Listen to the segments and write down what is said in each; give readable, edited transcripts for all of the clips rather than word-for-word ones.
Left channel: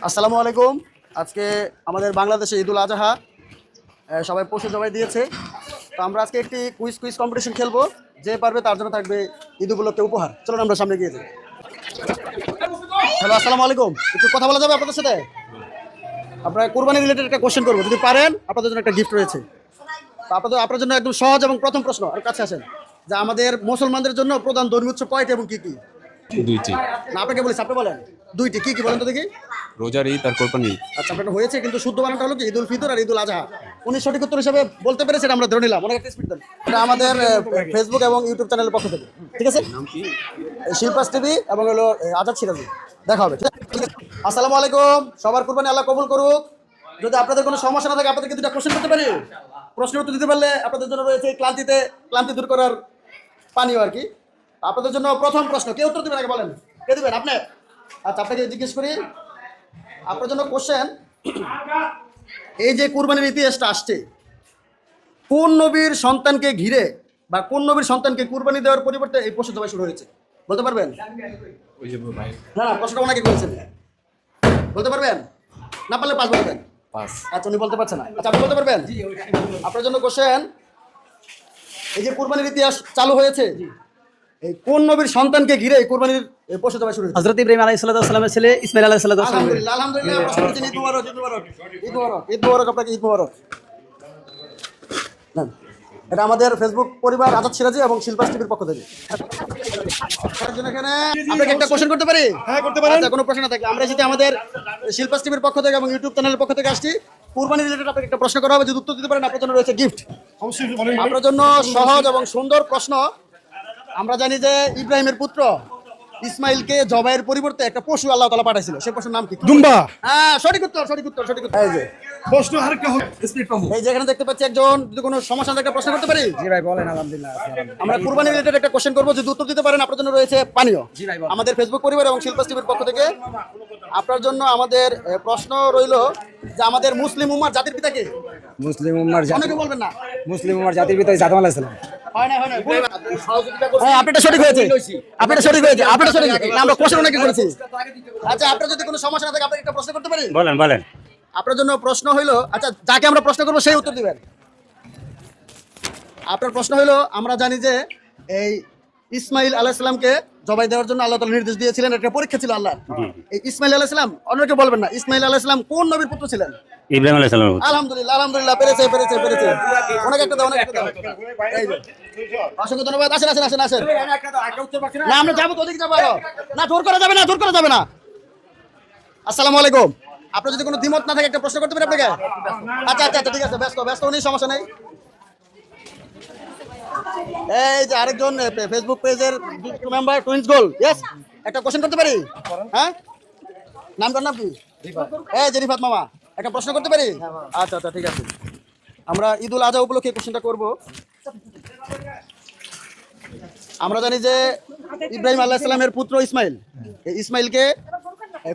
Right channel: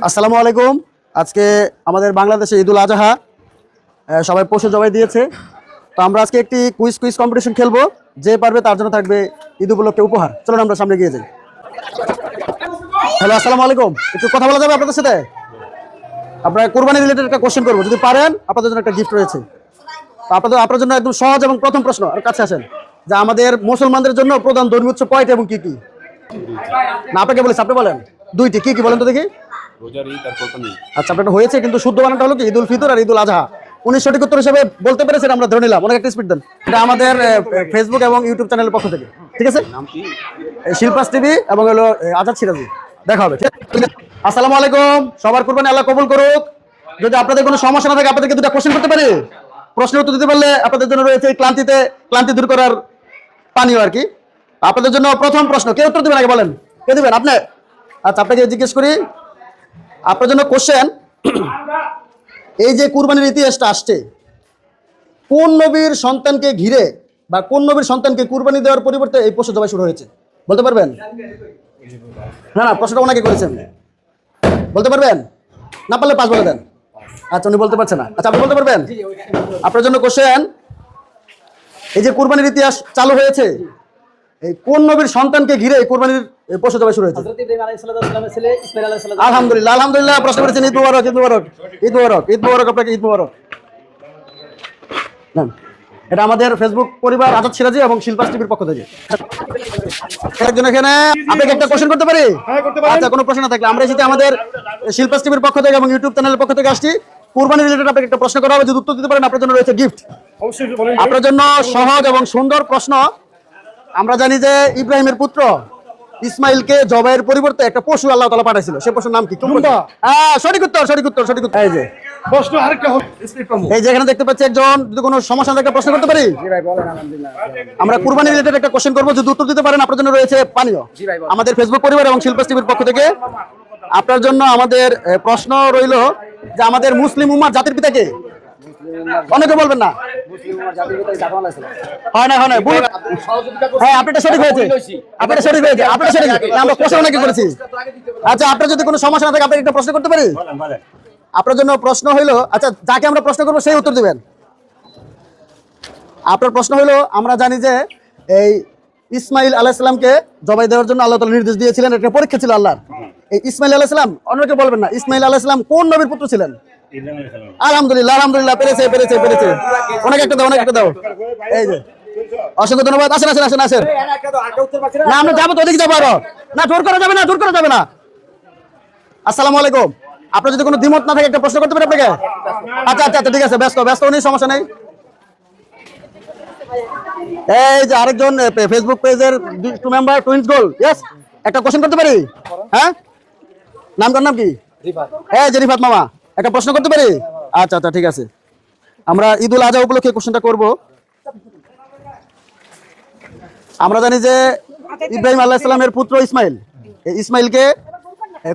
আসসালামু আলাইকুম। আজকে আমাদের বাংলাদেশে ঈদুল আজহা, সবাই পশু জবাই দিয়েছে। তো আমরা আজকে একটি কুইজ কম্পিটিশন খেলবো। যে পারবে তার জন্য থাকবে ঈদ উপলক্ষে উপহার। চলুন আমরা সামনে গিয়ে যাই। হ্যালো, আসসালামু আলাইকুম। একটু কথা বলা যাবে আপনাদের সাথে? আপনার কোরবানি রিলেটেড একটা কোশ্চেন করবো, যদি পারেন আপনাদের জন্য একটা গিফট রয়েছে। তো আপনার জন্য একদম সহজ এবং প্রথম প্রশ্ন, আর কাছে আসেন, যে আমাদের মুসলমানদের জন্য প্রধান ধর্মীয় উৎসব কয়টি এবং কি কি? দুইটি। না, আপনাকে বলেছি, আপনি বলেন। দুইটি, কি কি বলেন তো দেখি। রোজার ঈদ আর কোরবানি ঈদ। আচ্ছা, আপনার হয়েছে, কিন্তু শুদ্ধ বানানটা হলো কি ঈদুল ফিতর আর ঈদুল আজহা। উনি সঠিক উত্তর হিসেবে বলতে পেরেছেন, আমরা ধরে নিলাম। অনেক একটা স্পিড দেন। এটা আমাদের ফেসবুক এবং ইউটিউব চ্যানেলের পক্ষ থেকে, ঠিক আছে? শিল্পাস টিভি এবং হলো আজাদ সিরাজি। দেখা হবে, ঠিক আছে? আসসালামু আলাইকুম। সবার কুরবানি আল্লাহ কবুল করুক। যদি আপনাদের কোনো সমস্যা না থাকে, আপনাদেরকে দুটো কোশ্চেন করতে পারি। প্রশ্নের উত্তর দিতে পারলে আপনাদের জন্য রয়েছে এই ক্লান্তি দূর করার পানীয় আর কি। আপনাদের জন্য প্রথম প্রশ্ন, কে উত্তর দেবেন আগে বলেন? কে দেবেন? আপনি? আচ্ছা, আপনাকে জিজ্ঞেস করি। আপনার জন্য কোশ্চেন, এই যে কুরবানির ইতিহাসটা আসছে, কোন নবীর সন্তানকে ঘিরে বা কোন নবীর সন্তানকে কুরবানি দেওয়ার পরিবর্তে এই পশু জবাই শুরু হয়েছে? বলতে পারবেন? না না, প্রশ্নটা ওনাকে করেছেন। বলতে পারবেন? না পারলে পাঁচ বলে দেন। আচ্ছা, উনি বলতে পারছেন না। আচ্ছা, আপনি বলতে পারবেন? আপনার জন্য কোশ্চেন, এই যে কুরবানির ইতিহাস চালু হয়েছে, এই কোন নবীর সন্তানকে ঘিরে এই কুরবানির পশু জবাই শুরু হয়েছে? হযরত ইব্রাহিম আলাইহিস সালামের ছেলে ইসমাঈল আলাইহিস সালাম। আলহামদুলিল্লাহ, আলহামদুলিল্লাহ। প্রশ্ন করেছেন। ঈদ মুবারক, ঈদ মুবারক, ঈদ মুবারক, ঈদ মুবারক। আপনাকে ঈদ মুবারক। নেন। এটা আমাদের ফেসবুক পরিবার আজাদ সিরাজি এবং শিল্পাস টিভির পক্ষ থেকে। একজন এখানে, আপনাকে একটা কোশ্চেন করতে পারি? আচ্ছা, কোনো প্রশ্ন না থাকলে আমরা এসেছি আমাদের শিল্পাস টিভির পক্ষ থেকে এবং ইউটিউব চ্যানেলের পক্ষ থেকে আসছি। কুরবানি রিলেটেড আপনাকে একটা প্রশ্ন করা হবে, যদি উত্তর দিতে পারেন আপনার জন্য রয়েছে গিফট। আপনার জন্য সহজ এবং সুন্দর প্রশ্ন। আমরা জানি যে ইব্রাহিমের পুত্র ইসমাইলকে জবাইয়ের পরিবর্তে একটা পশু আল্লাহ তাআলা পাঠাইছিল। সেই পশুর নাম কি? দুম্বা। হ্যাঁ, সঠিক উত্তর, সঠিক উত্তর, সঠিক উত্তর। এই যে প্রশ্ন আরেকটা হোক। এই যে এখানে দেখতে পাচ্ছি একজন, যদি কোনো সমস্যা থাকে প্রশ্ন করতে পারি। আমরা কুরবানি রিলেটেড একটা কোশ্চেন করবো, যদি উত্তর দিতে পারেন আপনার জন্য রয়েছে পানীয়। আমাদের ফেসবুক পরিবার এবং শিল্পাস টিভির পক্ষ থেকে আপনার জন্য আমাদের প্রশ্ন রইল যে আমাদের মুসলিম উম্মার জাতির পিতা কে? মুসলিম উম্মার অনেকে বলবেন না। মুসলিম উম্মার জাতির পিতা আদম আলাইহিস সালাম। হয় না, হয় না। হ্যাঁ, আপনারটা সঠিক হয়েছে, আপনারটা সঠিক হয়েছে, আপনারটা সঠিক। আমরা কোশ্চেন অনেকে করেছি। আচ্ছা, আপনার যদি কোনো সমস্যা না থাকে আপনাকে একটা প্রশ্ন করতে পারি? বলেন বলেন। আপনার জন্য প্রশ্ন হইলো, আচ্ছা, যাকে আমরা প্রশ্ন করবো সেই উত্তর দিবেন। আপনার প্রশ্ন হইলো, আমরা জানি যে এই ইসমাইল আলাইহিস সালামকে জবাই দেওয়ার জন্য আল্লাহ তাআলা নির্দেশ দিয়েছিলেন, এটা পরীক্ষা ছিল আল্লাহর। এই ইসমাইল আলাইহিস সালাম, অনেকে বলবেন না, ইসমাইল আলাইহিস সালাম কোন নবীর পুত্র ছিলেন? ইব্রাহিম আলাইহিস সালাম। আলহামদুলিল্লাহ, আলহামদুলিল্লাহ। পেরেছে, পেরেছে, পেরেছে। অনেক একটা দাও, অনেক একটা দাও। এই যে অসংখ্য ধন্যবাদ। আসেন, আসেন, আসেন, আসেন। না, আমরা যাবো তো, ওদিকে যাবো আরো। না, দূর করা যাবে না, দূর করা যাবে না। আসসালামু আলাইকুম। আপনার যদি কোনো দ্বিমত না থাকে একটা প্রশ্ন করতে পারি আপনাকে? আচ্ছা আচ্ছা আচ্ছা, ঠিক আছে, ব্যস্ত ব্যস্ত নেই, সমস্যা নেই। এই যে আরেকজন ফেসবুক পেজের টু মেম্বার টুইন্স গোল, ইয়েস, একটা কোশ্চেন করতে পারি? হ্যাঁ, নামটার নাম কি? হ্যাঁ, রিফাত মামা, একটা প্রশ্ন করতে পারি? আচ্ছা আচ্ছা, ঠিক আছে। আমরা ঈদুল আজহা উপলক্ষে কোশ্চেনটা করব। আমরা জানি যে ইব্রাহিম আলাইহিস সালামের পুত্র ইসমাইল, এই ইসমাইলকে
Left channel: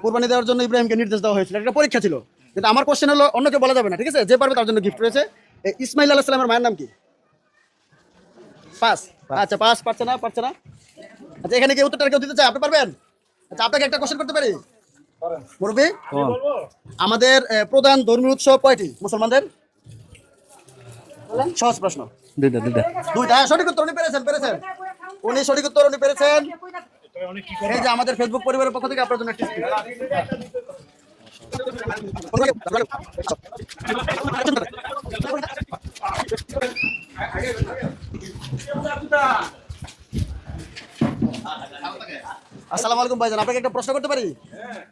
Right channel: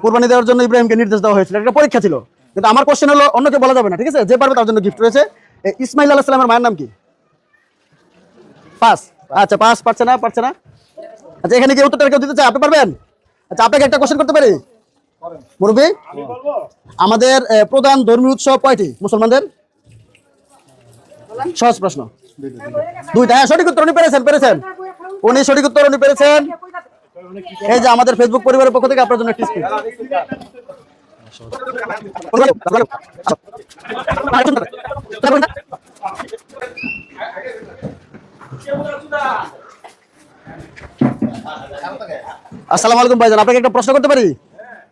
কুরবানি দেওয়ার জন্য ইব্রাহিমকে নির্দেশ দেওয়া হয়েছিল। একটা পরীক্ষা ছিল। কিন্তু আমার কোশ্চেন হলো, অন্যকে বলা যাবে না, ঠিক আছে? যে পারবে তার জন্য গিফট রয়েছে। ইসমাইল আলাইহিস সালামের মায়ের নাম কি? পাস। আচ্ছা, পাস। পারছে না, পারছে না। আচ্ছা, এখানে কি উত্তরটা কেউ দিতে চায়? আপনি পারবেন? আচ্ছা, আপনাকে একটা কোশ্চেন করতে পারি মুরব্বি? আমাদের প্রধান ধর্মীয় উৎসব কয়টি মুসলমানদের? সহজ প্রশ্ন। দুইটা। হ্যাঁ, সঠিক উত্তর। উনি পেরেছেন, পেরেছেন। উনি সঠিক উত্তর, উনি পেরেছেন। এই যে আমাদের ফেসবুক পরিবারের পক্ষ থেকে আপনার জন্য একটি স্পিচ। আসসালামু আলাইকুম ভাইজান, আপনাকে একটা প্রশ্ন করতে পারি?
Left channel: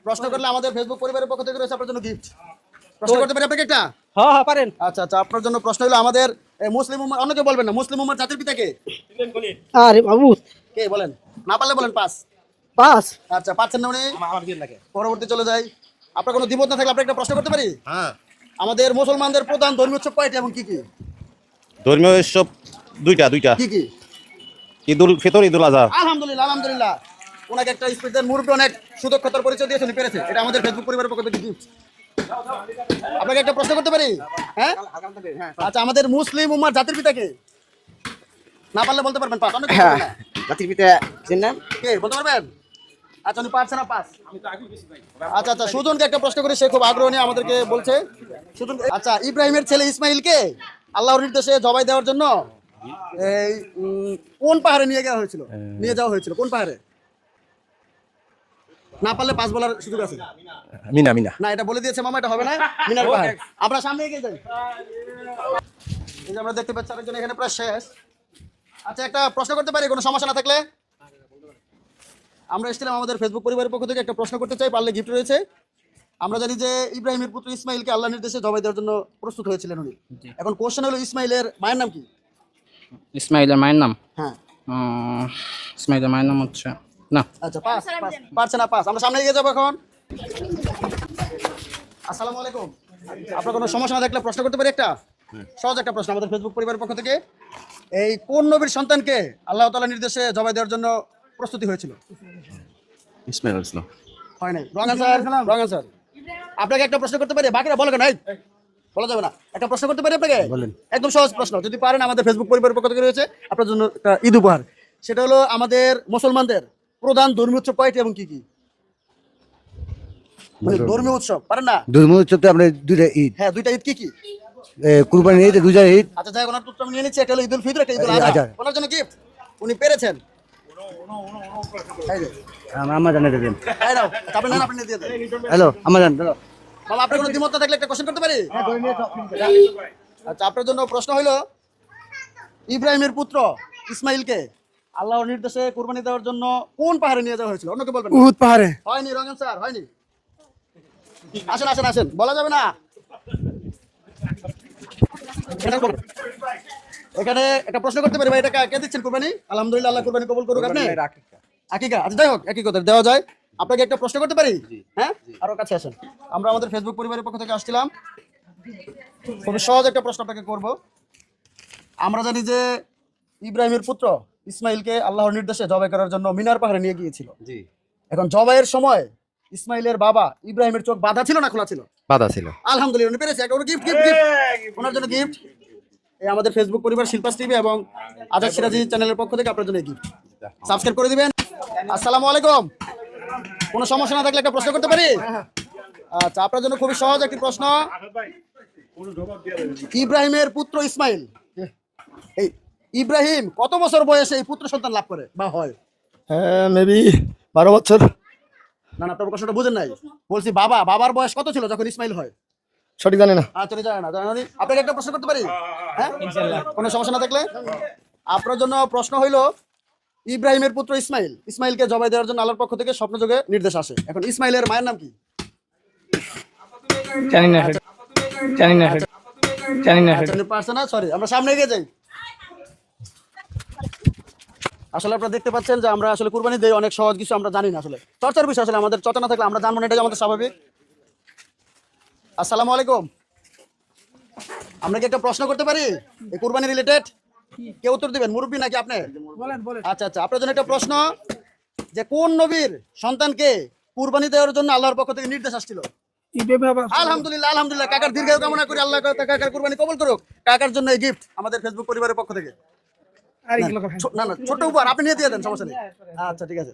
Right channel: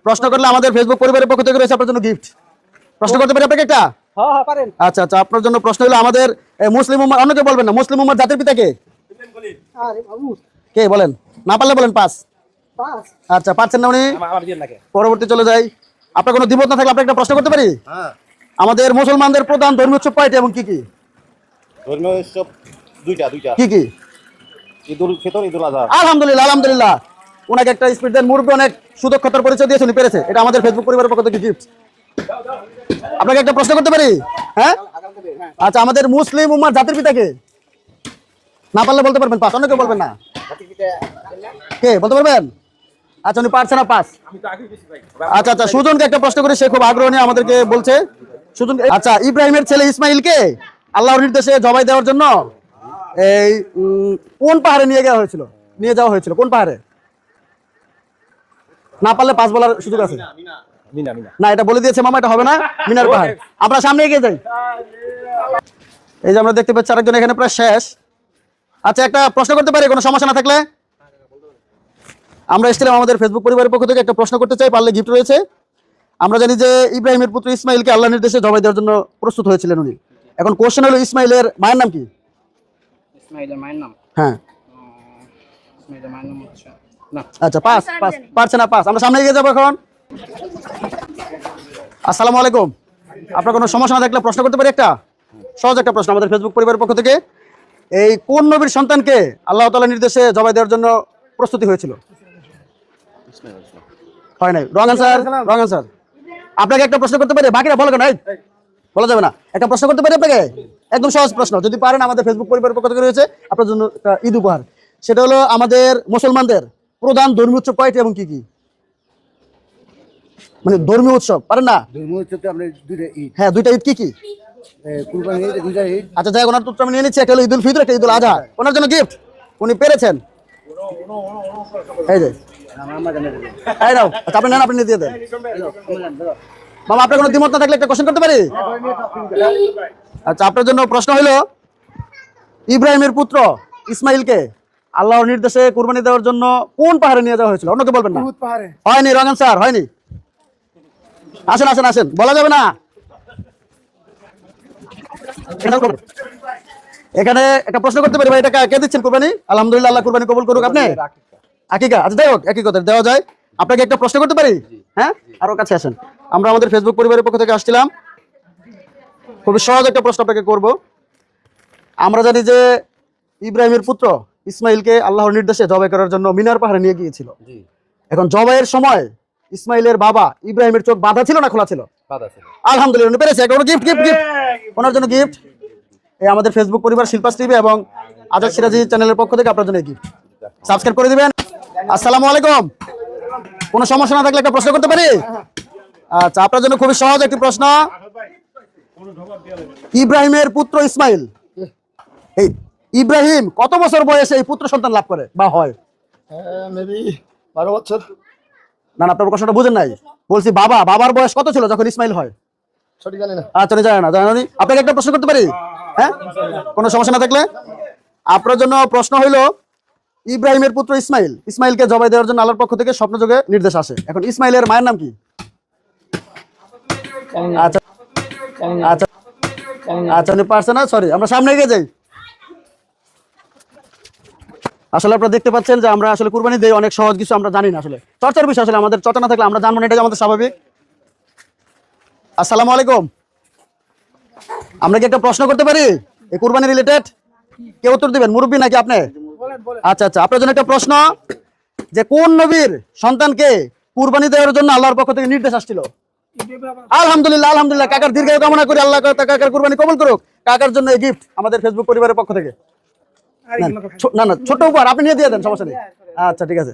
প্রশ্ন করলে আমাদের ফেসবুক পরিবারের পক্ষ থেকে রয়েছে আপনার জন্য গিফট। প্রশ্ন করতে পারি আপনাকে একটা? হ্যাঁ হ্যাঁ পারেন। আচ্ছা আচ্ছা, আপনার জন্য প্রশ্ন হলো আমাদের মুসলিম উম্মাহ, অনেকে বলবেন না, মুসলিম উম্মার জাতির পিতা কে? আরে বাবু, কে বলেন? না পারলে বলেন পাস। পাস। আচ্ছা, পাচ্ছেন না উনি? আমার দিয়ে লাগে। পরবর্তী চলে যাই। আপনার কোনো দ্বিমত না থাকলে আপনাকে একটা প্রশ্ন করতে পারি? আমাদের মুসলমানদের প্রধান ধর্মীয় উৎসব কয়টি এবং কি কি? ধর্মীয় উৎসব দুইটা। কি কি? ঈদুল ফিতর, ঈদুল আজহা। আলহামদুলিল্লাহ, আলহামদুলিল্লাহ। ওনাকে একটা স্পিড দেন। মুরব্বী অনেক সুদক্ষতার পরিচয় দিয়েছে, উনি পেরেছে। এটা আমাদের ফেসবুক পরিবারের পক্ষ থেকে গিফট। আপনাকে একটা প্রশ্ন করতে পারি? হ্যাঁ, আচ্ছা, আমাদের মুসলিম উম্মার জাতির পিতা কে? না পারলে বলতে পারবেন পাস, অনেকে বলবেন না। জাতির পিতা চিনেন? কে বলতে পারবেন? আচ্ছা উনি পারছে না পাস। আচ্ছা আচ্ছা সুজনকে একটা প্রশ্ন করে, সে খুব আগ্রহ নিয়ে আমাদেরকে বলছে। সুজন, আচ্ছা ইব্রাহিমের ছেলে ইসমাইলকে আল্লাহর নির্দেশে জবাই দেওয়ার জন্য এই কোন পাহাড়ে নিয়ে যাওয়া হয়েছিল কোন পাহাড়ে? না পারলে পাস বলার সুযোগ আছে। মিনা মিনা না, এটা বলে দিয়েছে মামা, এটা হবে না। মিনার পাহাড়। আমরা সামনে এগিয়ে যাই। এই যে আমরা দেখতে পাচ্ছি আরেকজন এখানে প্রায় শেষ। আচ্ছা একটা প্রশ্ন করতে পারি, কোনো সমস্যা না থাকলে? আমরা এসেছিলাম আমাদের ফেসবুক পরিবারের পক্ষ থেকে, একটা প্রশ্ন করতে চাই, পারলে গিফট রয়েছে। আমরা জানি যে ইব্রাহিমের পুত্র ইসমাইলকে আল্লাহর নির্দেশে জবাই দেওয়ার জন্য প্রস্তুত হয়েছিলেন উনি। এখন কোশ্চেন হলো ইসমাইলের মায়ের নাম কি? ইসমাইলের মায়ের নাম? হ্যাঁ ইসমাইলের মায়ের নাম হচ্ছে না। আচ্ছা পাস পাস, পারছে না পাস। আমরা সামনে এগিয়ে যাবো এখন। আসসালামু আলাইকুম। আপনার কোনো সমস্যা না থাকলে প্রশ্ন করতে পারি একটা সহজ একটা প্রশ্ন আমাদের ফেসবুক পরিবারের পক্ষ থেকে। এই কোন নবীর সন্তানকে আল্লাহ তাআলার নির্দেশে জবাই দেওয়ার জন্য প্রস্তুতি হয়েছিল? ইসমাইল আলাইহিস সালাম। হয় নাই, রং অ্যান্সার, রং অ্যান্সার। আপনাকে একটা প্রশ্ন করতে পারি, বাকিরা বলো কেন? এই বলা যাবে না। একটা প্রশ্ন করতে পারি আপনাকে, একদম সহজ প্রশ্ন, যদি পারেন আমাদের ফেসবুক পরিবারের পক্ষ থেকে রয়েছে আপনার জন্য একটা ঈদ উপহার। সেটা হলো আমাদের মুসলমানদের প্রধান ধর্মীয় উৎসব কয়টি এবং কি কি? মানে ধর্মীয় উৎসব পারেন না? ধর্মীয় উৎসব তো আমরা দুইটা ঈদ, হ্যাঁ দুইটা ঈদ কি কি? কুরবানি ঈদ, দুইটা ঈদ। আচ্ছা যাই হোক, ওনার উত্তর আমি নিয়ে নিচ্ছি। একটা হলো ঈদুল ফিতর, একটা ঈদুল আজহা। ওনার জন্য গিফট, উনি পেরেছেন। এই যে আমার জানা দেবেন। এই নাও। আচ্ছা আপনি নেন, আপনি নিয়ে দিয়ে দেন। হ্যালো, আমার জান মামা আপনার কোনো দ্বিমত না থাকলে একটা কোশ্চেন করতে পারি? আচ্ছা আপনার জন্য প্রশ্ন হলো ইব্রাহিমের পুত্র ইসমাইলকে আল্লাহর নির্দেশে কুরবানি দেওয়ার জন্য কোন পাহাড়ে নিয়ে যাওয়া হয়েছিল? অন্যকে বলবেন না। উহুদ পাহাড়ে। হয়নি, রং অ্যান্সার, হয়নি। আসেন আসেন আসেন, বলা যাবে না। এখানে একটা প্রশ্ন করতে পারি ভাই, এটা কে দিচ্ছেন কুরবানি? আলহামদুলিল্লাহ, আল্লাহ কুরবানি কবুল করুক। আপনি আকিকা? আচ্ছা যাই হোক, একই কথা দেওয়া যায়। আপনাকে একটা প্রশ্ন করতে পারি? হ্যাঁ, আরো কাছে আসেন। আমরা আমাদের ফেসবুক পরিবারের পক্ষ থেকে আসছিলাম, খুবই সহজ একটা প্রশ্ন আপনাকে করব। আমরা জানি যে ইব্রাহিমের পুত্র ইসমাইলকে আল্লাহর নির্দেশে জবাই করার জন্য মিনার পাহাড়ে নিয়ে গিয়েছিল। এখন জবাইয়ের সময় ইসমাইলের বাবা ইব্রাহিমের চোখ বাঁধা ছিল না খোলা ছিল? বাধা ছিল। আলহামদুলিল্লাহ, উনি পেরেছে। একটা গিফট গিফট গিফট ওনার জন্য গিফট। এই আমাদের ফেসবুক পরিবার শিল্পাস টিভি এবং আজাদ সিরাজি চ্যানেলের পক্ষ থেকে আপনার জন্য গিফট। সাবস্ক্রাইব করে দিবেন। আসসালামু আলাইকুম। কোনো সমস্যা না থাকলে একটা প্রশ্ন করতে পারি? আচ্ছা আপনার জন্য খুবই সহজ একটি প্রশ্ন। ইব্রাহিমের পুত্র ইসমাইল, এই ইব্রাহিম কত বছর বয়সে এই পুত্র সন্তান লাভ করে বা হয়? মেবি 12 বছর। না না, আপনার প্রশ্নটা বুঝেন নাই। বলছি বাবার বয়স কত ছিল যখন ইসমাইল হয়? সঠিক জানি না। আচ্ছা জানা না, জানা নেই। আপনাকে একটা প্রশ্ন করতে পারি? হ্যাঁ, কোনো সমস্যা না থাকলে। আপনার জন্য প্রশ্ন হইল ইব্রাহিমের পুত্র ইসমাইলকে জবাই দেওয়ার জন্য আল্লাহর পক্ষ থেকে স্বপ্নযোগে নির্দেশ আসে। এখন ইসমাইলের মায়ের নাম কি? জানি না, আচ্ছা জানি না, আচ্ছা জানি না। আচ্ছা পারছে না, সরি। আমরা সামনে এগিয়ে যাই। আসলে আপনারা দেখতে পাচ্ছেন যে আমরা আসলে কুরবানি দেই, অনেক সহজ কিছু আমরা জানি না। আসলে চর্চার বিষয়, আসলে আমাদের চর্চা না থাকলে আমরা জানবো না, এটাই আমাদের স্বাভাবিক। আসসালামু আলাইকুম। আমরা কি একটা প্রশ্ন করতে পারি এই কুরবানি রিলেটেড? কে উত্তর দিবেন, মুরব্বী নাকি আপনি? আচ্ছা আচ্ছা, আপনার জন্য একটা প্রশ্ন, যে কোন নবীর সন্তানকে কুরবানি দেওয়ার জন্য আল্লাহর পক্ষ থেকে নির্দেশ আসছিল? আলহামদুলিল্লাহ, আলহামদুলিল্লাহ। কাকার দীর্ঘায়ু কামনা করি, আল্লাহ কাকার কুরবানি কবুল করুক। কাকার জন্য এই গিফট আমাদের ফেসবুক পরিবারের পক্ষ থেকে। না না, ছোট উপহার, আপনি নিয়ে দিয়ে দেন, সমস্যা নেই। আচ্ছা ঠিক আছে,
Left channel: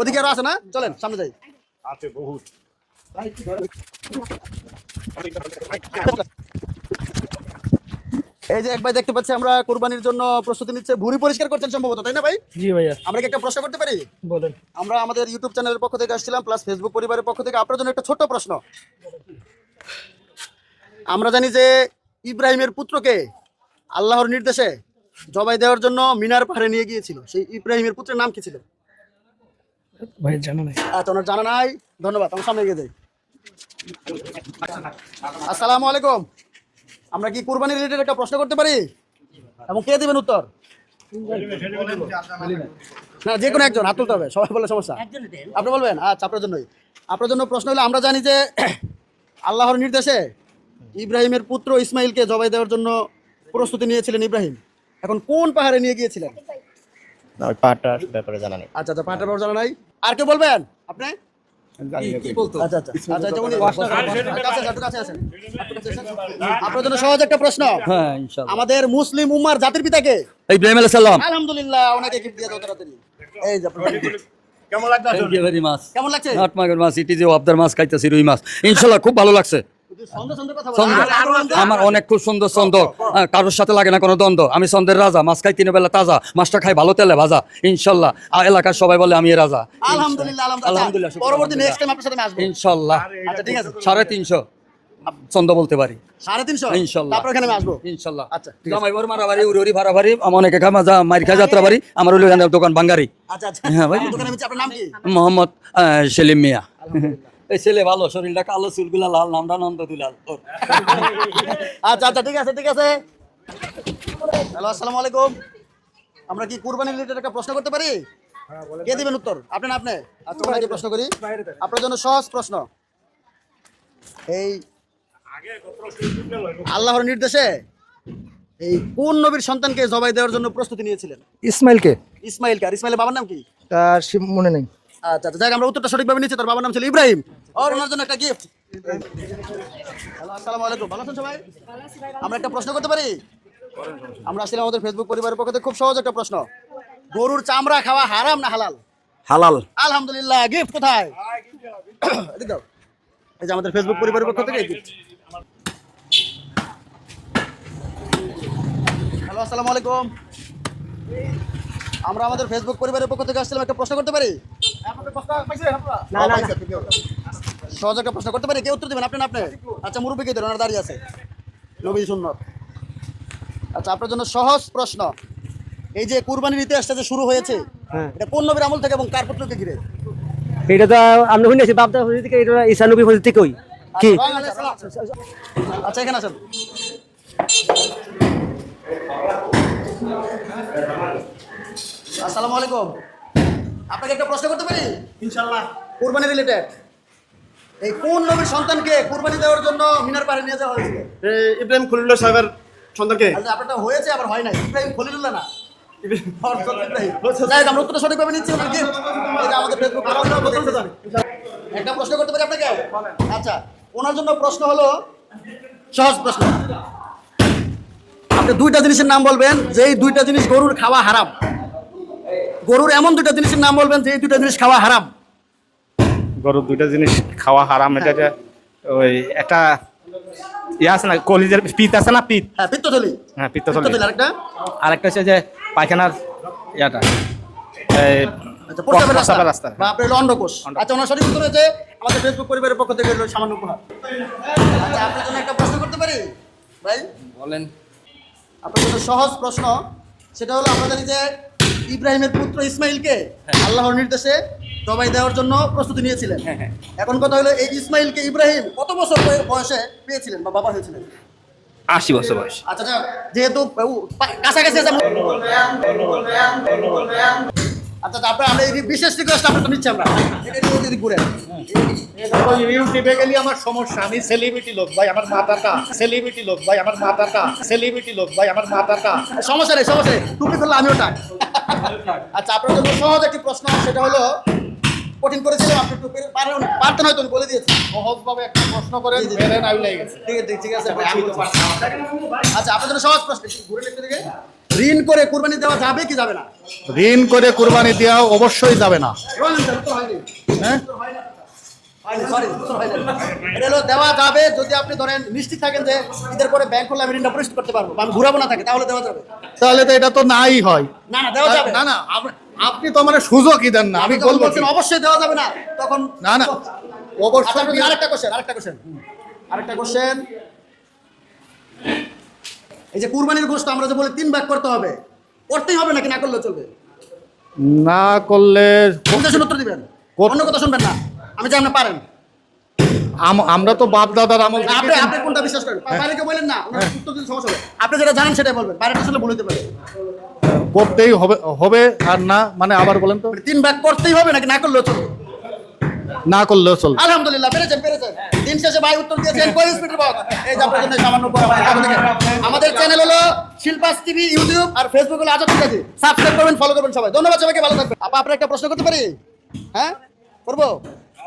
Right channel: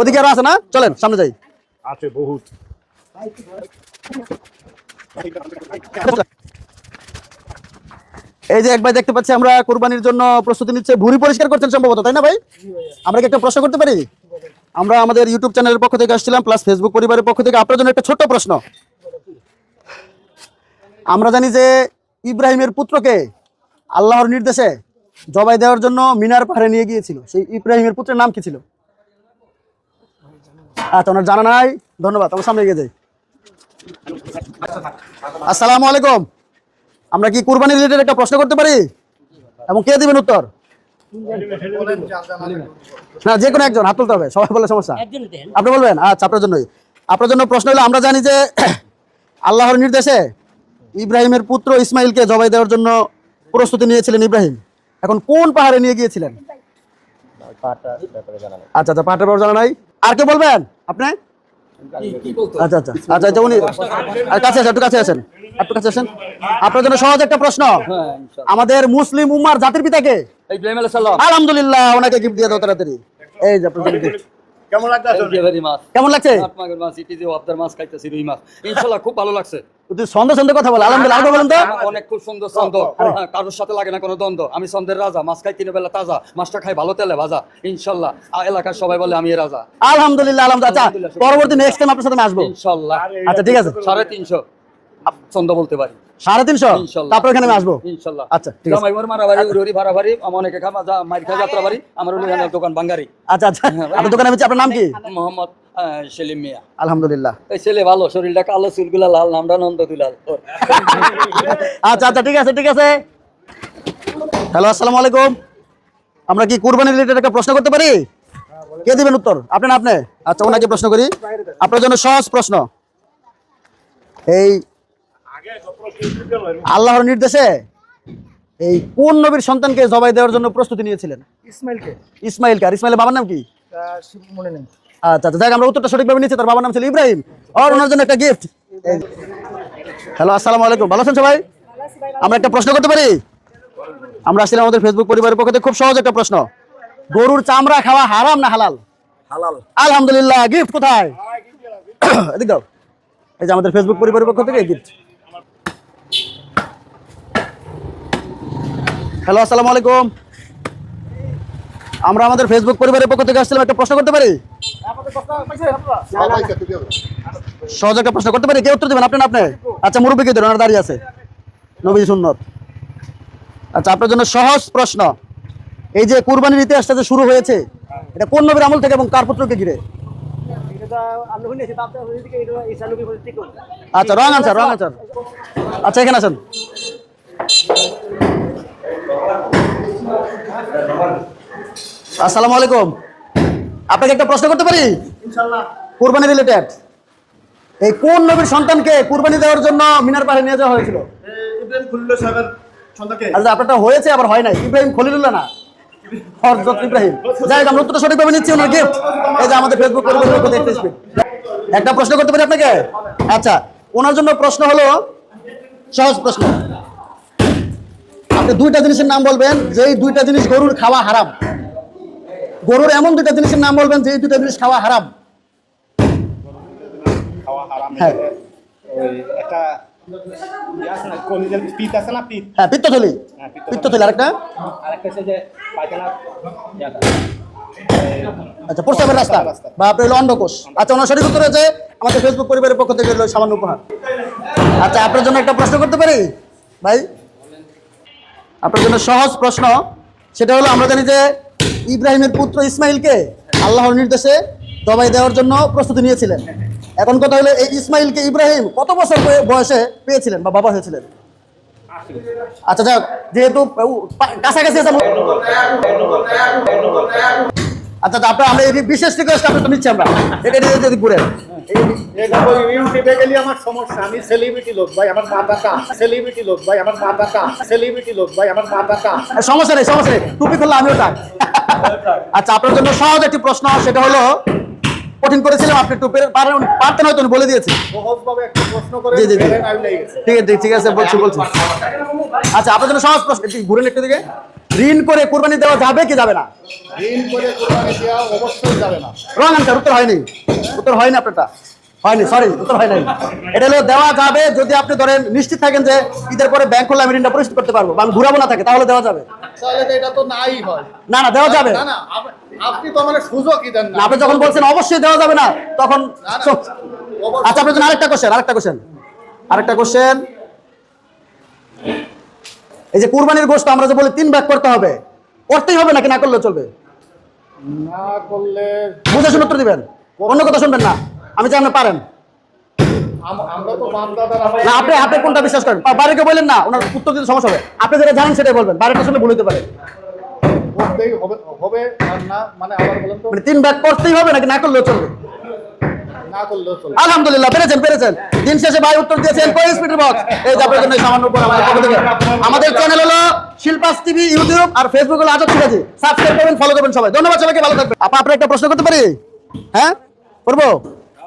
ওদিকে আরো আছে না? চলেন সামনে যাই। এই যে এক ভাই দেখতে পাচ্ছি আমরা কুরবানির জন্য প্রস্তুতি নিচ্ছে, ভুঁড়ি পরিষ্কার করছেন সম্ভবত, তাই না ভাই? জি ভাইয়া। আমরা কি একটা প্রশ্ন করতে পারি? বলেন। আমরা আমাদের ইউটিউব চ্যানেলের পক্ষ থেকে আসছিলাম, প্লাস ফেসবুক পরিবারের পক্ষ থেকে আপনার জন্য একটা ছোট্ট প্রশ্ন। আমরা জানি যে ইব্রাহিমের পুত্রকে আল্লাহর নির্দেশে জবাই দেওয়ার জন্য মিনার পাহাড়ে নিয়ে গিয়েছিল, সেই ইব্রাহিমের পুত্রের নাম কি ছিল? ভাই জানা নাই। আচ্ছা ওনার জানা নাই, ধন্যবাদ। আমার সামনে এগিয়ে যাই। আসসালামু আলাইকুম। আমরা কি কুরবানি রিলেটেড একটা প্রশ্ন করতে পারি? এবং কে দিবেন উত্তর? না, যে কোনো একজন হাত তুলতে হবে, সবাই বলে সমস্যা। আপনি বলবেন? আচ্ছা আপনার জন্য প্রশ্ন হলো, আমরা জানি যে আল্লাহর নির্দেশে ইব্রাহিমের পুত্র ইসমাইলকে জবাই দেওয়ার জন্য প্রস্তুতি নিয়েছিলেন ইব্রাহিম। এখন কোন পাহাড়ে নিয়ে গিয়েছিলেন? ওই পাহাড়টার ব্যাপারে জানা নেই। আচ্ছা আচ্ছা, পাহাড়ের ব্যাপারে জানা নাই। আর কে বলবেন? আপনি? আচ্ছা আচ্ছা আচ্ছা আচ্ছা, উনি কাছে আসেন, একটু কাছে আসেন, একটু কাছে আসেন। আপনার জন্য সহজ একটা প্রশ্ন। আমাদের মুসলিম উম্মার জাতির পিতাকে? ইব্রাহিম আলাইহিস সালাম। আলহামদুলিল্লাহ, ওনাকে গিফট দিয়ে দাও তাড়াতাড়ি। এই যে আপনার গিফট। কেমন লাগছে? ভেরি মাছ কেমন লাগছে? কাঠমাগের মাছ, ইটি যে অবদার মাছ খাইতেছি, রুই মাছ, ইনশাল্লাহ খুব ভালো লাগছে। তুই ছন্দে ছন্দে কথা বল, আলহামদুলিল্লাহ। আরো বলুন তো। আমার অনেক খুব সুন্দর ছন্দ, কারোর সাথে লাগে না কোনো দ্বন্দ্ব। আমি ছন্দের রাজা, মাছ খাই 3 বেলা তাজা, মাছটা খাই ভালো তেলে ভাজা, ইনশাল্লাহ এলাকার সবাই বলে আমি রাজা। আলহামদুলিল্লাহ, আলহামদুলিল্লাহ। আলহামদুলিল্লাহ। আচ্ছা, পরবর্তী নেক্সট টাইম আপনার সাথে আমি আসবো। ইনশাল্লাহ। আচ্ছা, ঠিক আছে। 350 ছন্দ বলতে পারি। 350? ইনশাল্লাহ। তারপর এখানে আমি আসবো। ইনশাল্লাহ। আচ্ছা, ঠিক আছে। জামাইবর মারাবাড়ি, উড়ি ভাড়াবাড়ি, আমার অনেকে খামা যা মাইর খা যাত্রা বাড়ি, আমার হলো এখানে দোকান বাঙ্গারি। আচ্ছা, আচ্ছা। হ্যাঁ ভাই। আপনার দোকানে আমি আপনার নাম কি? মোহাম্মদ সেলিম মিয়া। আলহামদুলিল্লাহ। এই ছেলে ভালো, শরীরটা কালো, চুলগুলা লাল, নামটা নন্দ দুলাল। আচ্ছা, আচ্ছা, ঠিক আছে, ঠিক আছে। হ্যালো, আসসালামু আলাইকুম। আমরা কি কুরবানি রিলেটেড একটা প্রশ্ন করতে পারি? কে দিবেন উত্তর? আপনি না আপনি? আচ্ছা, ওনাকে প্রশ্ন করি। আপনার জন্য সহজ প্রশ্ন। এই আল্লাহর নির্দেশে এই কোন নবীর সন্তানকে জবাই দেওয়ার জন্য প্রস্তুতি নিয়েছিলেন? ইসমাইলকে? ইসমাইলকে। আর ইসমাইলের বাবার নাম কি? তার মনে নেই। আচ্ছা, আচ্ছা, দেখ আমরা উত্তরটা সঠিকভাবে নিচ্ছি। তার বাবার নাম ছিল ইব্রাহিম। আর ওনার জন্য একটা গিফট। হ্যালো, আসসালামু আলাইকুম। ভালো আছেন সবাই? আমরা একটা প্রশ্ন করতে পারি? আমরা আসলে আমাদের ফেসবুক পরিবারের পক্ষ থেকে খুব সহজ একটা প্রশ্ন। গরুর চামড়া খাওয়া হারাম না হালাল? হালাল। আলহামদুলিল্লাহ। গিফট কোথায়? এদিক দাও। এই যে আমাদের ফেসবুক পরিবারের পক্ষ থেকে গিফট। হ্যালো, আসসালামু আলাইকুম। আমরা আমাদের ফেসবুক পরিবারের পক্ষ থেকে আসছিলাম, একটা প্রশ্ন করতে পারি? সহজ একটা প্রশ্ন করতে পারি? কে উত্তর দেবেন? আপনি না আপনি? আচ্ছা, মুরব্বী কে দেবেন? ওনার দাঁড়িয়ে আছে, নবী সুন্নত। আচ্ছা, আপনার জন্য সহজ প্রশ্ন। এই যে কুরবানির ইতিহাসটা যে শুরু হয়েছে, এটা কোন নবীর আমল থেকে এবং কার পুত্রকে ঘিরে? এটা তো আমরা শুনেছি বাপদা হজরত থেকে, এটা ঈসা নবী হজরত থেকেই। আচ্ছা, রং আনসার, রং আনসার। আচ্ছা, এখানে আছেন। আসসালামু আলাইকুম। আপনাকে একটা প্রশ্ন করতে পারি? ইনশাআল্লাহ। কুরবানি রিলেটেড। এই কোন নবীর সন্তানকে কুরবানি দেওয়ার জন্য মিনার পাড়ে নিয়ে যাওয়া হয়েছিল? ইব্রাহিম খলিলুল্লাহ সাহেবের সন্তানকে। আচ্ছা, আপনারটা হয়েছে আবার হয় নাই। ইব্রাহিম খলিলুল্লাহ না, হযরত ইব্রাহিম। যাই হোক, আমরা উত্তরটা সঠিকভাবে নিচ্ছি। ওনার গিফট এই যে আমাদের ফেসবুক পরিবারের পক্ষ থেকে gift। একটা প্রশ্ন করতে পারি আপনাকে? আচ্ছা, ওনার জন্য প্রশ্ন হলো সহজ প্রশ্ন। আপনি দুইটা জিনিসের নাম বলবেন যেই দুইটা জিনিস গরুর খাওয়া হারাম। গরুর এমন দুইটা জিনিসের নাম বলবেন যে এই দুইটা জিনিস খাওয়া হারাম। গরুর দুইটা জিনিস খাওয়া হারাম। হ্যাঁ। এটা ওই একটা ইয়ে আছে না, কলিজের পিত আছে না, পিত। হ্যাঁ, পিত্তথলি। হ্যাঁ, পিত্তথলি। আরেকটা? আরেকটা হচ্ছে যে পায়খানার ইয়াটা, আচ্ছা, প্রস্রাবের রাস্তা বা আপনি হলো অন্ডকোষ। আচ্ছা, ওনার সঠিক উত্তর হয়েছে। আমাদের ফেসবুক পরিবারের পক্ষ থেকে হলো সামান্য উপহার। আচ্ছা, আপনার জন্য একটা প্রশ্ন করতে পারি ভাই? বলেন। আপনার জন্য সহজ প্রশ্ন। সেটা হলো, আমরা জানি যে ইব্রাহিমের পুত্র ইসমাইলকে আল্লাহর নির্দেশে জবাই দেওয়ার জন্য প্রস্তুতি নিয়েছিলেন। এখন কথা হলো, এই ইসমাইলকে ইব্রাহিম কত বছর বয়সে পেয়েছিলেন বা বাবা হয়েছিলেন? 80 বছর বয়স। আচ্ছা, যাক, যেহেতু কাছাকাছি আছে। আচ্ছা, আপনার আমরা এই বিশেষ রিকোয়েস্ট আপনার তো নিচ্ছি আমরা। এটা যদি ঘুরে ইউটিউবে গেলে আমার সমস্যা। আমি সেলিব্রিটি লোক ভাই, আমার মাথাটা সেলিব্রিটি লোক ভাই, আমার মাথাটা সেলিব্রিটি লোক ভাই, আমার মাথাটা। সমস্যা নেই, সমস্যা নেই। টুপি খুললে আমি ওটা। আচ্ছা, আপনার জন্য সহজ একটি প্রশ্ন। সেটা হলো, কঠিন করেছিলাম, আপনি একটু পারতেন হয়তো, বলে দিয়েছি। সহজভাবে একটা প্রশ্ন করে জি, জি, জি। ফেলেন, আমি লেগে গেছি। ঠিক আছে, ঠিক আছে, বলছি। আচ্ছা, আপনার জন্য সহজ প্রশ্ন। একটু ঘুরেন একটু দিকে। ঋণ করে কুরবানি দেওয়া যাবে কি যাবে না? ঋণ করে কুরবানি দেওয়া অবশ্যই যাবে না। Wrong answer. উত্তর হয়নি। উত্তর হয়নি আপনারটা। হয়নি, সরি, উত্তর হয় নাই। এটা হলো দেওয়া যাবে যদি আপনি ধরেন নিশ্চিত থাকেন যে ঈদের পরে ব্যাংক করলে আমি ঋণটা পরিশোধ করতে পারবো বা আমি ঘুরাবো না থাকে, তাহলে দেওয়া যাবে। তাহলে তো এটা তো নাই হয়। না, না, দেওয়া যাবে। না না, আপনি তো আমার সুযোগই দেন না। আপনি যখন বলছেন অবশ্যই দেওয়া যাবে না, তখন না না, আচ্ছা, আপনার জন্য আরেকটা কোশ্চেন। এই যে কুরবানির গোশত আমরা যে বলি 3 ভাগ করতে হবে, করতেই হবে নাকি না করলে চলবে? না করলে বুঝে শুনে উত্তর দিবেন, অন্য কথা শুনবেন না। আমি যে আপনি পারেন। আমরা তো বাপ দাদার আমল। না, আপনি কোনটা বিশ্বাস করেন? বাইরেকে বললেন না, ওনার উত্তর দিতে সমস্যা হবে। আপনি যেটা জানেন সেটাই বলবেন, বাইরেটা আসলে ভুল হতে পারে। করতেই হবে আর না মানে আবার বলেন তো। মানে 3 ভাগ করতেই হবে নাকি না করলেও চলবে? না করলেও চলবে। আলহামদুলিল্লাহ, পেরেছেন। দিন শেষে ভাই উত্তর দিয়েছেন। কই স্পিড বক্স? এই যে আপনাদের জন্য সামান্য উপর আমাদের পক্ষ থেকে। আমাদের চ্যানেল হলো শিল্পাস টিভি, ইউটিউব, আর ফেসবুক হলো আজাদ সিরাজি। সাবস্ক্রাইব করবেন, ফলো করবেন সবাই। ধন্যবাদ সবাইকে, ভালো থাকবেন। আপনার একটা প্রশ্ন করতে পারি? হ্যাঁ, করবো।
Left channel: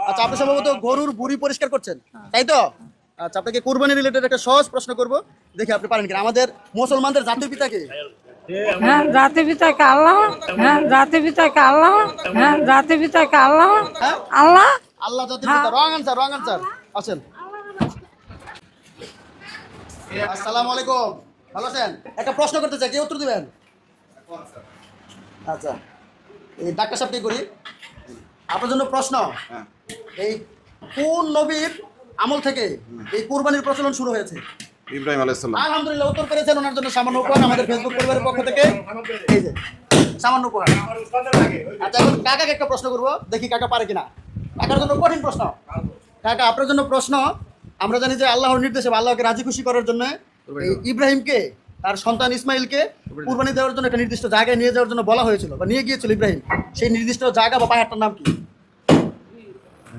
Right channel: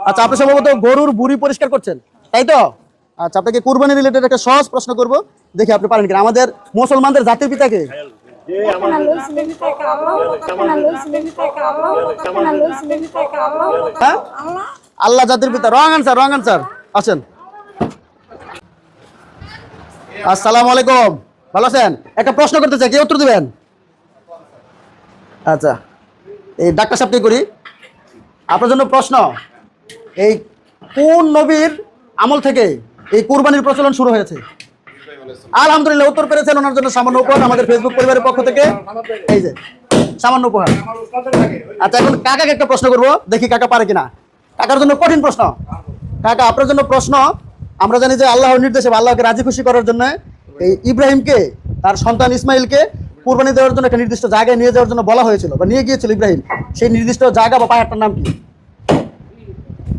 আচ্ছা, আপনি সম্ভবত গরুর বুড়ি পরিষ্কার করছেন, তাই তো? আচ্ছা, আপনাকে কুরবানি রিলেটেড একটা সহজ প্রশ্ন করবো, দেখি আপনি পারেন কিনা। আমাদের মুসলমানদের জাতীয় পিতাকে? রাতে পিতাকে আল্লাহ, রাতে পিতাকে আল্লাহ, রাতে পিতাকে আল্লাহ, হ্যাঁ? আল্লাহ। আল্লাহ জাতির পিতা। Wrong answer, wrong answer. আসেন। আসসালামু আলাইকুম, ভালো আছেন? একটা প্রশ্ন করতে চাই, কে উত্তর দিবেন? আচ্ছা, এই ডাক্তার সাহেবকে করি। আপনার জন্য প্রশ্ন, এই কোন নবীর আমল থেকে এই কুরবানির প্রচলন শুরু হয়েছে? ইব্রাহিম আলাইহিস সালাম। আলহামদুলিল্লাহ, উত্তর পেরেছেন। ওনার জন্য সামান্য উপহার আমাদের ফেসবুক পরিবারের পক্ষ থেকে, এই যে সামান্য উপহার। আচ্ছা, এখন কাকাকে একটা প্রশ্ন করবো, দেখি কাকা পারে কিনা। কাকার জন্য কঠিন প্রশ্ন। কাকা, আপনার জন্য প্রশ্ন, আমরা জানি যে আল্লাহর নির্দেশে বা আল্লাহকে রাজি খুশি করার জন্য এই ইব্রাহিমকে, তার সন্তান ইসমাইলকে কুরবানি দেওয়ার জন্য একটা নির্দিষ্ট জায়গায় নিয়ে যাওয়ার জন্য বলা হয়েছিল বা নিয়ে গিয়েছিল ইব্রাহিম। সেই নির্দিষ্ট জায়গা বা পাহাড়টার নাম কি?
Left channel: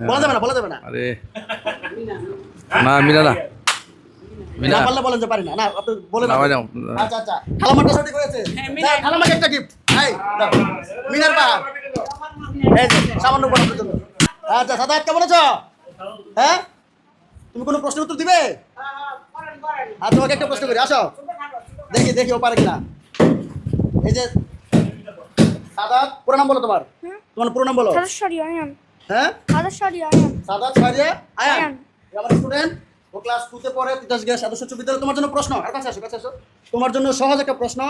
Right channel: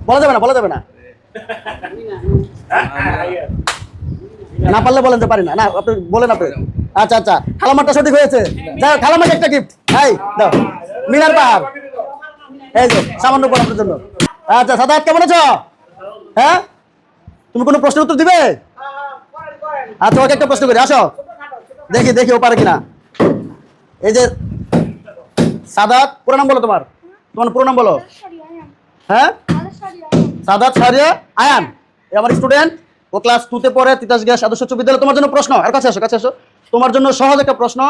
বলা যাবে না, বলা যাবে না। আরে না, মিলা না। না পারলে বলেন যে পারি না। না, আপনি বলেন আপনি। না, আচ্ছা আচ্ছা, খালামারটা সঠিক হয়েছে। যাও, খালামাকে একটা গিফট। এই দাও, মিনার পাহাড়। এই যে সামান্য উপহার আপনার জন্য। আচ্ছা, সাদাত কেমন আছো? হ্যাঁ, তুমি কোনো প্রশ্নের উত্তর দিবে? আচ্ছা, ওকে একটা প্রশ্ন করি, আসো দেখি দেখি ও পারে কিনা। এই যে সাদাত, পুরো নাম বলো তোমার। তোমার পুরো নাম বলো। হ্যাঁ, সাদাত সারিয়া আয়ান। এ আমার স্টুডেন্ট, ও ক্লাস 2 তে পড়ে, তিতাস গ্যাস আদর্শ উচ্চ বিদ্যালয়। তোমার জন্য প্রশ্ন, আর কাছে আসো, কাছে আসো। তোমার জন্য সহজ একটা প্রশ্ন,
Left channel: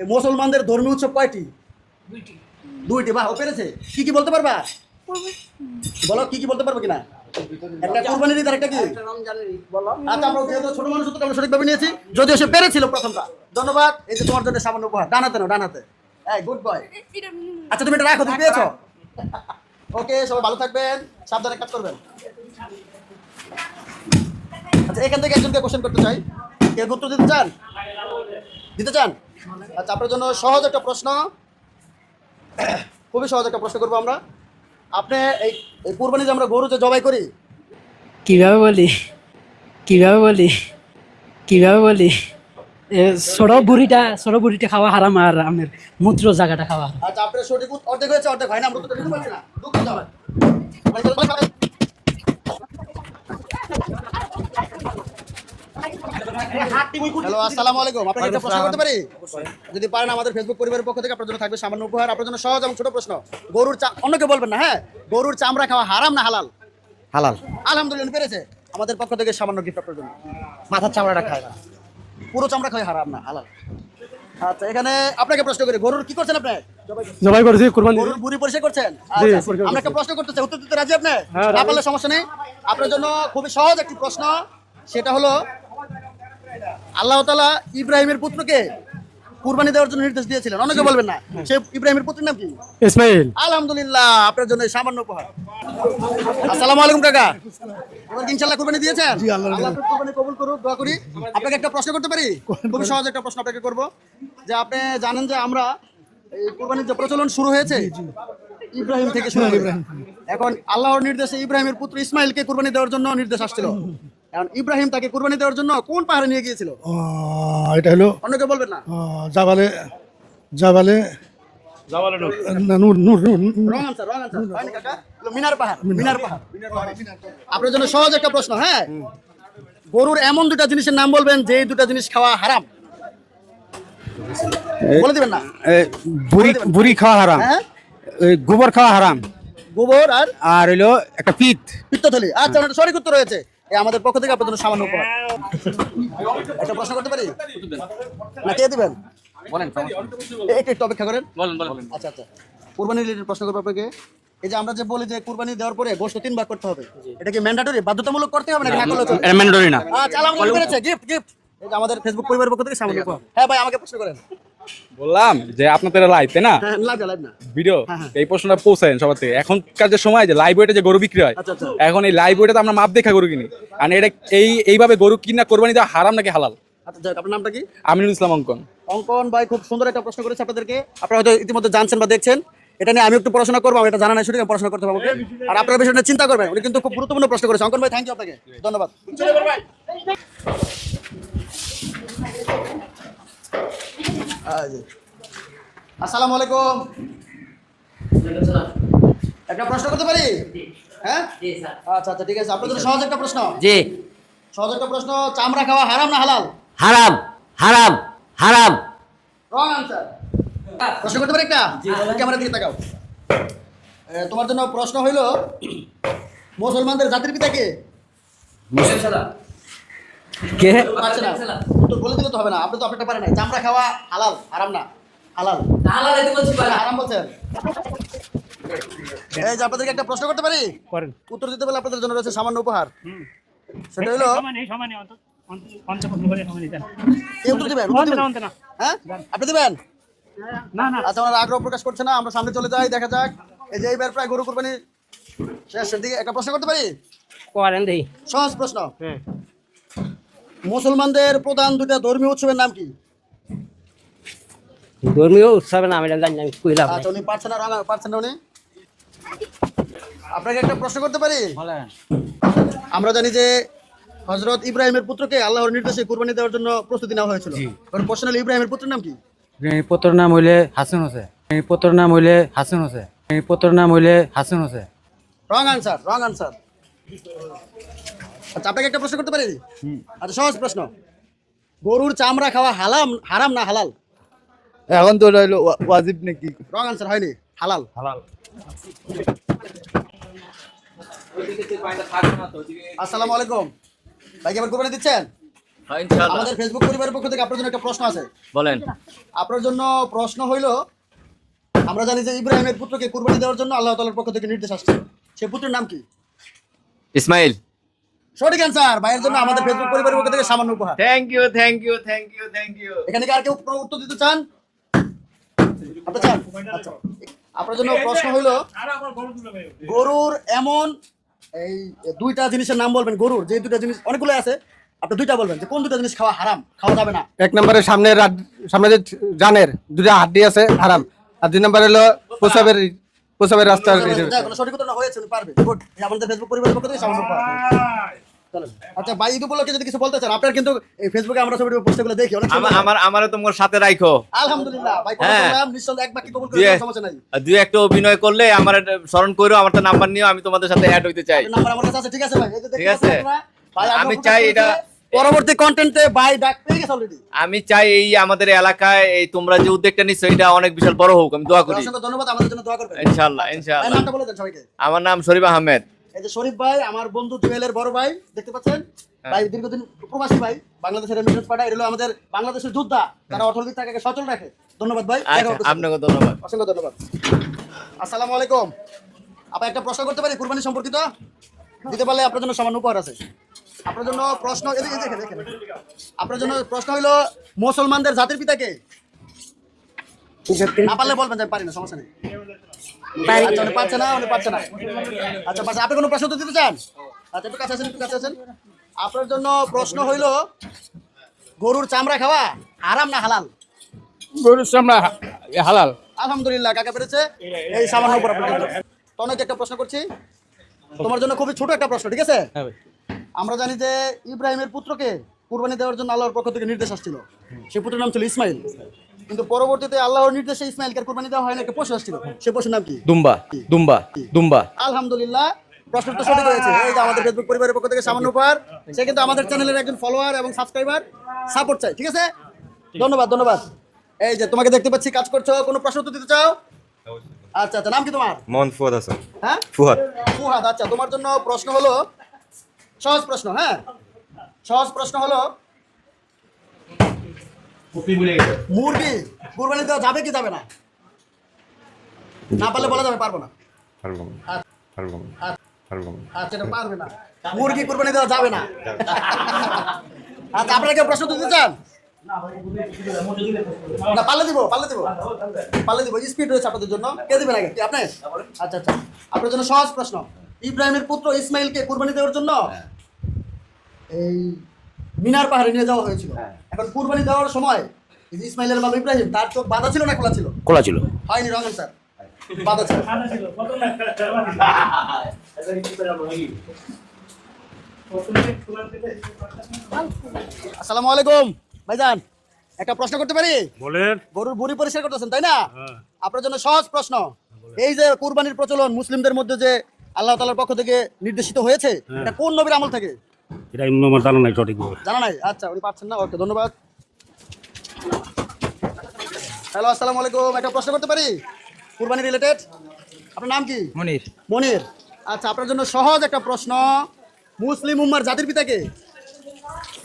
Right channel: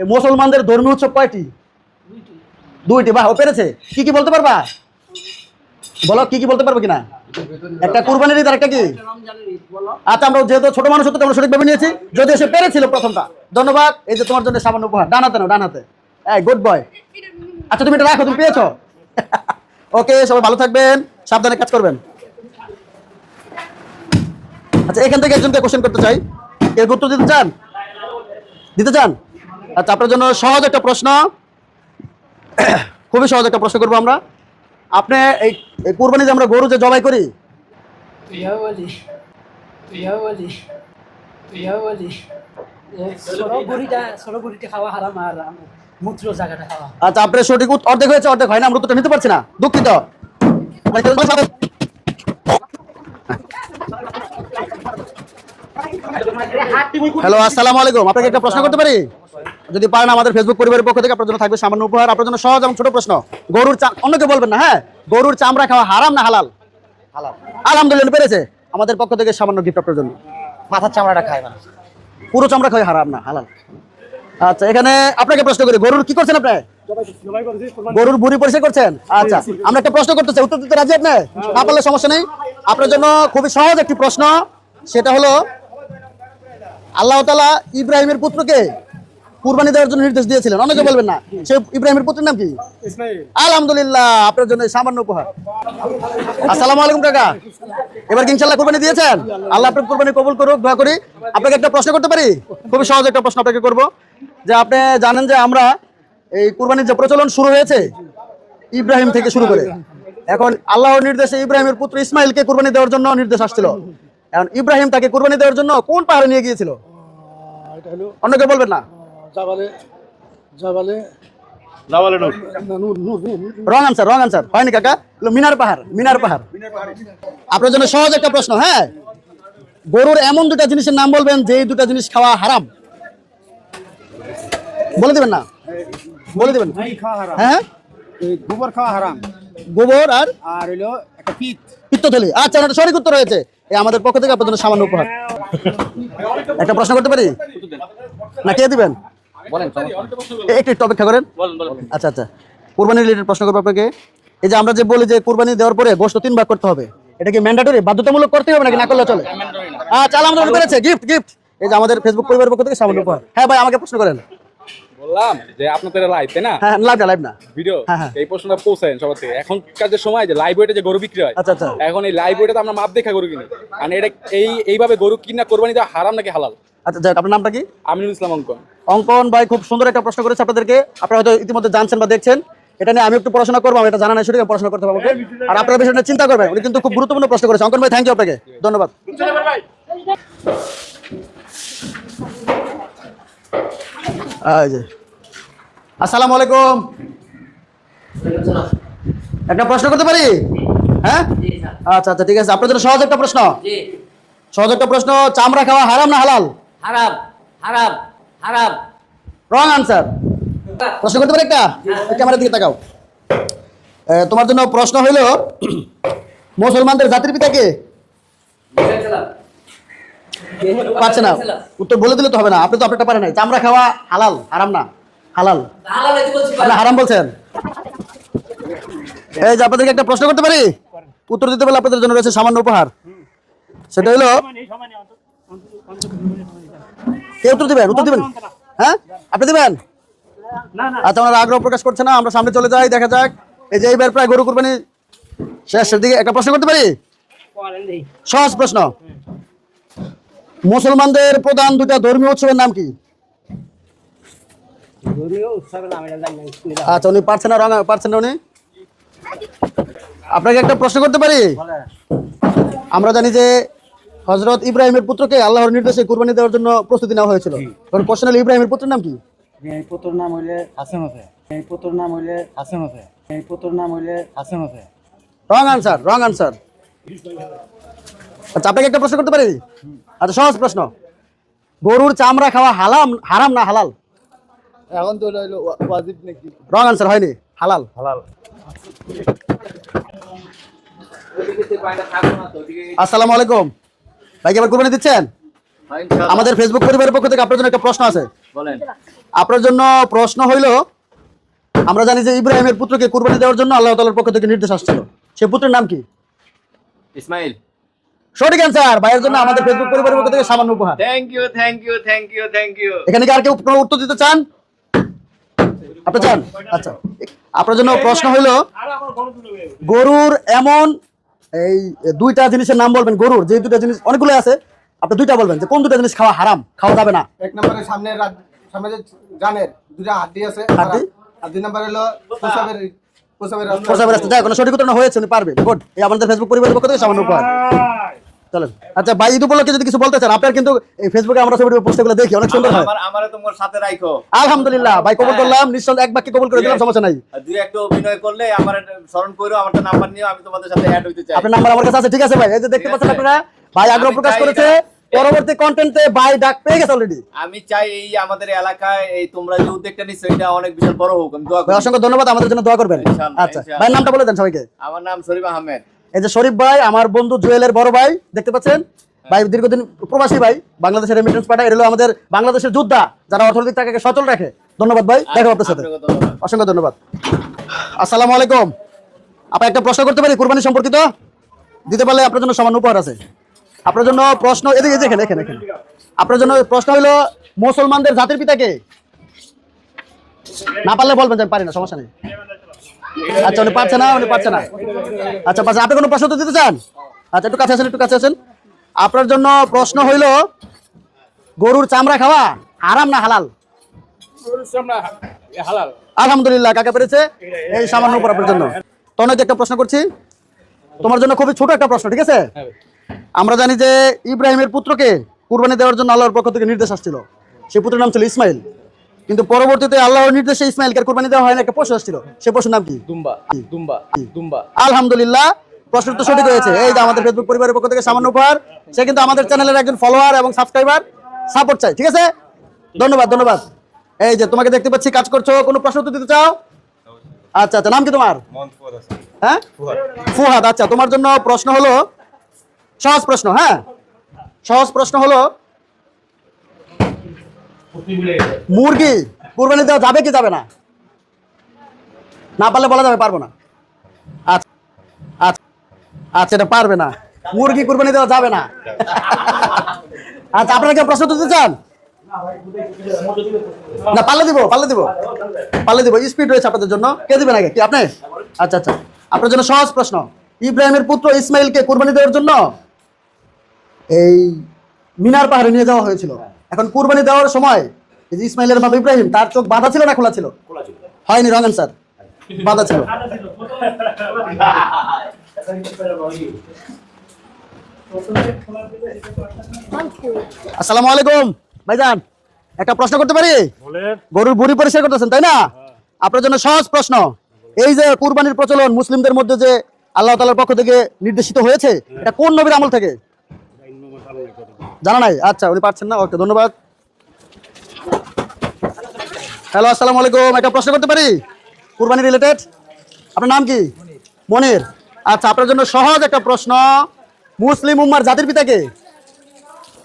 এই মুসলমানদের ধর্মীয় উৎসব কয়টি? দুইটি। বাহ, ও পেরেছে। কি কি বলতে পারবা? বলো, কি কি বলতে পারবে কিনা? একটা কুরবানির ঈদ আর একটা কি? আচ্ছা, আমরা যেহেতু ছোট মানুষ হতো আমরা সঠিকভাবে নিয়েছি, যদিও সে পেরেছিল প্রথমটা। ধন্যবাদ। এই যে তোমার জন্য সামান্য উপহার। ডান হাতে নাও, ডান হাতে। এই গুড বয়। আচ্ছা, তুমি এটা রাখো, তুমি পেয়েছো। ওকে, সবাই ভালো থাকবেন, সাবধানে কাজ করবেন। আচ্ছা, এখান থেকে একজনকে কোশ্চেন করতে চাই। এর উত্তর দিতে চান? দিতে চান? আচ্ছা, আপনার জন্য সহজ একটা প্রশ্ন, খুবই সহজ একটা প্রশ্ন করবো আমরা। আপনি এই কুরবানিতে আমরা গরু যে জবাই করি, কিভাবে বলি, কিভাবে বলি, কিভাবে বলি, ছোট বুড়িটা খাওয়া হারাম আর আমের মূত্র জায়গাটা খাওয়া। আচ্ছা, আপনার সঠিক অর্ধেক হয়েছে, অর্ধেক হয় না। আমরা উত্তরটা নিতে পারছি না, দুঃখিত। হ্যালো, আসসালামু আলাইকুম। আপনাকে একটা প্রশ্ন করতে পারি? যদি পারেন, আমাদের ফেসবুক পরিবারের পক্ষ থেকে আপনার জন্য থাকবে সামান্য উপহার। আপনার জন্য সহজ এবং ছোট প্রশ্ন, গরুর অন্যকে বলবেন না, হ্যাঁ? গরুর চামড়া খাওয়া হারাম না হালাল? হালাল। আলহামদুলিল্লাহ, পেরেছে। আমাদের পক্ষ থেকে সামান্য গিফট আপনার জন্য। মাথার চামড়াটা খায় না, পুরো চামড়া খাওয়া হারাম না হালাল। আচ্ছা, এখানে আপনাকে প্রশ্ন করি, গরুর কি করছেন আপনি? জবাই করেছি কুরবানি। গরুর বুড়ি পরিষ্কার করছেন? আচ্ছা, আমরা একটা প্রশ্ন করতে চাই, উত্তর দিতে রাজি আপনি? না পারলে সমস্যা নেই। আপনার জন্য খুবই সহজ একটি প্রশ্ন, সেটা হলো আল্লাহ তাআলা ইব্রাহিমের পুত্রকে কুরবানি দেওয়ার জন্য নির্দেশ দিয়েছিলেন, অনেকে বলবেন না। সে ইব্রাহিমের পুত্রের নাম কি? ইসমাইল। আলহামদুলিল্লাহ, আপনার জন্য সামান্য উপহার। আসসালামু আলাইকুম কাকা, এবার কি ইনশাআল্লাহ কুরবানি দিয়েছেন? আল্লাহ আপনার কুরবানি কবুল করুক, দোয়া করি। আপনাকে একটা প্রশ্ন করতে পারি? খুবই সহজ একটা প্রশ্ন আপনাকে করব, যে আপনি জানেন যে আমরা এই কুরবানির যে প্রচলন শুরু হয়েছে ইব্রাহিম থেকে শুরু করে, এখন আল্লাহর নির্দেশে ইব্রাহিমের পুত্র ইসমাইলকে কুরবানি দেওয়ার জন্য নির্দেশ আসছিল। এখন ইব্রাহিম তাকে কুরবানি দেওয়ার জন্য কোন পাহাড়ে নিয়ে গিয়েছিল? এটা হলো অন্যকে বলবেন না। জাবালে জাবালে রং আনসার, রং আনসার। হয়নি কাকা, মিনার পাহাড়, মিনার পাহাড়। আপনার জন্য সহজ একটা প্রশ্ন, হ্যাঁ? গরুর এমন দুটা জিনিসের নাম বলবেন যে দুটা জিনিস খাওয়া হারাম। বলে দিবেন না? বুড়ি খাওয়া হারাম, হ্যাঁ, গোবর খাওয়া হারাম, গোবর আর আর হইলো একটা পিত। পিত্তথলি। আচ্ছা, এটা সঠিক উত্তর হয়েছে। এই আমাদের পক্ষ থেকে আপনার জন্য সামান্য উপহার। একটা প্রশ্ন করতে পারি? না, কে দিবেন? একটু অপেক্ষা করেন। আচ্ছা আচ্ছা, কুরবানি রিলেটেড প্রশ্ন করবো আপনাকে। এই যে আমরা যে বলি যে কুরবানি দেওয়ার পরে গোশত 3 ভাগ করতে হবে, এটা কি ম্যান্ডেটরি, বাধ্যতামূলক করতে হবে নাকি না করলে চলে? ম্যান্ডেটরি না। আচ্ছা, আলহামদুলিল্লাহ, পেরেছে। Gift, gift. এই যে আমাদের ফেসবুক পরিবারের পক্ষ থেকে সামান্য উপহার। হ্যাঁ ভাই, আমাকে প্রশ্ন করেন। বললাম যে আপনাদের লাইভ, তাই না? হ্যাঁ, লাইভ না, লাইভ না, ভিডিও। হ্যাঁ, হ্যাঁ। এই প্রশ্নটা পৌঁছায়েন সবার থেকে। এখনকার যে সময় যে লাইভ ওয়েটে যে গরু বিক্রি হয়, আচ্ছা, আচ্ছা। এখন এই লাইভ ওয়েটে আমরা মাপ দেখা গরু কিনি। আর এটা এইভাবে গরু কিনা কোরবানি দেওয়া হারাম নাকি হালাল? আচ্ছা, যাক, আপনার নামটা কি? আমিনুল ইসলাম অঙ্কন। অঙ্কন ভাই খুব সুন্দর একটা প্রশ্ন করেছে আপনাদেরকে। আপনারা হয়তো ইতিমধ্যে জানছেন বা দেখছেন। এটা নিয়ে আমি একটু পড়াশোনা করবো, আমি এটা জানা নাই, সেটাকে পড়াশোনা করতে পারবো। আর আপনারা বিষয়টা চিন্তা করবেন। উনি কিন্তু খুব গুরুত্বপূর্ণ প্রশ্ন করেছে। অঙ্কন ভাই, থ্যাংক ইউ আপনাকে, ধন্যবাদ। এই যে, আসসালামু আলাইকুম। একটা প্রশ্ন করতে পারি? হ্যাঁ, আচ্ছা আচ্ছা, ঠিক আছে। আপনার জন্য সহজ একটা প্রশ্ন। জি। সহজ একটা প্রশ্ন, চামড়া খাওয়া হারাম না হালাল? হারাম, হারাম, হারাম। Wrong answer. প্রশ্ন করতে পারি একটা? ক্যামেরার দিকে তাকাও। তোমার জন্য প্রশ্ন হইল মুসলমানদের জাতির পিতা কে? কে? পারছে না, উত্তর বলে দিলে তো হবে না, আপনি তো আপনারটা পারেন নাই। চামড়া খাওয়া হালাল, হারাম না? হালাল। আপনি হারাম বলছেন। এই যে আপনাদেরকে একটা প্রশ্ন করতে পারি, উত্তর দিতে পারলে আপনাদের জন্য রয়েছে সামান্য উপহার। সেটা হলো, কে উত্তর দিবেন? উত্তর দিবেন? হ্যাঁ, আপনি দিবেন? আচ্ছা, ওনারা আগ্রহ প্রকাশ করছে না, আমরা সামনে চলে যাই, দেখা যাক। এই যে এইবার প্রায় গরু কুরবানি শেষের দিকে, একটা প্রশ্ন করতে পারি? সহজ প্রশ্ন। মুসলমানদের প্রধান দুটা ধর্মীয় উৎসবের নাম কি? ধর্মীয় উৎসবের নাম এটা জানি না, আমি কইলাম। আচ্ছা, উনি পারছেন না, পারছেন না উনি। আপনাকে একটা প্রশ্ন করতে পারি? আমরা জানি যে হযরত ইব্রাহিমের পুত্রকে আল্লাহর নির্দেশে কুরবানি দেওয়ার জন্য প্রস্তুতি নেওয়া হয়েছিল। কারণ প্রশ্ন হলো ইব্রাহিমের পুত্রের নাম কি? পুত্রের নাম হইলে হাসান হোসেন। পুত্রের নাম হইলে হাসান হোসেন। পুত্রের নাম হইলে হাসান হোসেন। রং আনসার, রং আনসার। আচ্ছা, আপনাকে একটা প্রশ্ন করতে পারি? আচ্ছা, সহজ প্রশ্ন। গরুর চামড়া খাওয়া হারাম না হালাল? এখন তো হইলো ওয়াজিব নাকি? রং আনসার, হয়নি, হালাল। হালাল। আসসালামু আলাইকুম ভাই, কি আবার কুরবানি দিচ্ছেন? আমাদের ফেসবুক পরিবারের পক্ষ থেকে আপনার জন্য একটা প্রশ্ন আছে। বলেন। আপনার জন্য প্রশ্ন হইল, আমরা জানি যে ইব্রাহিমের পুত্রকে কুরবানি দেওয়ার জন্য আল্লাহ তাআলার পক্ষ থেকে নির্দেশ আসছিল, সে পুত্রের নাম কি? ইসমাইল। সঠিক অ্যান্সার। ভাইয়ের জন্য আমাদের ফেসবুক পরিবারের পক্ষ থেকে সামান্য উপহার। Thank you, thank you, thank you, thank you. এখানে কি আর কেউ কোনো উত্তর দিতে চান? আপনি চান? আচ্ছা, আপনার জন্য প্রশ্ন হইল, গরুর এমন এই দুইটা জিনিসের নাম বলবেন। গরুর যে দুইটা জিনিস, অনেকগুলো আছে, আপনি দুইটা বলবেন যে কোন দুইটা জিনিস খাওয়া হারাম, খাওয়া যাবে না। এক নম্বরে সামনে যে জানের দুটা হাড্ডি আছে হারাম, আর দুই নম্বরে হলো প্রসাবের রাস্তা। যাই কোনো সঠিক উত্তর না হয়েছে, উনি পারবে। গুড। এই আমাদের ফেসবুক পরিবারের পক্ষ থেকে সামান্য উপহার। চলেন। আচ্ছা ভাই, ঈদ উপলক্ষে যদি কিছু বলতে চান, আপনার কিন্তু এই ফেসবুকে আমরা ছবি পোস্টগুলো দেখি, অনেক সুন্দর। আমারে তোমার সাথে রাখো। আলহামদুলিল্লাহ ভাই, কবুল করলাম। নিঃসন্দেহে এক বাক্যে কবুল করে দেওয়ার সমস্যা নাই। দুই একটা অভিনয় করলে আমার স্মরণ করো, আমার তো নাম্বার নিও, আমি তোমাদের সাথে অ্যাড হইতে চাই। আপনার নাম্বার আমার কাছে আছে, ঠিক আছে ভাই? এই যে দেখতে ঠিক পাচ্ছেন আছে। আপনারা, ভাই আগ্রহ আমি প্রকাশ চাই করেছে। এটা- পরবর্তী কন্টেন্টে ভাই ডাক পেয়ে গেছে অলরেডি। আমি চাই এই আমাদের এলাকায় এই তোমরা যে উদ্যোগটা নিচ্ছ এটা অনেক বিশাল বড় হোক, আমি দোয়া করি। অসংখ্য ধন্যবাদ, আমাদের জন্য দোয়া করবেন। ইনশাআল্লাহ, আচ্ছা ইনশাআল্লাহ। ভাই, নামটা বলে দেন সবাইকে। আমার নাম শরীফ আহমেদ। এই যে শরীফ ভাই, আমার বন্ধু জুয়েলের বড় ভাই, দেখতে পাচ্ছেন ভাই, দীর্ঘদিন প্রবাসী ভাই, বাংলাদেশের রেমিটেন্স পাঠায়। এর হলো আমাদের বাংলাদেশের যোদ্ধা, যারা অর্থনৈতিক টাকাকে সচল রাখে। ধন্যবাদ ভাই, দেখা আপনার সাথে। আপনাকে ধন্যবাদ। অসংখ্য ধন্যবাদ। আসসালামু আলাইকুম। আপনার একটা প্রশ্ন করতে পারি কুরবানি সম্পর্কিত? দিতে পারলে আপনার জন্য সামান্য উপহার আছে। আপনার জন্য প্রশ্ন, এদিকে এখানে এখানে এখানে। আপনার জন্য প্রশ্ন হলো, মুসলমানদের জাতির পিতা কে? না পারলে বলবেন যে আমি পারি না, সমস্যা নেই। আচ্ছা, উনি পারছে না, উনি পারছে না। আচ্ছা, পারছে। আপনি কোনো প্রশ্ন তো দিতে চান? আচ্ছা, একটু কাছে আসেন, একটু কাছে আসেন। আপনার জন্য প্রশ্ন হইল, গরুর চামড়া খাওয়া হারাম না হালাল? গরুর চামড়া হালাল। আলহামদুলিল্লাহ, কাকা পেরেছে। এই সামান্য উপর আপনার জন্য। তনয়কে একটা প্রশ্ন করছি, তোমার জন্য খুবই ছোট একটা প্রশ্ন, ঠিক আছে? আমরা জানি যে ইব্রাহিমের পুত্রকে কুরবানি দেওয়ার জন্য আল্লাহর পক্ষ থেকে নির্দেশ আসছিল, সেই পুত্রের নাম ছিল ইসমাইল। কিন্তু পরবর্তীতে আল্লাহর নির্দেশে ইসমাইলকে কুরবানি দেওয়া হয় না, একটা পশু আসছিল, সেই পশুর নাম কি? দুম্বা। দুম্বা। দুম্বা। আলহামদুলিল্লাহ, প্রশ্ন তো সঠিক হয়েছে। এই যে আমাদের ফেসবুক পরিবারের পক্ষ থেকে সামান্য উপহার। সে কিন্তু আমাদের চ্যানেলের একজন ফলোয়ার এবং সাবস্ক্রাইবার, সাপোর্ট চাই, ঠিক আছে? ধন্যবাদ, ধন্যবাদ। এই যে তোমাকে দেখতে পাচ্ছি কাজ করছো, কোনো প্রশ্ন উত্তর দিতে চাও? আচ্ছা আচ্ছা, নাম কি তোমার? মোহাম্মদ ফুয়াদ হাসান। হ্যাঁ, ফুয়াদ। ফুহাদ। আচ্ছা, তোমার জন্য প্রশ্ন হলো, সহজ প্রশ্ন। হ্যাঁ, সহজ প্রশ্ন হলো, মুরগি কুরবানি দেওয়া যাবে কি যাবে না? না পারলে বলা যাবে পারবো না। আচ্ছা আচ্ছা আচ্ছা, এটা পারবে না, মুরগি কুরবানি দেওয়া যাবে না। আচ্ছা, আপনারা কি প্রশ্ন দিতে চান? না, পাল্লে দিব, পাল্লে দিব, পাল্লে দিব। স্পিড রয়েছে আপনাদের জন্য। কে দিবেন আগে? কি আপনি? আচ্ছা আচ্ছা, আপনার জন্য সহজ প্রশ্ন। ইব্রাহিমের পুত্র ইসমাইলকে কুরবানি দেওয়ার জন্য এই মিনার পাহাড়ে নিয়ে যাওয়া হয়েছিল। এখন কুরবানি দেওয়ার সময় এই যে ইসমাইলের বাবা ইব্রাহিম, তার চোখ বাঁধা ছিল না খোলা ছিল? খোলা ছিল। হয়নি, রং অ্যান্সার, বাঁধা ছিল। আসসালামু আলাইকুম ভাইজান, একটা প্রশ্ন করতে পারি? গরুর বুড়ি পরিষ্কার করতেছেন, তাই না? আপনার জন্য সহজ প্রশ্ন। এই যে কুরবানির প্রচলন মুসলিমদের মধ্যে যে আল্লাহ তাআলার পক্ষ থেকে নির্দেশিত হয়েছে, এটা কোন নবীর আমল থেকে? এটা আমার জানা নাই সঠিক। জানা নাই? আচ্ছা, উনি পারছেন না। ওকে, ধন্যবাদ। হ্যালো, আসসালামু আলাইকুম। একটা প্রশ্ন করতে পারি কুরবানি রিলেটেড? আপনার নাম কি? মনির। মনির। আচ্ছা, আপনার জন্য সহজ একটা প্রশ্ন। মুসলিম উম্মার জাতির পিতা কে?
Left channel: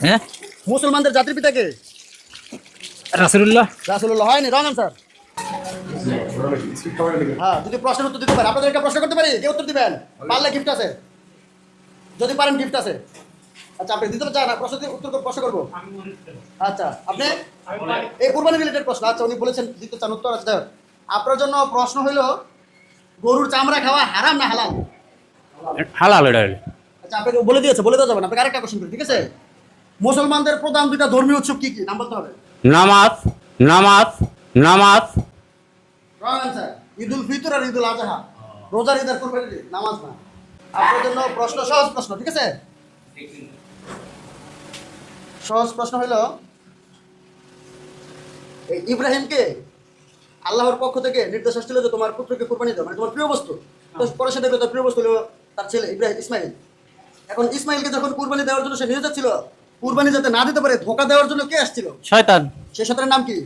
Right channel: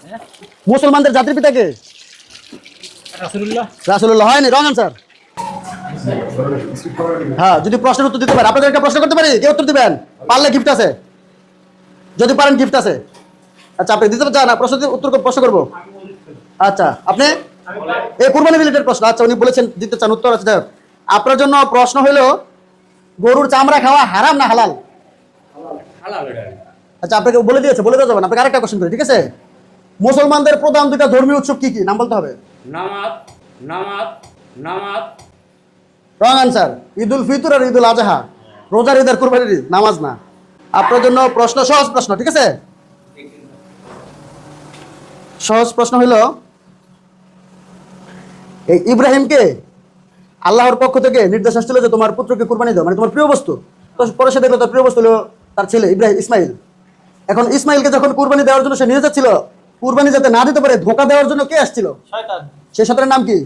হ্যাঁ, মুসলমানদের জাতির পিতা কে? রাসূলুল্লাহ। রাসূলুল্লাহ হয়নি, রং আনসার। হ্যাঁ, যদি প্রশ্নের উত্তর দিতে পারেন। আপনাদের একটা প্রশ্ন করতে পারি, কে উত্তর দিবেন? পারলে গিফট আছে, যদি পারেন গিফট আছে। আচ্ছা, আপনি দিতে চান না? প্রশ্ন করবো। আচ্ছা, আপনি এই কুরবানি রিলেটেড প্রশ্ন। আচ্ছা, উনি বলেছেন দিতে চান উত্তর। আচ্ছা, আপনার জন্য প্রশ্ন হলো গরুর চামড়া খাওয়া হারাম না হালাল? হালাল এটা। আচ্ছা, আপনাকে বলে দিয়েছে, বলে দেওয়া যাবে না। আপনাকে আরেকটা কোশ্চেন করি, ঠিক আছে? মুসলমানদের প্রধান দুটা ধর্মীয় উৎসব কি কি, নাম বলতে হবে। নামাজ নামাজ নামাজ। রং আনসার, ঈদুল ফিতর আর ঈদুল আজহা। রোজার ঈদ আর কুরবানির ঈদ, নামাজ না। আপনার জন্য প্রশ্ন, সহজ প্রশ্ন, ঠিক আছে? সহজ প্রশ্ন হলো এই ইব্রাহিমকে আল্লাহর পক্ষ থেকে নির্দেশ আসছিল যে তোমার পুত্রকে কুরবানি দাও, মানে তোমার প্রিয় বস্তু। তো পরে সে দেখলো তার প্রিয় বস্তু হলো তার ছেলে ইসমাইল। এখন ইসমাইলকে যখন কুরবানি দেওয়ার জন্য সে নিয়ে যাচ্ছিল, কুরবানি যাতে না দিতে পারে ধোঁকা দেওয়ার জন্য কে আসছিল? শয়তান। সেই শয়তানের নাম কি?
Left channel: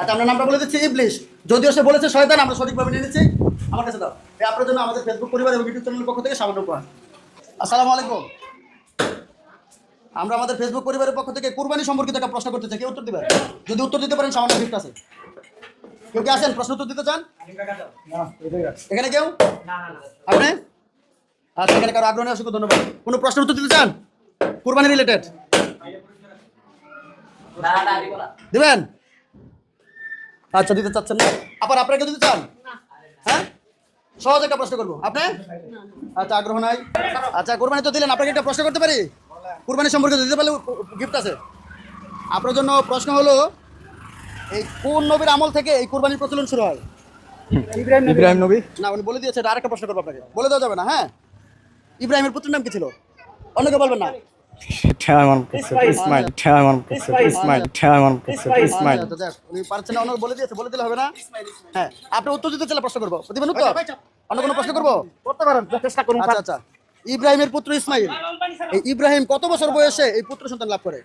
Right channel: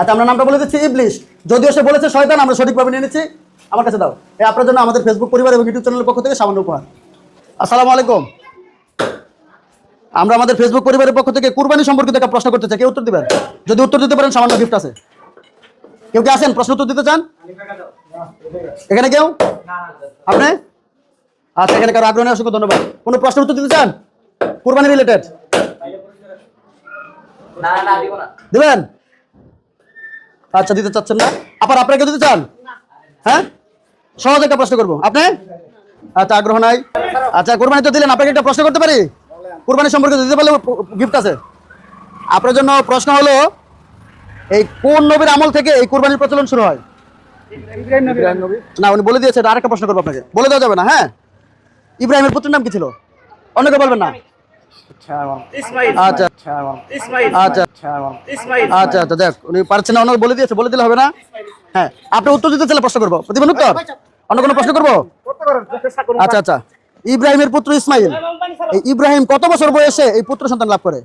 আচ্ছা, আমরা নামটা বলে দিচ্ছি, ইবলিশ। যদিও সে বলেছে শয়তান, আমরা সঠিকভাবে নিয়ে নিচ্ছি। আমার কাছে দাও। আপনার জন্য আমাদের ফেসবুক পরিবার এবং ইউটিউব চ্যানেলের পক্ষ থেকে সামান্য উপহার। আসসালামু আলাইকুম। আমরা আমাদের ফেসবুক পরিবারের পক্ষ থেকে কুরবানি সম্পর্কিত একটা প্রশ্ন করতে চাই, কেউ উত্তর দিবেন? যদি উত্তর দিতে পারেন সামান্য গিফট আছে। কেউ কি আছেন প্রশ্ন উত্তর দিতে চান? এখানে কেউ? আপনি? আচ্ছা, এখানে কারো আগ্রহ নেই, অসংখ্য ধন্যবাদ। কোনো প্রশ্ন উত্তর দিতে চান কুরবানি রিলেটেড? দিবেন? আচ্ছা, দিতে চাচ্ছেন না। আবার আপনাকে দিতে চান? হ্যাঁ, সহজ একটা প্রশ্ন করবো। আপনি? আচ্ছা, আগ্রহ নাই। আচ্ছা, কুরবানি তো দিলেন, আপনাকে একটা প্রশ্ন করতে পারি কুরবানি সম্পর্কে? দিতে পারলে গিফট আছে। আপনার জন্য প্রশ্ন হলো এই কোন নবীর আমল থেকে এই কুরবানির প্রচলন শুরু হয়? ইব্রাহিম নবী। না, উনি বলে দিয়েছে। আরেকটা প্রশ্ন করবো আপনাকে, বলে দেওয়া যাবে না। হ্যাঁ, ইব্রাহিমের পুত্রের নাম কি ছিল? অন্য কেউ বলবেন না। আচ্ছা আচ্ছা আচ্ছা, দেখ উনি পারছেন না, অন্য বলে দিয়েছে, বলে দিলে হবে না। হ্যাঁ, আপনি উত্তর দিতে চাইলে প্রশ্ন করবো, দিবেন উত্তর? অন্য কোনো প্রশ্ন করবো? আচ্ছা আচ্ছা, ইব্রাহিমের পুত্র ইসমাইল, এই ইব্রাহিম কত বছর বয়সে এই পুত্র সন্তান লাভ করে?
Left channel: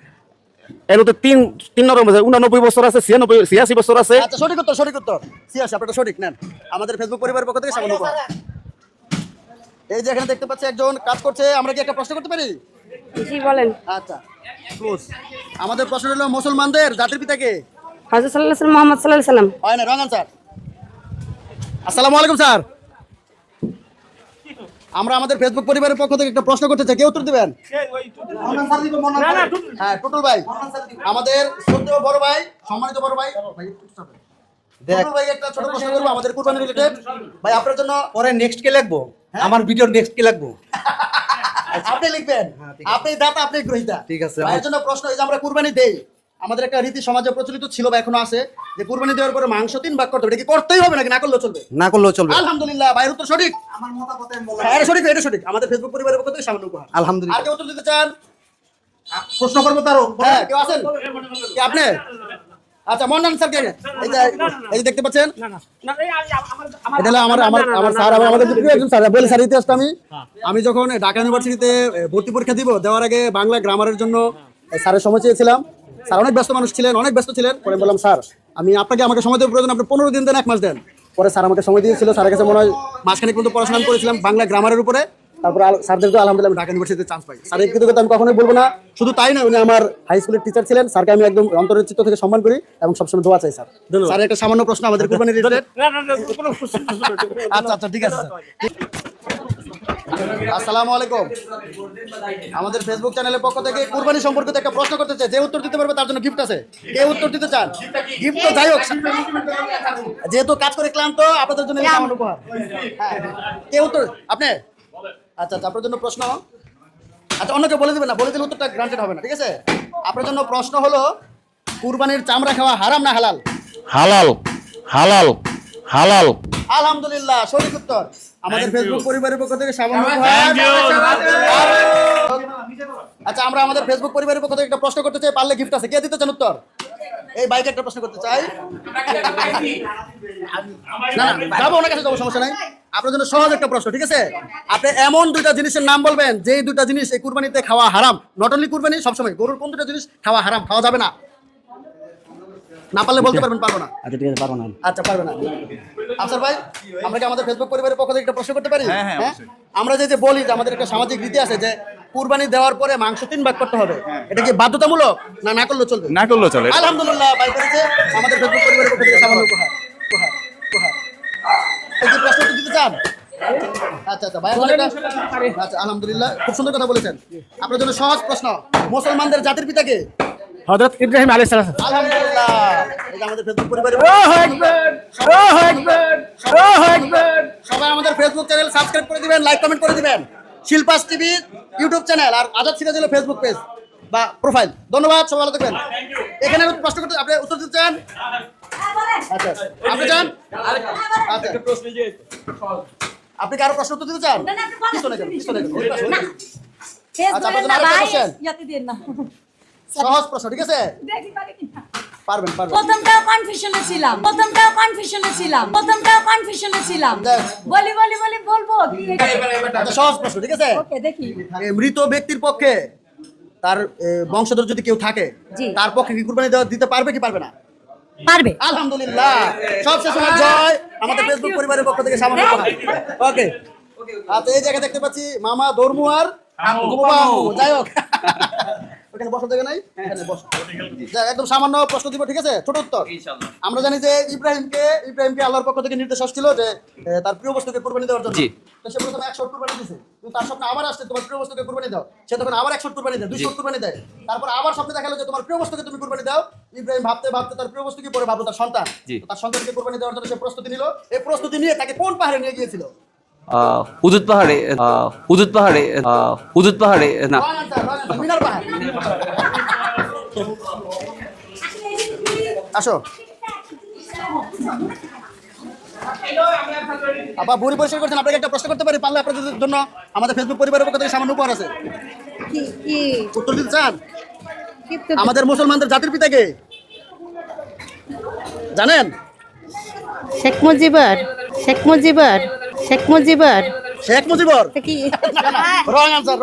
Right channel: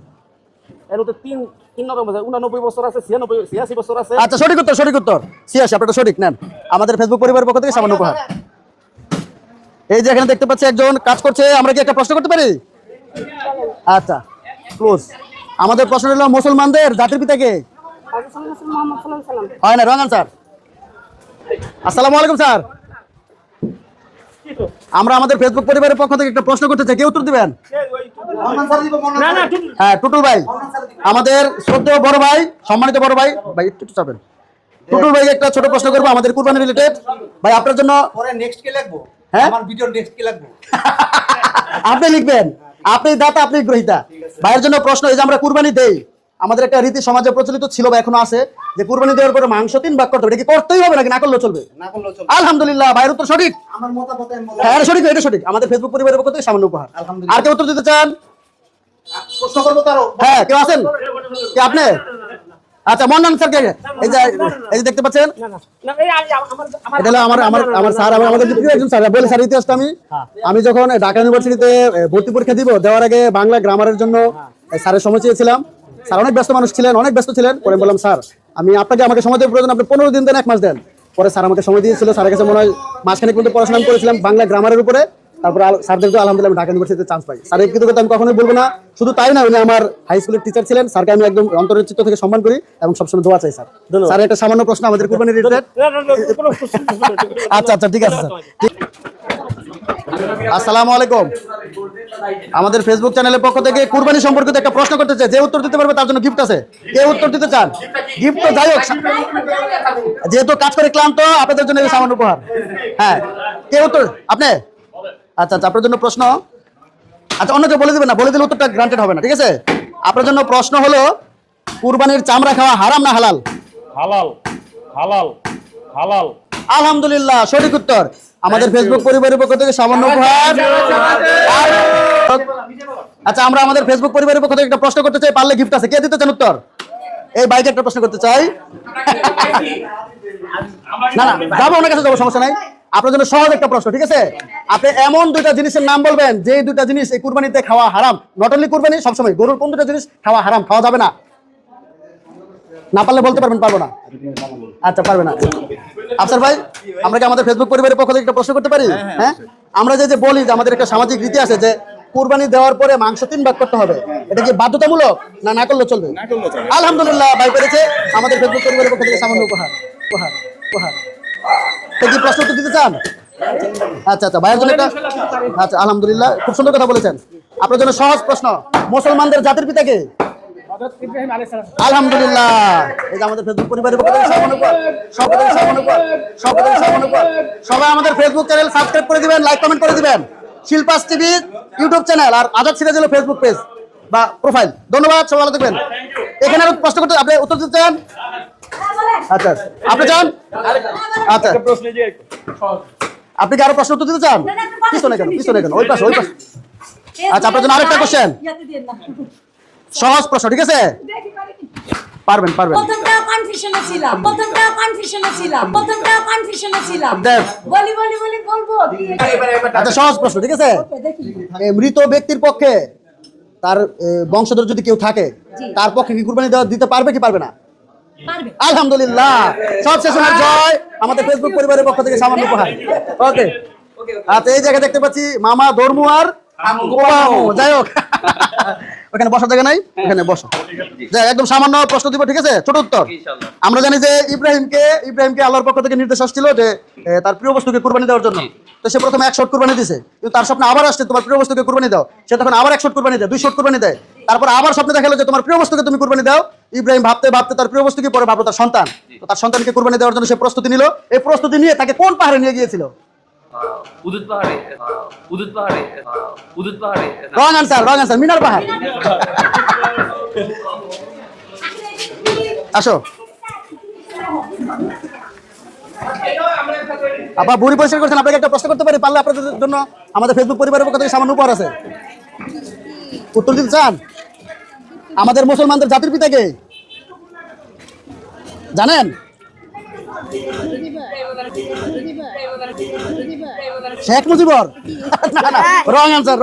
এর তো 89 বছর আছে, 86 বছর আছে। আচ্ছা, সঠিক উত্তর, সঠিক উত্তর 86। আপনার সঠিক নেন। আমাদের ফেসবুক পরিবারের পক্ষ থেকে সামান্য উপহার। এই যে এখানে দেখতে পাচ্ছি একজন কাজ করছে, আমরা কি একটা প্রশ্ন করতে পারি? বলেন। আচ্ছা, ক্লোজ। আমাদের প্রশ্ন হলো মুসলমানদের জাতির পিতা কে? হযরত সাল্লাল্লাহু আলাইহি মুহাম্মদ সাল্লাল্লাহু আলাইহি সাল্লাম। হয় না, রং আনসার। আসসালামু আলাইকুম স্যার। আমরা আমাদের ফেসবুক পরিবারের পক্ষ থেকে একটা প্রশ্ন করতে চাই, কে উত্তর দিবেন? হ্যাঁ, টুটুল ভাই, আমাদের শ্রদ্ধেয় বড় ভাই, সম্মানিত বড় ভাই, ভাই একটু চাপেন। টুটুল ভাই একটা ছোট প্রশ্ন করবো আমাদের কুরবানি রিলেটেড। ভাই আপনার জন্য পরে নেক্সট কে লাগবো? হ্যাঁ? আমার ভিডিওর নেক্সট কে লাগবো? আপনি লিখবেন, আপনি দাতা, আপনি গ্রহীতা। ঠিক আছে। ভাইয়ের জন্য প্রশ্ন, এই যে আমরা কুরবানি দেই, আমাদের একটা রীতি সমাজে প্রচলিত ছিল বা এখনো আছে যে কুরবানি দেওয়ার পরে মাংস 3 ভাগ করতে হবে। এটা কি করতেই হবে নাকি না করলেও চলবে? না করলেও চলবে। আলহামদুলিল্লাহ, ভাইয়ের উত্তর সঠিক। আমার মতামত আমি বললাম। হ্যাঁ, এটা সঠিক, এটা সঠিক। আমাদের ফেসবুক পরিবারের পক্ষ থেকে সামান্য উপহার। আলহামদুলিল্লাহ। আর কেউ উত্তর দিতে চান? প্রশ্ন করবো তারও? হ্যাঁ, কেউ আছেন? কে আপনি? আচ্ছা, মন্নান স্যার কে? এই যে দেখতে পাচ্ছেন, এটা হলো আমার আমার আমার স্যার, আমাদের প্রিয় একজন স্যার। বলে স্যার ইতিহাসটা আমি যখন ঢাকা ইউনিভার্সিটিতে ভর্তি পরীক্ষা দেওয়ার আগে বাংলা গ্রামারের জন্য স্যারের সময় চেয়েছিলাম। স্যার অনেক ব্যস্ত মানুষ ছিলেন, অনেক ব্যস্ত ছিলেন। পরে বললাম স্যার আমাকে সময় দেওয়ার প্রয়োজন, আপনি 15 দিন দেন, 1 মাস দেন। পরে স্যার আমাকে সময় দিয়েছিল। স্যারের কাছে মনে হয় মাসখানেক পর্যন্ত পড়াশোনা করেছিলাম বাংলা গ্রামারের উপরে। তারপরে স্যারদেরকে আলহামদুলিল্লাহ আমি ঢাকা ইউনিভার্সিটিতে চান্স পাই। স্যারের কৃতজ্ঞতা আমি কখনোই বলবো না। শুধু তাই না, উনি আমার হাই স্কুলের টিচার ছিলেন। স্যারকে আমি একদম অন্তরের চিত্ত থেকে সম্মান করি এবং সবসময় দোয়া চাই। স্যার একটা সামান্য প্রশ্ন আমাদের কুরবানি রিলেটেড। আচ্ছা আচ্ছা, ঠিক আছে স্যার। আসসালামু আলাইকুম। আমাদের ফেসবুক চ্যানেলের পক্ষ থেকে কুরবানি সম্পর্কিত একটা প্রশ্ন করতে চাই, যে উত্তর দিতে পারবে তার জন্য গিফট আছে। কে উত্তর দিতে চান? গিফট তো যাই হোক, যেহেতু কাজ করে ক্লান্ত, আপনাদের জন্য এই সামান্য উপহার। হ্যাঁ, কে উত্তর? আপনি? আচ্ছা আচ্ছা, আপনার জন্য প্রশ্ন। আচ্ছা, অন্য কেউ বলে দিবেন না, বলে দিলে উত্তরটা গ্রান্টেড হবে না, ঠিক আছে? আপনার জন্য প্রশ্ন হলো কুরবানির চামড়া খাওয়া হারাম না হালাল? হালাল হালাল হালাল। আলহামদুলিল্লাহ, সঠিক উত্তর। আমাদের ফেসবুক পরিবারের পক্ষ থেকে সামান্য উপহার। আচ্ছা, আমরা আমাদের ফেসবুক পরিবারের পক্ষ থেকে একটা প্রশ্ন করতে চাই, পারলে গিফট আছে। কে দিতে চান উত্তর? এই বাইকে একটা প্রশ্ন করতে চাই। না না, যাবো, ওনার কাছে যাবো, সমস্যা নাই। আপনার জন্য সহজ একটা প্রশ্ন, ঠিক আছে? আপনি এমন 2টা জিনিসের নাম বলবেন যে 2টা জিনিস এই কুরবানিতে খাওয়া হারাম। নট অনলি কুরবানি, সবসময় গরুর কোন 2টা জিনিস খাওয়া হারাম, খাওয়া যাবে না? না পারলে বলতে পারবেন পারবো না। আচ্ছা ঠিক আছে, পারবো না। আচ্ছা পারবে না। আফসার ভাই, আমরা কি আমাদের ফেসবুক পরিবারের পক্ষ থেকে একটা প্রশ্ন করতে পারি? হ্যাঁ, আমরা যে বলি যে আমাদের একটা সামাজিক রীতি আছে যে কুরবানি দেওয়ার পরে মাংস 3 ভাগ করতে হবে, এটা কি বাধ্যতামূলক না না করলে চলবে? না করলেও চলে। আলহামদুলিল্লাহ, ভাই পেরেছে। আমাদের ফেসবুক পরিবারের পক্ষ থেকে সামান্য উপহার। উপহার উপহার তো কি প্রশ্ন উত্তর দিতে চান? আচ্ছা আচ্ছা, ভাইয়ের জন্য একটা, আচ্ছা আলহামদুলিল্লাহ, খুব সুন্দর কথা বলেছেন। আপনার জন্য সহজ প্রশ্ন, মুসলমানদের জাতির পিতা কে? হযরত ইব্রাহিম আলাইহিস সালাম। আলহামদুলিল্লাহ, এই যে আমাদের ফেসবুক পরিবারের পক্ষ থেকে সামান্য উপহার। সবাই আমাদের ফেসবুক চ্যানেল সাবস্ক্রাইব করে দিবেন, লাইক কমেন্ট করে দিবেন। শিল্পাস টিভি ইউটিউব চ্যানেল আর আজাদ সিরাজ হলো ফেসবুক পেজ বা প্রোফাইল। ধন্যবাদ, সবাই ভালো থাকবেন। এখানে আমি প্রশ্ন করতে, আপনি উত্তর দিতে চান? আচ্ছা, আপনি চান? আচ্ছা, আপনি কি আরো প্রশ্ন উত্তর দিতে চান? পিছনে কেন, পিছনে কেন, ওই পাশে, ওই পাশে। আচ্ছা, আপনার জন্য আরেকটা কোশ্চেন, সহজ প্রশ্ন, ঠিক আছে? পারবেন পারবেন। প্রথমটাও কনফিউশনে ছিলাম, দেখ। বলবো। আচ্ছা, সহজ প্রশ্ন, ঠিক আছে? দেখি মৃত ব্যক্তির পক্ষে তার বংশধর যদি কেউ থাকে, তার পক্ষে কি কুরবানি দিতে পারবে কি পারবে না? পারবে। আলহামদুলিল্লাহ, সব শেষে জয় আমাদের ফেসবুক পরিবারের পক্ষ থেকে সামান্য উপহার। ওকে, আচ্ছা, এই জায়গায় দেখতে পাচ্ছি মামা ধর্মু আর গোপাল। যাই হোক, ওখানে বসার জায়গা নাই, এখানে বসো। যাই, একদম সামান্য প্রশ্ন দিব, ঠিক আছে? ছোট উত্তর। আমরা জানি যে ইব্রাহিমকে আল্লাহর পক্ষ থেকে নির্দেশ আসছিল যে তার প্রিয় বস্তুকে কুরবানি দেওয়ার জন্য। তো সে প্রথমে 1 শট কুরবানি দিয়েছে, কিন্তু তার স্বপ্নে আবার আসছে তোমার প্রিয় বস্তুকে কুরবানি দাও। সে তখন আবার 1 শট কুরবানি দেয়, 2 শট কুরবানি দেয়। তারপর আবার স্বপ্নে দেখা গেল যে তোমার প্রিয় বস্তুকে তুমি কুরবানি দাও। ইব্রাহিম ভাবতে ভাবতে তার প্রিয় বস্তুকে পরে ভাবলো তার সন্তান। তো তার সন্তানকে কুরবানি দেওয়ার জন্য সে প্রস্তুতি নিল। এই প্রস্তুতি নিয়ে তাকে কোন পাহাড়ে নিয়ে গিয়েছিল? হুদুদ পাহাড়ে, হুদুদ পাহাড়ে, হুদুদ পাহাড়ে। রং আনসার, মিনার পাহাড়। আসো, আপনার বুড়ি পরিষ্কার করছেন, আপনাকে একটা প্রশ্ন করতে পারি? পারলে আপনাদের জন্য আমাদের ফেসবুক পরিবারের পক্ষ থেকে সামান্য উপহার আছে। উত্তর দিতে চান? আমাদের মুসলমানদের জাতির পিতা কে জানেন? শেখ মুজিবর। শেখ মুজিবর? Wrong answer.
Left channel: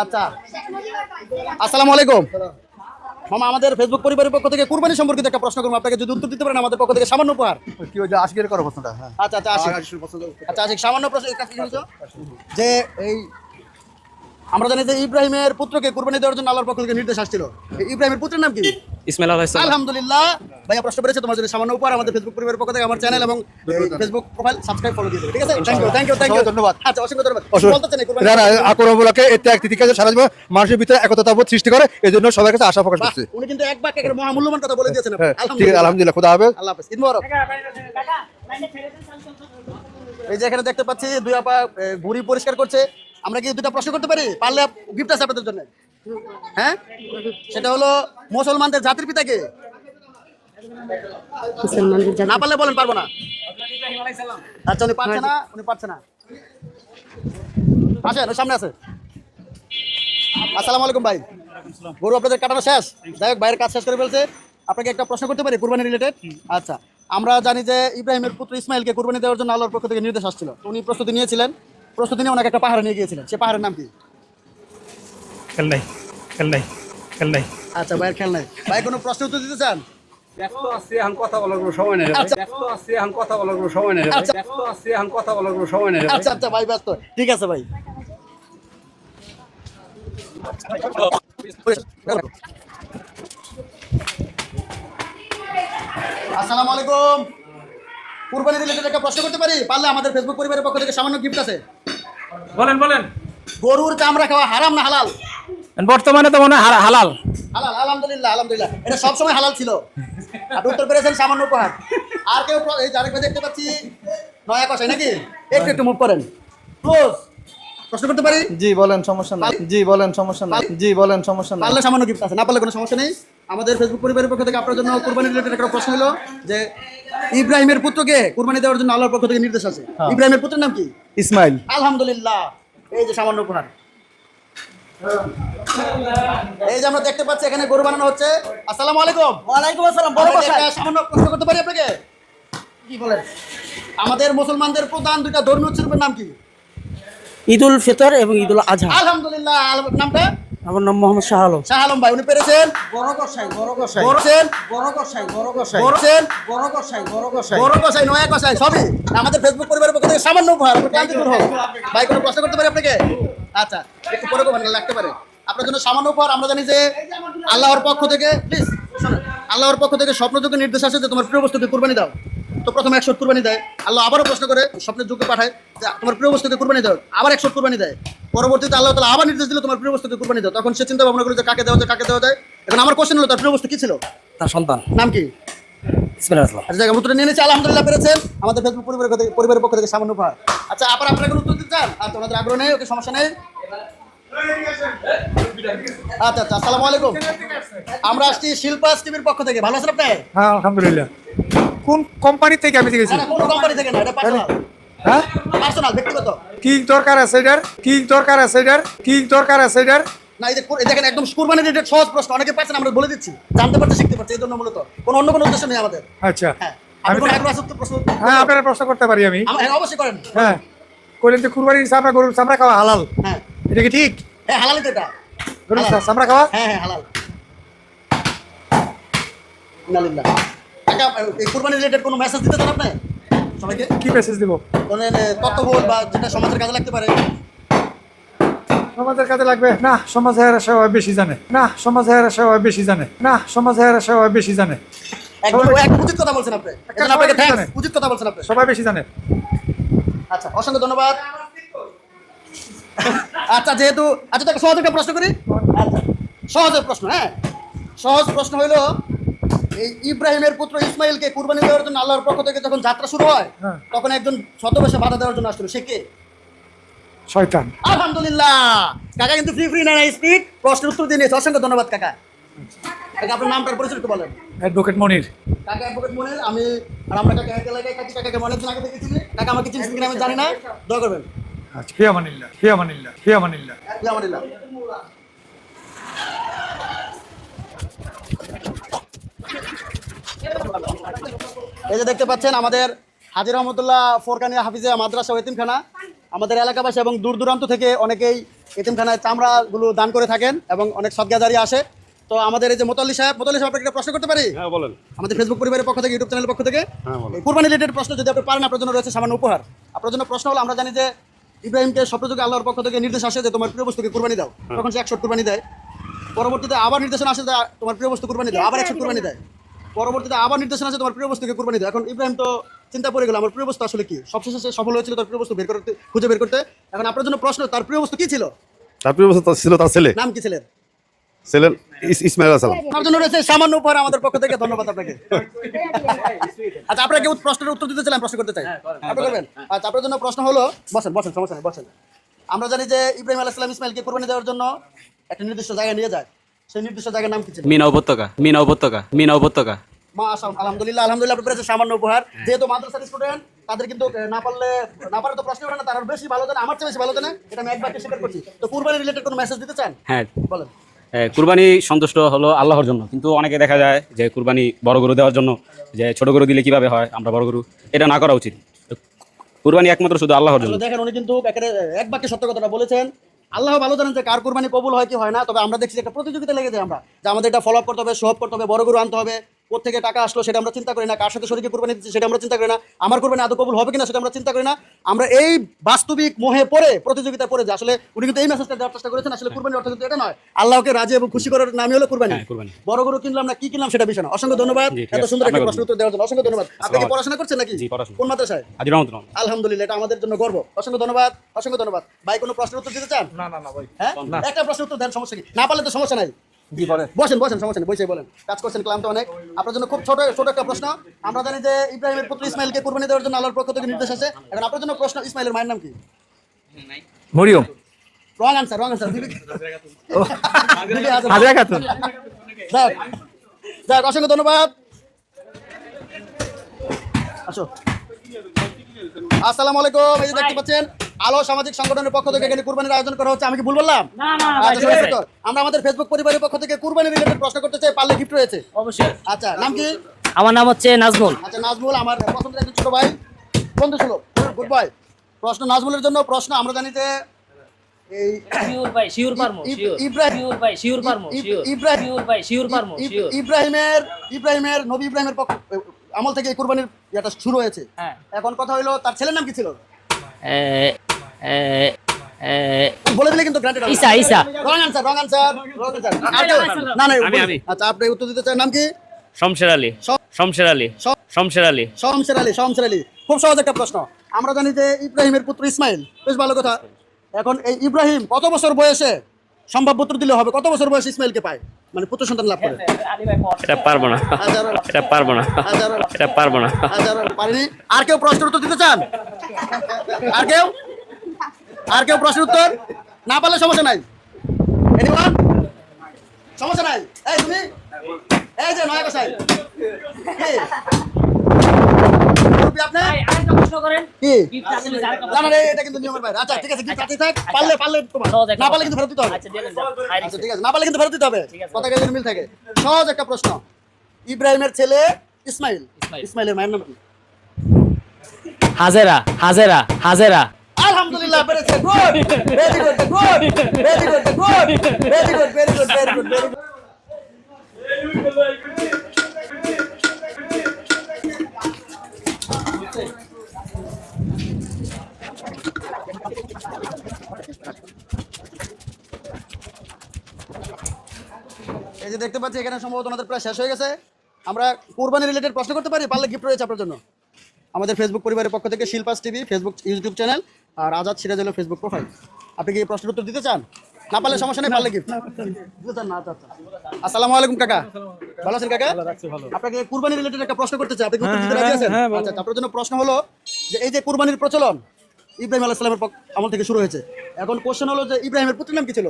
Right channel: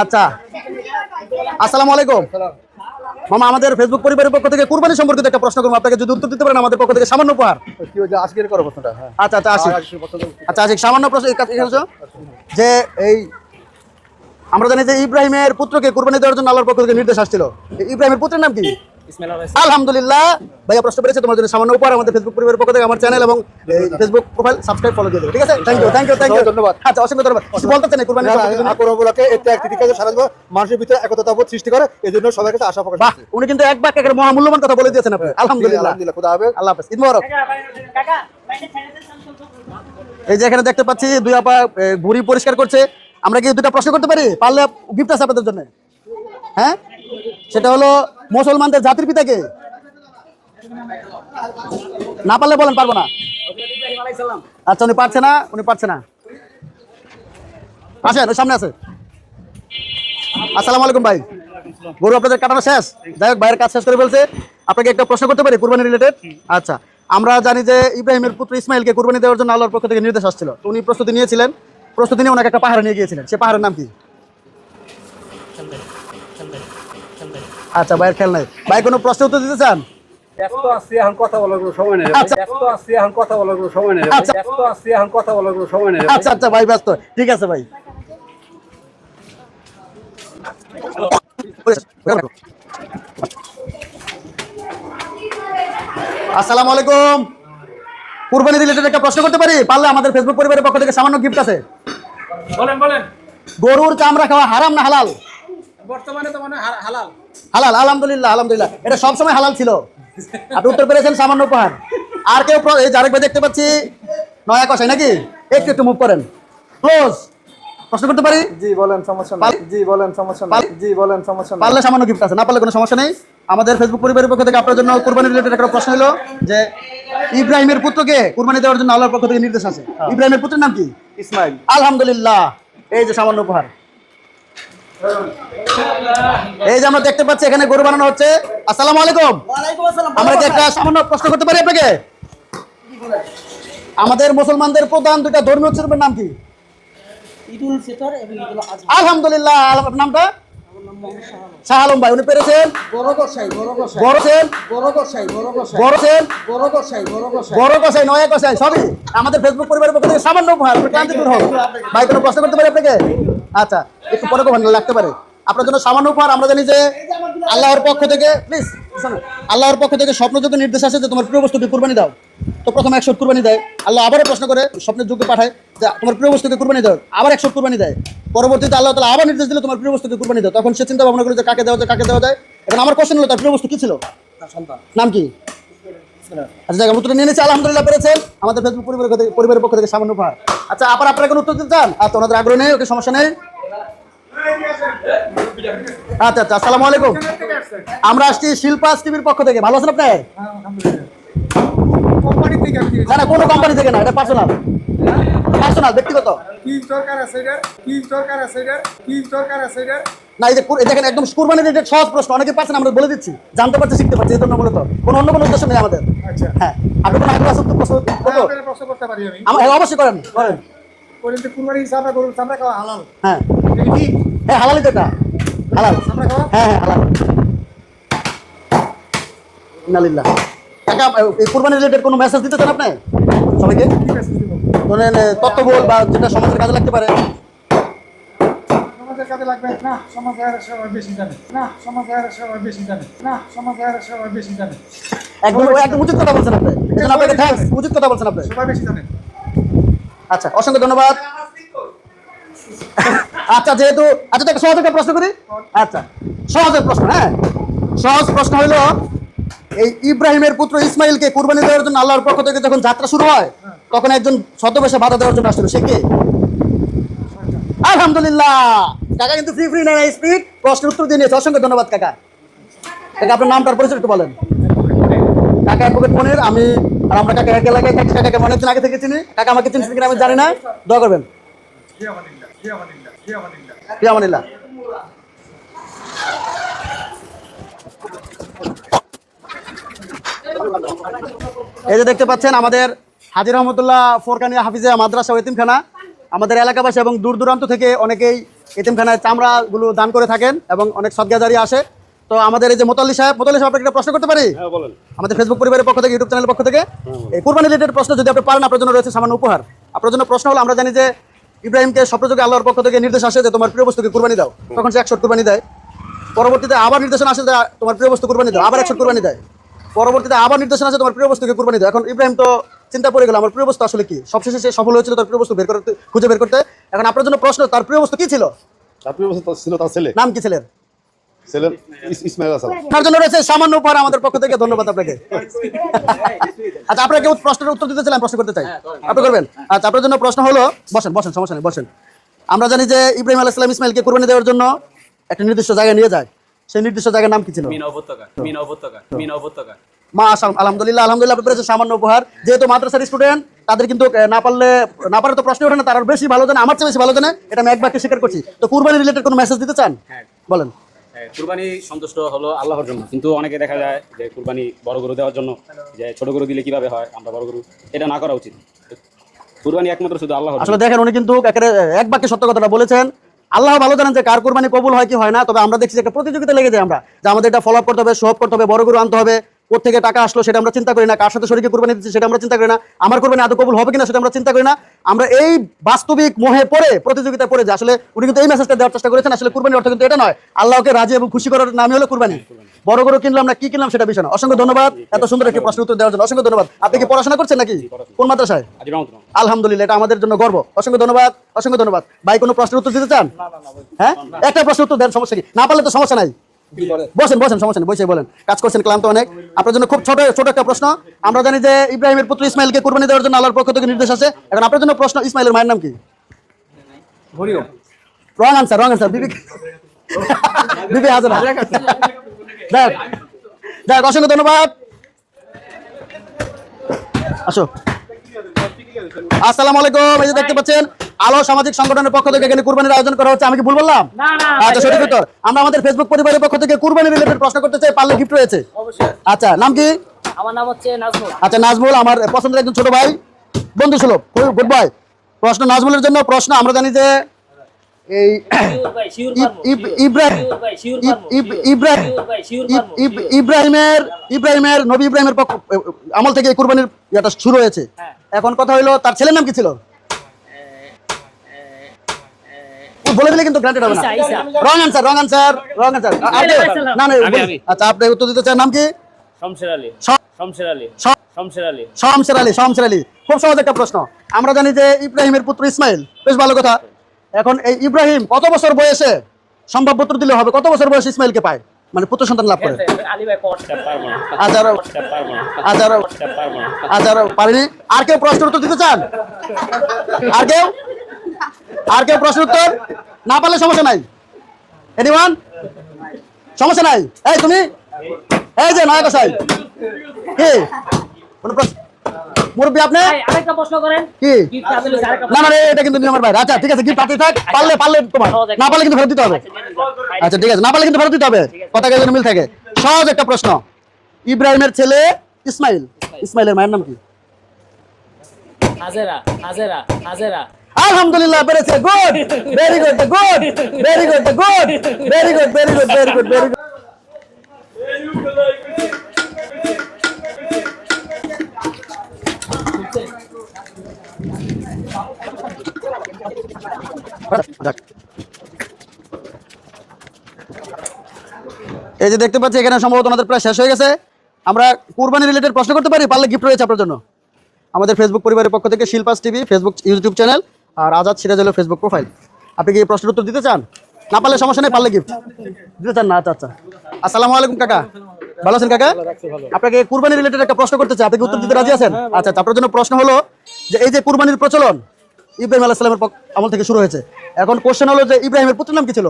আচ্ছা, আসসালামু আলাইকুম মামা, আমাদের ফেসবুক পরিবারের পক্ষ থেকে কুরবানি সম্পর্কিত একটা প্রশ্ন করবো, আপনাকে যদি উত্তর দিতে পারেন আমাদের পক্ষ থেকে সামান্য উপহার। কি ওই যে আজকের করো প্রশ্নটা? হ্যাঁ, আচ্ছা, আচ্ছা, সামান্য প্রশ্ন যে এই আমরা জানি যে ইব্রাহিমের পুত্রকে কুরবানি দেওয়ার জন্য আল্লাহর পক্ষ থেকে নির্দেশ আসছিল। ইব্রাহিমের পুত্রের নাম কি? ইসমাইল আলাইহিস সালাম। আলহামদুলিল্লাহ, ভাইয়া প্রশ্ন করেছে, তোমার জন্য সামান্য উপহার আমাদের ফেসবুক পরিবারের পক্ষ থেকে আমার চ্যানেল এবং ফেসবুক প্রোফাইল সাবস্ক্রাইব ফলো দিয়ে দেবে, ঠিক আছে? থ্যাংক ইউ, ধন্যবাদ। আচ্ছা, অসংখ্য ধন্যবাদ। বলতে চান কুরবানি আকরমূলকে এই ত্যাগ তিতিকাকে সারা জীবন মানুষের ভিতরে একতাবোধ সৃষ্টি করে, এই জন্য সবার কাছে আশা প্রকাশ করছে। উনি কিন্তু এক বাক্যে একটা মহামূল্যবান কথা বলে দিয়েছেন আপনি। আলহামদুলিল্লাহ, খোদা হাফেজ। আল্লাহ হাফেজ, ঈদ মোবারক। এই যে এখানে দেখতে পাচ্ছি দুই আপা ঘুড়ি পরিষ্কার করছে। আমরা কি দুটা প্রশ্ন করতে পারি? পারলে গিফট আছে আপনাদের জন্য। হ্যাঁ, সেটা হলো মুসলমানদের জাতির পিতা কে? না পারলে বলেন পারবো না। আচ্ছা, উনি পারছে না। আসেন, ওই সামনে আছে। আসসালামু আলাইকুম ভাই, গরু আপনাদের কাটানো শেষ? যাই হোক, ভাইয়ের কাজ শেষ করে বলছে। আপনাকে একটা প্রশ্ন করতে পারি কুরবানি রিলেটেড? আচ্ছা, আমরা জানি যে ইব্রাহিমের পুত্র ইসমাইলকে কুরবানি দেওয়ার জন্য আল্লাহর পক্ষ থেকে নির্দেশ আসছিল। উনি প্রস্তুতি নিয়েছিলেন, প্রস্তুতি নিয়ে ওনাকে একটা পাহাড়ে নিয়ে গিয়েছিলেন। সে পাহাড়ের নাম কি? খেলনাই। আচ্ছা, ভাইয়ের খেয়াল নাই। ভাই, কোনো প্রশ্ন উত্তর দিতে চান? ব্যস্ত আছি, এখন কথা বলার কোনো সময় নেই। আচ্ছা। আচ্ছা, ভাই ব্যস্ত, ঠিক আছে ভাই। আসসালামু আলাইকুম, কুরবানি রিলেটেড একটা প্রশ্ন করতে পারি? পারলে আমাদের ফেসবুক পরিবারের পক্ষ থেকে সামান্য গিফট আছে। বলেন। গরুর চামড়া খাওয়া হারাম না হালাল? বর্তমানে তো মনে হয় হালাল। আলহামদুলিল্লাহ, এটা সবসময় হালাল ছিল। আপনি উত্তর পেরেছেন, সামান্য উপহার। আর কেউ? এই আরেক ভাই দেখতে পাচ্ছি, নয়া কষাই নাকি? একটু মুভ করেন, ক্লোজ। প্রশ্ন করতে পারি? পারলে সামান্য গিফট আছে, না পারলে কোনো সমস্যা নেই। আমাদের ফেসবুক পরিবারের পক্ষ থেকে আপনার জন্য কুরবানি রিলেটেড একটা প্রশ্ন হলো যে ইব্রাহিমের পুত্রকে কুরবানি দেওয়ার জন্য আল্লাহর পক্ষ থেকে নির্দেশ আছে। ইব্রাহিমের পুত্রের নাম কি? ইসমাইল। আলহামদুলিল্লাহ, এই যে সামান্য উপহার। এই যে আমরা দেখতে পাচ্ছি এখানে গরু বানানো হচ্ছে। আসসালামু আলাইকুম। আমরা একটা সামান্য প্রশ্ন করতে পারি আপনাকে? আমাদের মুসলমানদের প্রধান দুটা ধর্মীয় উৎসবের নাম কি? ঈদুল ফিতর এবং ঈদুল আজহা। আলহামদুলিল্লাহ, নামটা? আমার নাম মোহাম্মদ শাহ আলম। শাহ আলম ভাই, উনি পেরেছেন বড় কষাই নয়া কষাই সবই আমাদের ফেসবুক পরিবারের পক্ষ থেকে সামান্য উপহার। আপনি ক্লান্তি দূর হোক ভাই, কোনো প্রশ্ন করতে পারি আপনাকে? আচ্ছা, একটু পরে কখন লাগতে পারে আপনার জন্য সামান্য উপহার। আমরা জানি যে আল্লাহর পক্ষ থেকে, প্লিজ শোনেন, আল্লাহর পক্ষ থেকে স্বপ্নযোগ্য নির্দেশ আছে যে তোমার প্রিয় বস্তুকে কুরবানি দাও। তো প্রথমে 100 কুরবানি দেয়, আল্লাহ আবারও প্রশ্ন করে স্বপ্নের যোগ্য পাঠায় যে তোমার প্রিয় বস্তুকে কুরবানি দাও, আবার 100 কুরবানি দেয়। পরবর্তীতে আল্লাহ তাআলা আবার নির্দেশ দিল তোমার প্রিয় বস্তুকে কুরবানি দাও। তখন সে চিন্তা ভাবনা করলো যে কাকে দেওয়া যায়। এখন আমার কোশ্চেন হলো তার প্রিয় বস্তু কি ছিল? তার সন্তান নাম কি? আচ্ছা, জায়গা উত্তর নিয়ে নিয়েছে, আলহামদুলিল্লাহ পেরেছেন। আমাদের ফেসবুক পরিবারের পক্ষ থেকে সামান্য উপহার। আচ্ছা, আপনারা কোনো উত্তর দিতে চান? আচ্ছা, ওনাদের আগ্রহ নেই, ওকে সমস্যা নেই। আচ্ছা, আসসালামু আলাইকুম। আমরা আসছি শিল্পাস টিভির পক্ষ থেকে। ভালো আছেন আপনি? হ্যাঁ আলহামদুলিল্লাহ। কোন কোম্পানি থেকে আপনি দেখেছেন? না, কোনো কোম্পানি থেকে না, এটা পার্সোনাল। হ্যাঁ, পার্সোনাল, ব্যক্তিগত। কি দরকার আছে এটার? না, এই যে দেখেন, একদম কুরবানি রিলেটেড সহজ প্রশ্ন, অনেকে পাচ্ছেন, আমরা বলে দিচ্ছি, জানতে পারছি, শিখতে পারছি, এই জন্য মূলত কোনো অন্য কোনো উদ্দেশ্য নেই আমাদের। আচ্ছা, হ্যাঁ, আপনি কোনো আগ্রহ আছে তো প্রশ্ন? হ্যাঁ আপনারা প্রশ্ন করতে পারি আমি? হ্যাঁ, অবশ্যই করেন। হ্যাঁ, কইলেন যে কুরবানির চামড়া, গরুর চামড়া খাওয়া হালাল, হ্যাঁ এটা কি ঠিক? হ্যাঁ, হালালই তো এটা, হালাল চামড়া খাওয়া? হ্যাঁ, হালাল। ইন্নালিল্লাহ। কাকা, এই কুরবানি রিলেটেড কোনো মেসেজ দিতে চান আপনি সবাইকে? কি মেসেজ দিব? কোনো তথ্যবহুল বা যেটা সমাজের কাজে লাগতে পারে? সমাজের কাজে লাগবে না, সমাজে আর সবাই বেশি জানে। একদম উচিত কথা বলছেন আপনি, এজন্য আপনাকে থ্যাঙ্কস, উচিত কথা বলছেন আপনি, সবাই বেশি জানে। আচ্ছা, অসংখ্য ধন্যবাদ। আচ্ছা, যেহেতু তাকে সহজ একটা প্রশ্ন করি। আচ্ছা, সহজের প্রশ্ন, হ্যাঁ, সহজ প্রশ্ন হলো, এই ইব্রাহিমের পুত্র ইসমাইলকে কুরবানি দেওয়ার জন্য আল্লাহর পক্ষ থেকে যখন যাত্রা শুরু হয়, তখন একজন ছদ্মবেশে বাধা দেওয়ার জন্য আসছিল, সে কে? শয়তান। আলহামদুলিল্লাহ, কাকা কিন্তু ফ্রি না স্পিড প্রশ্নের উত্তর দিয়ে নিয়েছে। অসংখ্য ধন্যবাদ কাকা। আপনার নামটার পরিচয় একটু বলেন। অ্যাডভোকেট মনির। কাকা অ্যাডভোকেট মনির। আমরা কাকা এক এলাকায় থাকি, কাকাকে অনেকদিন আগে থেকে চিনি। কাকা আমাকে চিনছেন কিনা আমি জানি না, দোয়া করবেন। আচ্ছা, ফিয়ামানিল্লাহ। এই যে দেখতে পাচ্ছেন আমাদের হাজী রহমতুল্লাহ ফোরকানিয়া হাফিজিয়া মাদ্রাসা ও এতিমখানা, আমাদের এলাকাবাসী এবং দূর দূরান্ত থেকে অনেকেই এতিমখানায় চামড়াগুলো দান করে থাকেন এবং অনেক সদগাজারি আসে। তো আমাদের এই যে মোতাল্লি সাহেব আপনাকে একটা প্রশ্ন করতে পারি? আমাদের ফেসবুক পরিবারের পক্ষ থেকে, ইউটিউব চ্যানেলের পক্ষ থেকে এই কুরবানি রিলেটেড প্রশ্ন যদি আপনি পারেন, আপনার জন্য রয়েছে সামান্য উপহার। আপনার জন্য প্রশ্ন হলো, আমরা জানি যে ইব্রাহিমকে স্বপ্নযোগে আল্লাহর পক্ষ থেকে নির্দেশ আসে যে তোমার প্রিয় বস্তুকে কুরবানি দাও, তখন সে 100 কুরবানি দেয়। পরবর্তীতে আবার নির্দেশনা আসে যে তোমার প্রিয় বস্তু কুরবানি দাও, আবার 100 কুরবানি দেয়। পরবর্তীতে আবার নির্দেশনা আছে তোমার প্রিয় বস্তুকে কুরবানি দাও। এখন ইব্রাহিম তো চিন্তা পড়ে গেল, আমার প্রিয় বস্তু আসলে কি? সবশেষে সে সফল হয়েছিল তার প্রিয় বস্তু খুঁজে বের করতে। এখন আপনার জন্য প্রশ্ন, তার প্রিয় বস্তু কি ছিল? তার প্রিয় বস্তু ছিল তার ছেলে। নাম কি ছেলের? ইসমাইল আলাইহিস সালাম। আপনার জন্য রয়েছে সামান্য উপহার আমাদের পক্ষ থেকে, ধন্যবাদ আপনাকে। আচ্ছা, আপনাকে প্রশ্নের উত্তর দিতে চাইলাম, প্রশ্ন করতে চাই, আপনি করবেন? আচ্ছা, আপনার জন্য প্রশ্ন হলো, বসেন, সমস্যা নেই, বসেন। আমরা জানি যে ইব্রাহিম আলাইহিস সালাম ইসমাইলকে কুরবানি দেওয়ার জন্য একটা নির্দিষ্ট জায়গায় নিয়ে যায়, সেই নির্দিষ্ট জায়গার নাম কি ছিল? মিনা উপত্যকা। আলহামদুলিল্লাহ, আপনি পেরেছেন সামান্য উপহার। যেহেতু মাদ্রাসার স্টুডেন্ট, তাদের কিন্তু না পারলে তো প্রশ্ন ওঠে না, তারা বেশি ভালো জানে, আমার চেয়ে বেশি ভালো জানে, এটা আমি এক বাক্যে স্বীকার করছি। তো কুরবানি রিলেটেড কোনো মেসেজ দিতে চান? হ্যাঁ, বলেন। কুরবানি সন্তুষ্ট হলো আল্লাহর জন্য, কিন্তু অনেকে দেখা যায় যে কুরবানি বড় গরু দেওয়ার জন্য, যে ছোট গরু দিলে কিভাবে হয়, আমরা বড় গরু, এটা না করা উচিত। কুরবানি একমাত্র শুধু আল্লাহর জন্য। আসলে দেখেন, উনি কিন্তু এক বাক্যে সত্য কথাটা বলেছেন। আল্লাহ ভালো জানেন যে কার কুরবানি কবুল হয় কি হয় না। তবে আমরা দেখছি একটা প্রতিযোগিতা লেগে যায়, আমরা যে আমাদের এটা ফলো আপ করতে হবে, শো অফ করতে হবে, বড় গরু আনতে হবে, কোথা থেকে টাকা আসলো সেটা আমরা চিন্তা করি না, কার সাথে শরীকে কুরবানি দিচ্ছি সেটা আমরা চিন্তা করি না, আমার কুরবানি আদৌ কবুল হবে কিনা সেটা আমরা চিন্তা করি না। আমরা এই বাস্তবিক মোহে পড়ে প্রতিযোগিতা পড়ে যে আসলে উনি কিন্তু এই মেসেজটা দেওয়ার চেষ্টা করেছেন, আসলে কুরবানির অর্থ কিন্তু এটা নয়, আল্লাহকে রাজি এবং খুশি করার নামই হলো কুরবানি। বড় গরু কিনলাম না কি কিনলাম সেটা বিষয় না। অসংখ্য ধন্যবাদ এত সুন্দর একটা প্রশ্ন উত্তর দেওয়ার জন্য, অসংখ্য ধন্যবাদ। আপনি কি পড়াশোনা করছেন নাকি? কোন মাদ্রাসায়? আলহামদুলিল্লাহ, এটা আমাদের জন্য গর্ব। অসংখ্য ধন্যবাদ। ভাই, কোনো প্রশ্নের উত্তর দিতে চান? হ্যাঁ, একটা প্রশ্ন উত্তর দেন, সমস্যা কি? না পারলে তো সমস্যা নাই, বসেন, সমস্যা নেই, বসে বলেন। কাজ করছেন, ক্লান্ত অনেক। আপনার জন্য খুব ছোট একটা প্রশ্ন। আমরা জানি যে ইব্রাহিমের পুত্র ইসমাইলকে কুরবানি দেওয়ার জন্য আল্লাহর পক্ষ থেকে নির্দেশ আছে। এখন আপনার জন্য প্রশ্ন, ইসমাইলের মায়ের নাম কি? মরিয়ম। Wrong answer. বিবি হাজার। যাক, অসংখ্য ধন্যবাদ। আসো। আসসালামু আলাইকুম। এই যে দেখতে পাচ্ছেন, আলো সামাজিক সংগঠনের পক্ষ থেকে এখানে কুরবানির আয়োজন করা হচ্ছে। আমি কি ভুল বললাম? আচ্ছা, সঠিক উত্তর। আমরা আমাদের ফেসবুক পরিবারের পক্ষ থেকে কুরবানি রিলেটেড প্রশ্ন করতে চাই, পারলে গিফট রয়েছে। আচ্ছা, নাম কি? আমার নাম হচ্ছে নাজমুল। আচ্ছা, নাজমুল আমার পছন্দের একজন ছোট ভাই, বন্ধু সুলভ, গুড বয়। প্রশ্ন নাজমুলের জন্য প্রশ্ন। আমরা জানি যে এই ইব্রাহিমের নবী ইব্রাহিমের পক্ষ আমল থেকে এই কুরবানির এটা শুরু হয়েছে। এখন কথা হলো তার ছেলের নাম কি ছিল? বলে দিলে কিন্তু গ্রান্টেড হবে না। রং আনসার না না আচ্ছা আপনি উত্তর দিতে চান নাম কি? শমশের আলী খুব সহজ একটা প্রশ্ন। আমরা জানি যে ইব্রাহিমের পুত্র ইসমাইল, বেশ ভালো কথা। এখন এই ইব্রাহিম কত বছর বয়সে সম্ভব পুত্র দিলে হবে? কত বছর বয়সে ইসমাইলকে পায়, মানে পুত্র সন্তান লাভ করে? পারেনি। আর কেউ প্রশ্নের উত্তর দিতে চান? আর কেউ প্রশ্নের উত্তর না পারলে সমস্যা নাই। এনিওয়ান? সমস্যা নাই। এই তুমি, এই যে নায়ক সাহেব, কি মুরব্বি আপনি আরেকটা প্রশ্ন করেন কি? না না এটা কিন্তু আমার ভাই। আচ্ছা ঠিক আছে, গিফট পাতে থাক। পারলে তোমার, না পারলে কিন্তু ফেরত দিতে হবে। আচ্ছা ঠিক আছে, না পারলে কিন্তু ফেরত দিতে হবে, কথা যেন মিল থাকে। সহজ একটা প্রশ্ন। ইব্রাহিমের ছেলে ইসমাইল, ইসমাইলের মায়ের নাম কি? হাজেরা। আলহামদুলিল্লাহ পেরেছে। Good, very good, very good. এই যে দেখতে পাচ্ছি এখানে সম্ভবত আমাদের প্রায় শেষ হয়ে গেছে। আমরা কুরবানি রিলেটেড প্রশ্ন করতে পারি? পারলে গিফট রয়েছে আপনার জন্য। আমাদের ফেসবুক পরিবারের পক্ষ থেকে শিল্পাস টিভি ফেসবুক ইউটিউব চ্যানেল আর আজাদ সিরাজ হলো ফেসবুক প্রোফাইল। আপনি কি এই প্রশ্নের উত্তর দিতে চান? না পারলে সমস্যা নেই, পারলে গিফট দিতে চান না? আচ্ছা। আসসালামু আলাইকুম কাকা, ভালো আছেন কাকা? আপনাকে কুরবানি রিলেটেড একটা প্রশ্ন করতে চাই, আপনি কি উত্তর দিতে রাজি আছেন? আচ্ছা, আপনার জন্য প্রশ্ন হলো যে এই যে কুরবানির প্রচলন ইব্রাহিম আলাইহিস সালামের আমল থেকে শুরু হয়েছে। এখন কোশ্চেন হলো যে ইব্রাহিমের পুত্রের নাম কি ছিল?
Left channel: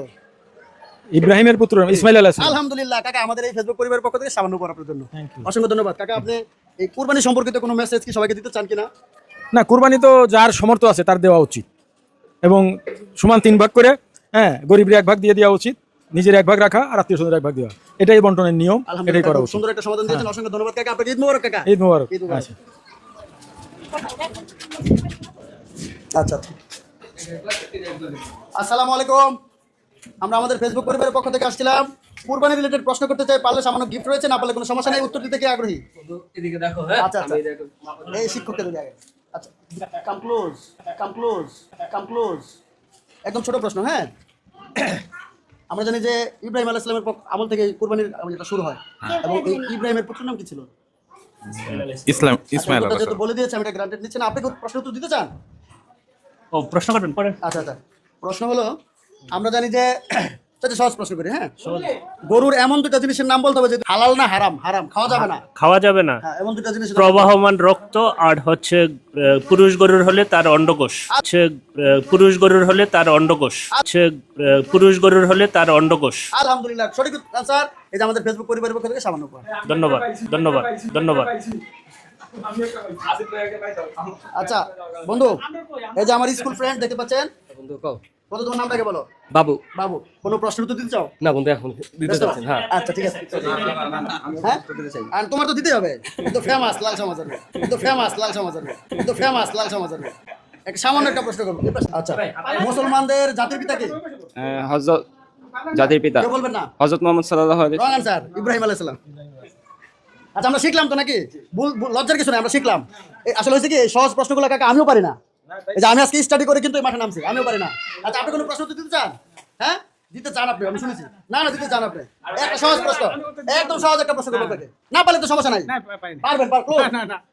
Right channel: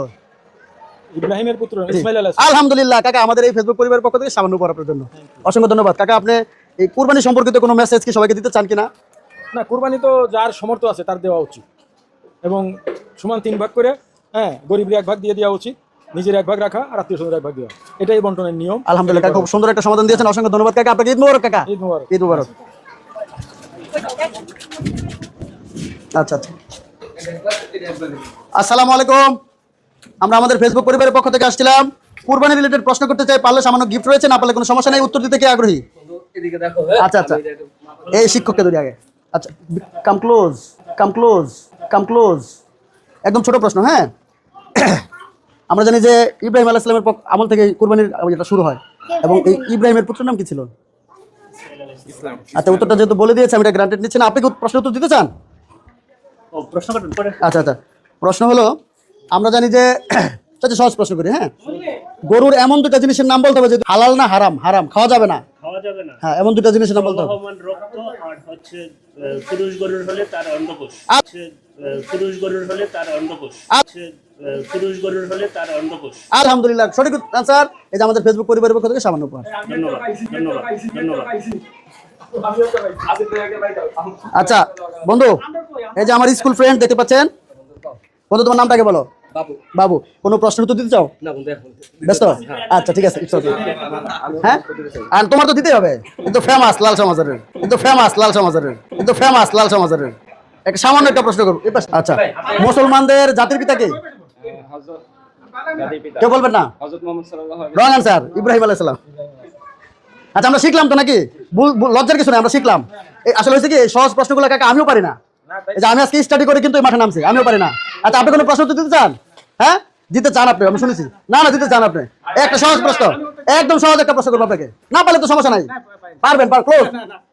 ইব্রাহিমের পুত্র ইসমাইল আলাইহিস সালাম। আলহামদুলিল্লাহ কাকা, আমাদের এই ফেসবুক পরিবারের পক্ষ থেকে সামান্য উপহার আপনার জন্য। অসংখ্য ধন্যবাদ কাকা। আপনি এই কুরবানি সম্পর্কিত কোনো মেসেজ কি সবাইকে দিতে চান কিনা? না, কুরবানি তো যার সামর্থ্য আছে তার দেওয়া উচিত, এবং সমান 3 ভাগ করে, গরিবের 1 ভাগ দিয়ে দেওয়া উচিত, নিজের 1 ভাগ রাখা আর আত্মীয় স্বজনের 1 ভাগ দেওয়া, এটাই বন্টনের নিয়ম। আলহামদুলিল্লাহ কাকা, খুব সুন্দর একটা সমাধান দিয়েছেন। অসংখ্য ধন্যবাদ কাকা। আপনাকে ঈদ মোবারক কাকা। ঈদ মোবারক। আচ্ছা। আসসালামু আলাইকুম। আমরা আমাদের ফেসবুক পরিবারের পক্ষ থেকে আসছিলাম, কুরবানি রিলেটেড প্রশ্ন করতে চাই। পারলে সামান্য গিফট রয়েছে, না পারলে কোনো সমস্যা নেই। উত্তর দিতে কি আগ্রহী? আচ্ছা, এই শিক্ষককে ধরি আগে। আচ্ছা, কাম ক্লোজ। একদম ছোট প্রশ্ন। হ্যাঁ, আমরা জানি যে ইব্রাহিম আলাইহিস সালামের আমল থেকে কুরবানির এটা শুরু হয়, এবং এই ইব্রাহিমের পুত্রের নাম কি ছিল? ইসলাম। আচ্ছা, উত্তরটা যেহেতু বলে দিয়েছে আমি এটা গ্রান্টেড নিচ্ছি না। আপনি কি প্রশ্ন উত্তর দিতে চান? প্রশ্ন করেন। আচ্ছা, প্রশ্ন হলো আমরা জানি যে সহজ প্রশ্ন করি। হ্যাঁ, গরুর এমন 2টা জিনিসের নাম বলতে হবে যে হালাল না হারাম। খাওয়া যাবে না। হ্যাঁ, এমন 2টা জিনিসের নাম। প্রবাহমান রক্ত আর হচ্ছে পুরুষ গরুর হলে তার অন্ডকোষ। আলহামদুলিল্লাহ, সঠিক আনসার। এই যে আমাদের ফেসবুক পরিবারের পক্ষ থেকে সামান্য উপহার। ধন্যবাদ। আচ্ছা বন্ধু, এই যে আমার স্কুল ফ্রেন্ড দেখতে পাচ্ছেন। বন্ধু, তোমার নামটাকে বলো। বাবু। কোনো প্রশ্নের উত্তর দিতে চাও? না বন্ধু, এখন ব্যস্ত? আচ্ছা ঠিক আছে। হ্যাঁ, আর তোমার তো দিতেই হবে। কিন্তু ফেমাস লাল সমাজের একটা সামান্য একটা প্রশ্ন করবো। আচ্ছা, মুসলমানদের জাতির পিতা কে? হযরত জাতির পিতা কেউ বলবেন না? হযরত মুহাম্মদ সাল্লাল্লাহু আলাইহি। রং আনসার, ইব্রাহিম আলাইহিস সালাম। আচ্ছা, আমরা শিখলাম তো নাকি? লজ্জার কিছু নেই, আমরা শিখলাম। আসলে হয়েছে কি, সহজ প্রশ্নগুলো কাকা আমিও পারি না। এই যে আমি আজকে স্টাডি করে কিন্তু এই মাঠে নামছি, আমিও পারি না। আচ্ছা, আপনি কোনো প্রশ্ন দিতে চান? হ্যাঁ, দিতে চান আপনি? আমি শুনেছি। না দিতে চান আপনি? একটা সহজ প্রশ্ন, একদম সহজ একটা প্রশ্ন করবো আপনাকে। না পারলে তো সমস্যা নাই, পারবেন। ক্লোজ।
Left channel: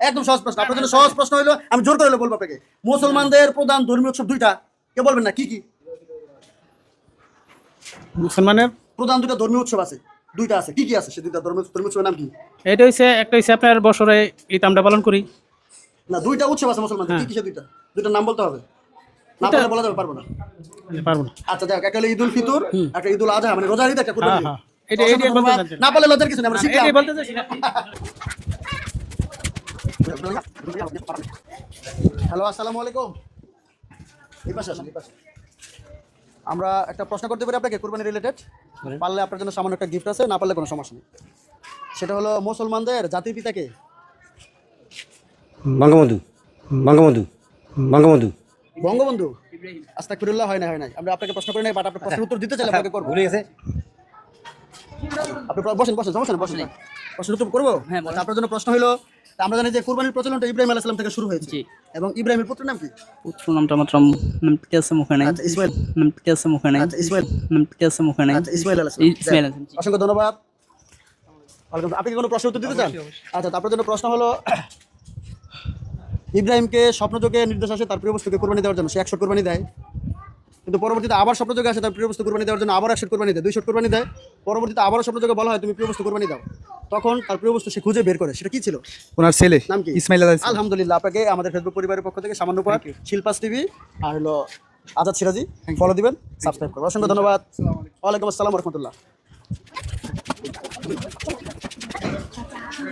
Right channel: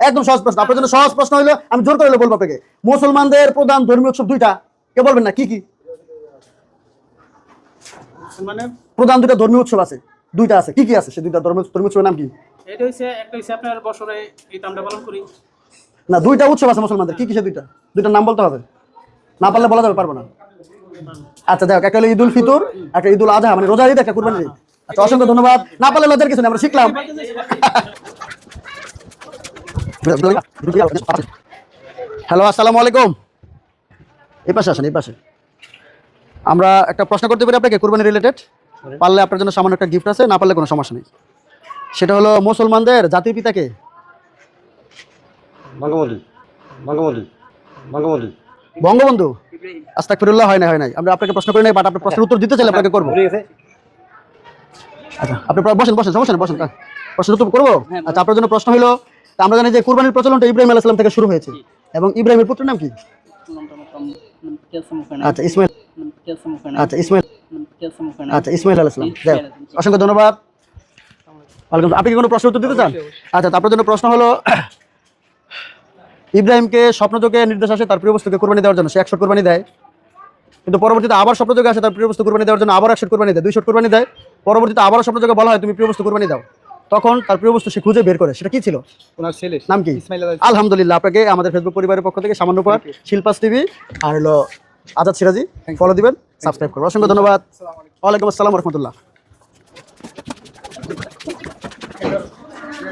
একদম সহজ প্রশ্ন আপনার জন্য। সহজ প্রশ্ন হলো, আমি জোর করে বলবো আপনাকে, মুসলমানদের প্রধান ধর্মীয় উৎসব 2টা। কেউ বলবেন না? কি? মুসলমানের প্রধান 2টা ধর্মীয় উৎসব আছে, 2টা আছে। কি আছে সে 2টা ধর্মীয় উৎসবের নাম কি? এটা হইছে, একটা হইছে আপনার বছরে ঈদ আমরা পালন করি। না, 2টা উৎসব আছে মুসলমানদের। কি সে 2টার নাম বলতে হবে? না পারলে বলা যাবে? পারবো না। আচ্ছা, দেখো, একটা হলো ঈদুল ফিতর, একটা ঈদুল আজহা, মানে রোজার ঈদ, একটা কুরবানির ঈদ। আচ্ছা, অসংখ্য ধন্যবাদ। না পারলে লজ্জার কিছু নেই, আমরা শিখলাম। হ্যালো, আসসালামু আলাইকুম। এই পাশে আসেন, এই পাশে। আমরা একটা প্রশ্ন করতে পারি আপনাকে কুরবানি রিলেটেড। পারলে আপনার জন্য সামান্য একটা গিফট আছে, না পারলে কোনো সমস্যা নেই। সেটা হলো, মুসলমানদের জাতির পিতা কে? বঙ্গবন্ধু। আস্তাগফিরুল্লাহ, হয় নাই আমরা আপনাকে প্রশ্ন করি নাই, বাট আপনি প্রশ্নের উত্তর দিতে চাইলে আপনাকে করবো। আচ্ছা, আপনি বসেন, সমস্যা নেই, বসেন। প্রশ্নের উত্তর করবো। আচ্ছা, আপনার জন্য প্রশ্ন হলো, আমরা জানি যে কুরবানির প্রচলনটা ইব্রাহিম আলাইহিস সালাম থেকে শুরু হয়েছে, এবং ইব্রাহিমের পুত্রের নাম কি? নামটা মাত্র নামটা আছে মুখে নাই। আচ্ছা, ইসমাইল। নামটা আছে মুখে নাই। আচ্ছা, ইসমাইল। নামটা আছে মুখে নাই। আচ্ছা, ইসমাইল আলাইহিস সালাম। অসংখ্য ধন্যবাদ। আপনি কি কোনো প্রশ্ন উত্তর দিতে চান? আচ্ছা, আপনার জন্য প্রশ্ন হলো, ইব্রাহিমকে স্বপ্নযোগে নির্দেশ আসে তার প্রিয় বস্তুকে কুরবানি দেওয়ার জন্য, সে 100 কুরবানি দেয়, কিন্তু পরবর্তীতে আবার স্বপ্নযোগে আসে তার প্রিয় বস্তু কুরবানি দেওয়ার জন্য আবার 100 কুরবানি দেয়, 200 কুরবানি দেয়, পরবর্তীতে আবার স্বপ্নযোগে বলা হয় তুমি প্রিয় বস্তু কুরবানি দাও, তখন তার প্রিয় বস্তু সে খুঁজে বের করে, সেটা কি ছিল? ওনার ছেলে নাম কি? ইসমাইল আলাইহিস। আলহামদুলিল্লাহ, আপনাকে আমাদের ফেসবুক পরিবারের পক্ষ থেকে সামান্য উপহার, শিল্পাস টিভি আর হলো আজাদ সিরাজি, ফলো দিবেন, সাবস্ক্রাইব করবেন। অসংখ্য ধন্যবাদ। ওয়ালাইকুম আসসালাম ওয়া রাহমাতুল্লাহ।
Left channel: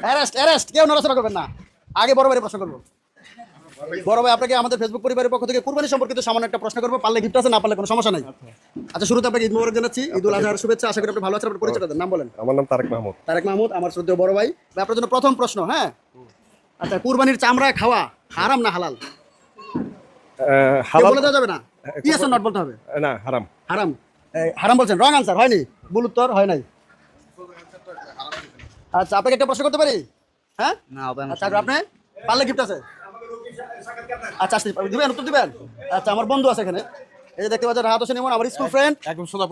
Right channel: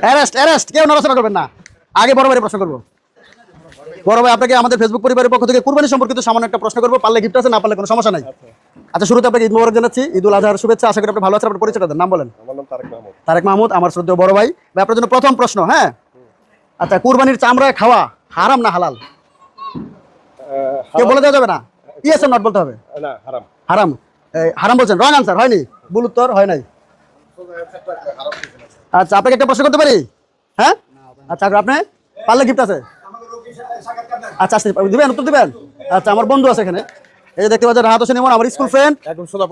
অ্যারেস্ট, কেউ নড়াচড়া করবেন না। আগে বড় ভাই প্রশ্ন করবো। বড় ভাই, আপনাকে আমাদের ফেসবুক পরিবারের পক্ষ থেকে কুরবানি সম্পর্কিত সামান্য একটা প্রশ্ন করবো, পারলে গিফট আছে, না পারলে কোনো সমস্যা নাই। আচ্ছা, শুরুতে আপনাকে ঈদ মোবারক জানাচ্ছি, ঈদুল আজহার শুভেচ্ছা। আশা করি আপনি ভালো আছেন। আপনার পরিচয়টা দেন, নাম বলেন। আমার নাম তারেক মাহমুদ। তারেক মাহমুদ, আমার শ্রদ্ধেয় বড় ভাই। আপনার জন্য প্রথম প্রশ্ন, হ্যাঁ, আচ্ছা, কুরবানির চামড়া খাওয়া হারাম না হালাল? বলে দেওয়া যাবে না, ইয়েস অর নট বলতে হবে। না, হারাম। হারাম। হারাম বলছেন, রং আনসার, হয়নি, ভুল উত্তর, হয় নাই। আচ্ছা, আপনাকে একটা প্রশ্ন করতে পারি? হ্যাঁ, আচ্ছা, আপনি পারলে গিফট আছে। আচ্ছা, আসতে দিবেন, উত্তর দিবেন। আচ্ছা, আমার বন্ধু আছে এখানে, এই যে দেখতে পাচ্ছেন, রাহাত হোসেন ইমন, আমার school friend,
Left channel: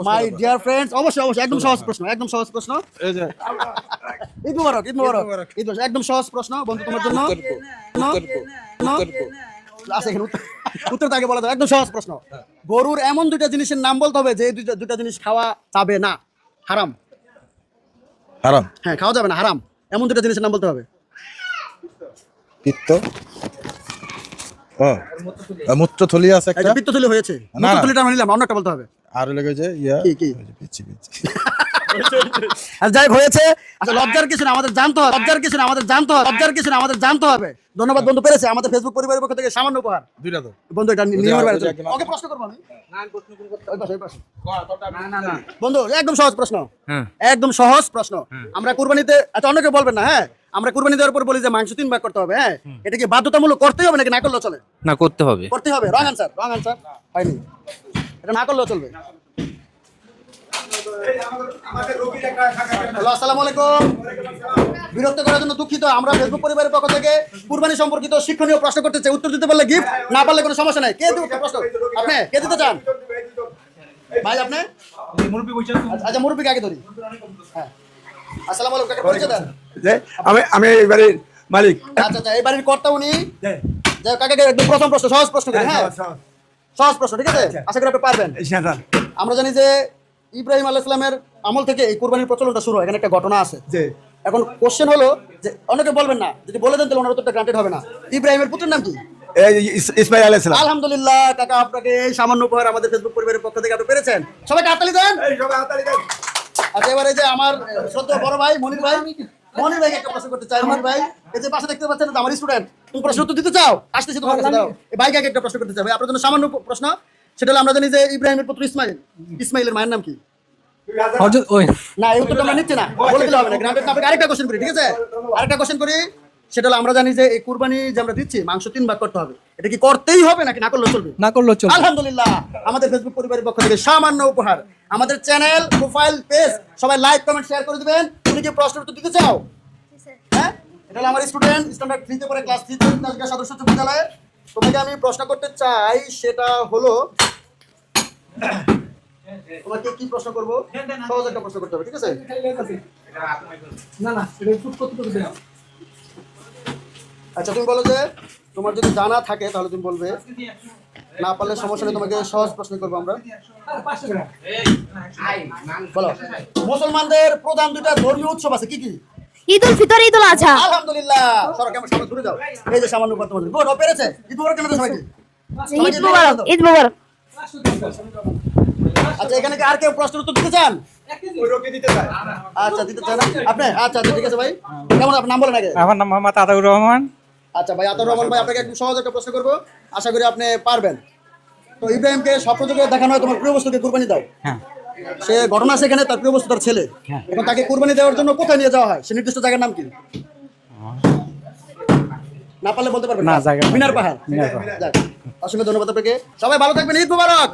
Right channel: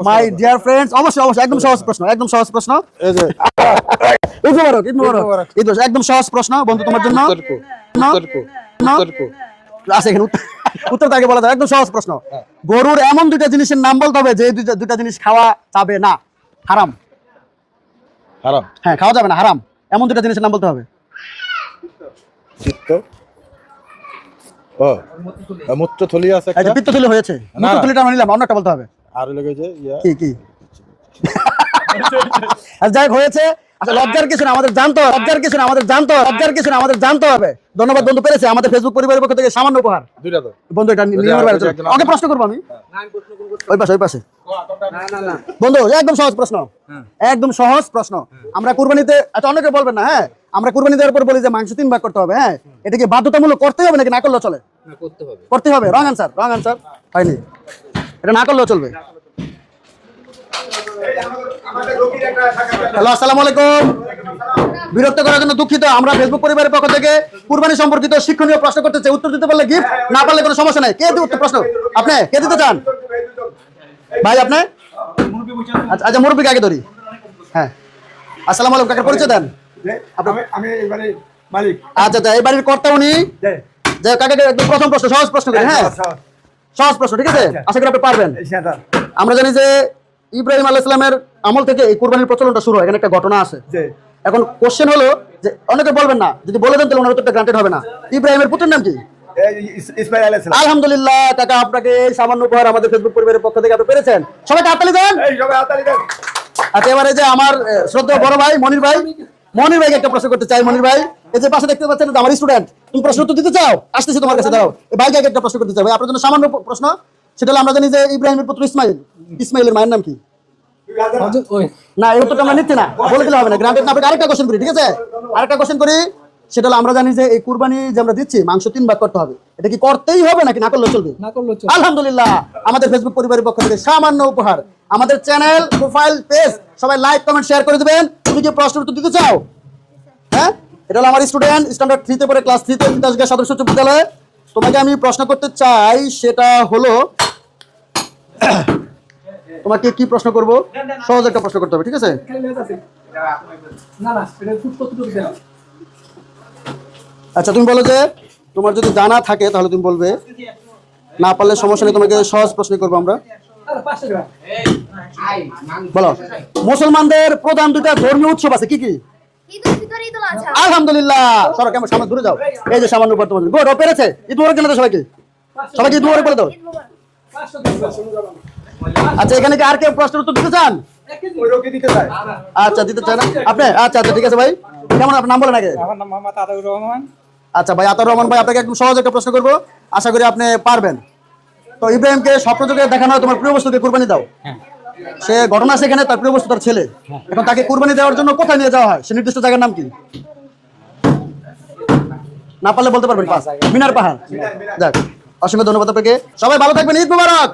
my dear friends. অবশ্যই, একদম সহজ প্রশ্ন, এই যে ঈদ মোবারক, একদম সহজ প্রশ্ন বন্ধু তোমার জন্য। আছে এখানে উত্তর তাকে বলা যায়, একদম সহজ প্রশ্ন। গরুর এমন দুইটা জিনিসের নাম বলতে হবে যে দুইটা জিনিস খাওয়া যাবে না, হারাম। হারাম? হ্যাঁ, খাওয়া যাবে না, হারাম। এমন দুইটা জিনিসের নাম বলতে হবে। মূত্রথলি আছে, পিত্তথলি হয়েছে, মূত্রথলিটা আমি নিলাম, অন্যটা বলতে হবে। আর লেগে যে কি যাই হয়েছে। আচ্ছা, লজ্জার কিছু না, আমাদের জানতে হবে, ধন্যবাদ বন্ধু, পেরেছে। আমাদের ফেসবুক পরিবারের পক্ষ থেকে সামান্য উপহার বন্ধু, এটা নিয়মের বাইরে। ওকে প্রশ্ন করবো আমি, ওই পাশে বন্ধু, একদম সহজ প্রশ্ন, একদম সহজ প্রশ্ন। আমরা কুরবানিতে, আচ্ছা, অন্যকে বলবেন না, হ্যাঁ, আমরা কুরবানি দেওয়ার পর বলি যে মাংস 3 ভাগ করতে হবে, হ্যাঁ, এটা কি বাধ্যতামূলক করতেই হবে নাকি না করলেও চলে? না, করতে হবে। রং আনসার, হয়নি, এটা না করলেও চলবে। হ্যালো, আসসালামু আলাইকুম। বিরক্ত করার জন্য দুঃখিত। আমরা ফেসবুক পরিবারের পক্ষ থেকে কুরবানি সম্পর্কিত শিক্ষণীয় প্রশ্ন করতে চাই, উত্তর দিতে পারলে গিফট, না পারলে কোনো সমস্যা নাই। কে উত্তর প্রশ্ন, আপনি কে দিতে চান ভাই? আপনি? আচ্ছা, মুরব্বিকে আগে ধরি। হ্যাঁ, আসসালামু আলাইকুম, কাকে পরিচয় দেন? আমি এই বাড়ির মালিক। আচ্ছা, এই বাড়ির কর্তা উনি। যে কাকে একদম প্রথম প্রশ্ন, সহজ প্রশ্ন করি, হ্যাঁ, সহজ প্রশ্ন, ঠিক আছে? আশা করি আপনি পারবেন। আমরা জানি যে ইব্রাহিম আলাইহিস সালামের আমল থেকে এই কুরবানির প্রচলনটা শুরু হয়, এখানে একটা ঘটনা আছে। এখন কোশ্চেন হলো যে, অনেকে বলবেন না, যদি বলে দেন তাহলে ওনার উত্তরটা গ্রান্টেড হবে না। ইব্রাহিমের পুত্রের নাম কি? ইসমাইল আলাইহিস সালাম। আলহামদুলিল্লাহ, কাকা, আপনাকে এই সামান্য উপহার আমাদের ফেসবুক পরিবারের পক্ষ থেকে আপনি পেরেছেন। সবাইকে হাততালি দেন। আচ্ছা, এবারে যে আমার শ্রদ্ধেয় বড় ভাই মনির ভাইকে একটা প্রশ্ন করতে চাই। মনির ভাই, এই যে পাশে দেখতে পাচ্ছেন, আমার স্টুডেন্ট, তুমি প্রশ্ন উত্তর দিতে চাও? আসতেছি তোমার কাছে, দাঁড়াও। এই ভাইকে একটা প্রশ্ন করতে চাই। ভাই, আপনার জন্য সামান্য প্রশ্ন, সেটা হলো, আমরা জানি যে ইব্রাহিমের পুত্র ইসমাইলের মায়ের নাম কি? না, এই উত্তরটা আমরা নিচ্ছি না, বলে দিলে হবে না, গ্রান্টেড না। আপনাকে আরেকটা কোশ্চেন করি, ঠিক আছে? আরেকটা কোশ্চেন করি, সেটা হলো, আমরা জানি যে এই কুরবানি যে আমরা দিচ্ছি, মাংস 3 ভাগ করতে হবে, এটা কি করতেই হবে নাকি না করলেও চলবে? না করলেও চলবে। আলহামদুলিল্লাহ, আমাদের ফেসবুক পরিবারের পক্ষ থেকে সামান্য উপহার। আমাদের চ্যানেল, প্রোফাইল, পেজ সবাই লাইক, কমেন্ট, শেয়ার করে দিবেন। তুমি কি প্রশ্ন উত্তর দিতে চাও? হ্যাঁ, এটা হলো আমার স্টুডেন্ট, স্ট্যান্ডার্ড 3-তে পড়ে, ক্লাস 3-তে, তিতাসগাঁ সদর উচ্চ বিদ্যালয়ে। তোমাকে আমি প্রশ্ন করতে চাই, সেটা হলো, তোমাকে কি প্রশ্ন করব? সহজ একটা প্রশ্ন করতে হবে, ঠিক আছে? আচ্ছা, তুমি বলো যে তোমার যদি জানা থাকে তাহলে তুমি বলবে, না পারলে সমস্যা নেই, তোমাকে সহজ প্রশ্ন করবো আমরা। বলো, মুসলমানদের প্রধান 2টা ধর্মীয় উৎসব আছে, কি কি? ঈদুল ফিতর, ঈদুল আজহা। আলহামদুলিল্লাহ, সরো, কেমন সামনে দূরে যাও। এই যে সামান্য উপর তোমার গুড, ও পেরেছে। ঈদ মোবারক জানাতে সবাইকে, ঈদ মোবারক, ঈদ মোবারক। আচ্ছা, এখানে কি আর কেউ প্রশ্নের উত্তর দিতে চান? আচ্ছা, দিতে চান আপনি? আচ্ছা, ঠিক আছে ভাই, কেমন আপনার নাম বলেন আগে? আমার নাম মোহাম্মদ আতাউর রহমান। আচ্ছা ভাই, আতাউর রহমান ভাই, আপনাকে একদম সহজ একটা প্রশ্ন করবো, আশা করি আপনি পারবেন। তো ইব্রাহিমকে স্বপ্নযোগে দেখানো হয় তোমার প্রিয় বস্তুকে কুরবানি দাও, সে ঘটনা আছে এখানে, তার প্রিয় বস্তু তার ছেলে। এখন তাকে কুরবানি দেওয়ার জন্য কোথায় নিয়ে যাওয়া হয়, সে নির্দিষ্ট জায়গার নাম কি? না পারলে বলতে পারবেন না? মিনার পাহাড়। যাক, অসংখ্য ধন্যবাদ আপনাকে। সবাই ভালো থাকবেন, ঈদ মুবারক।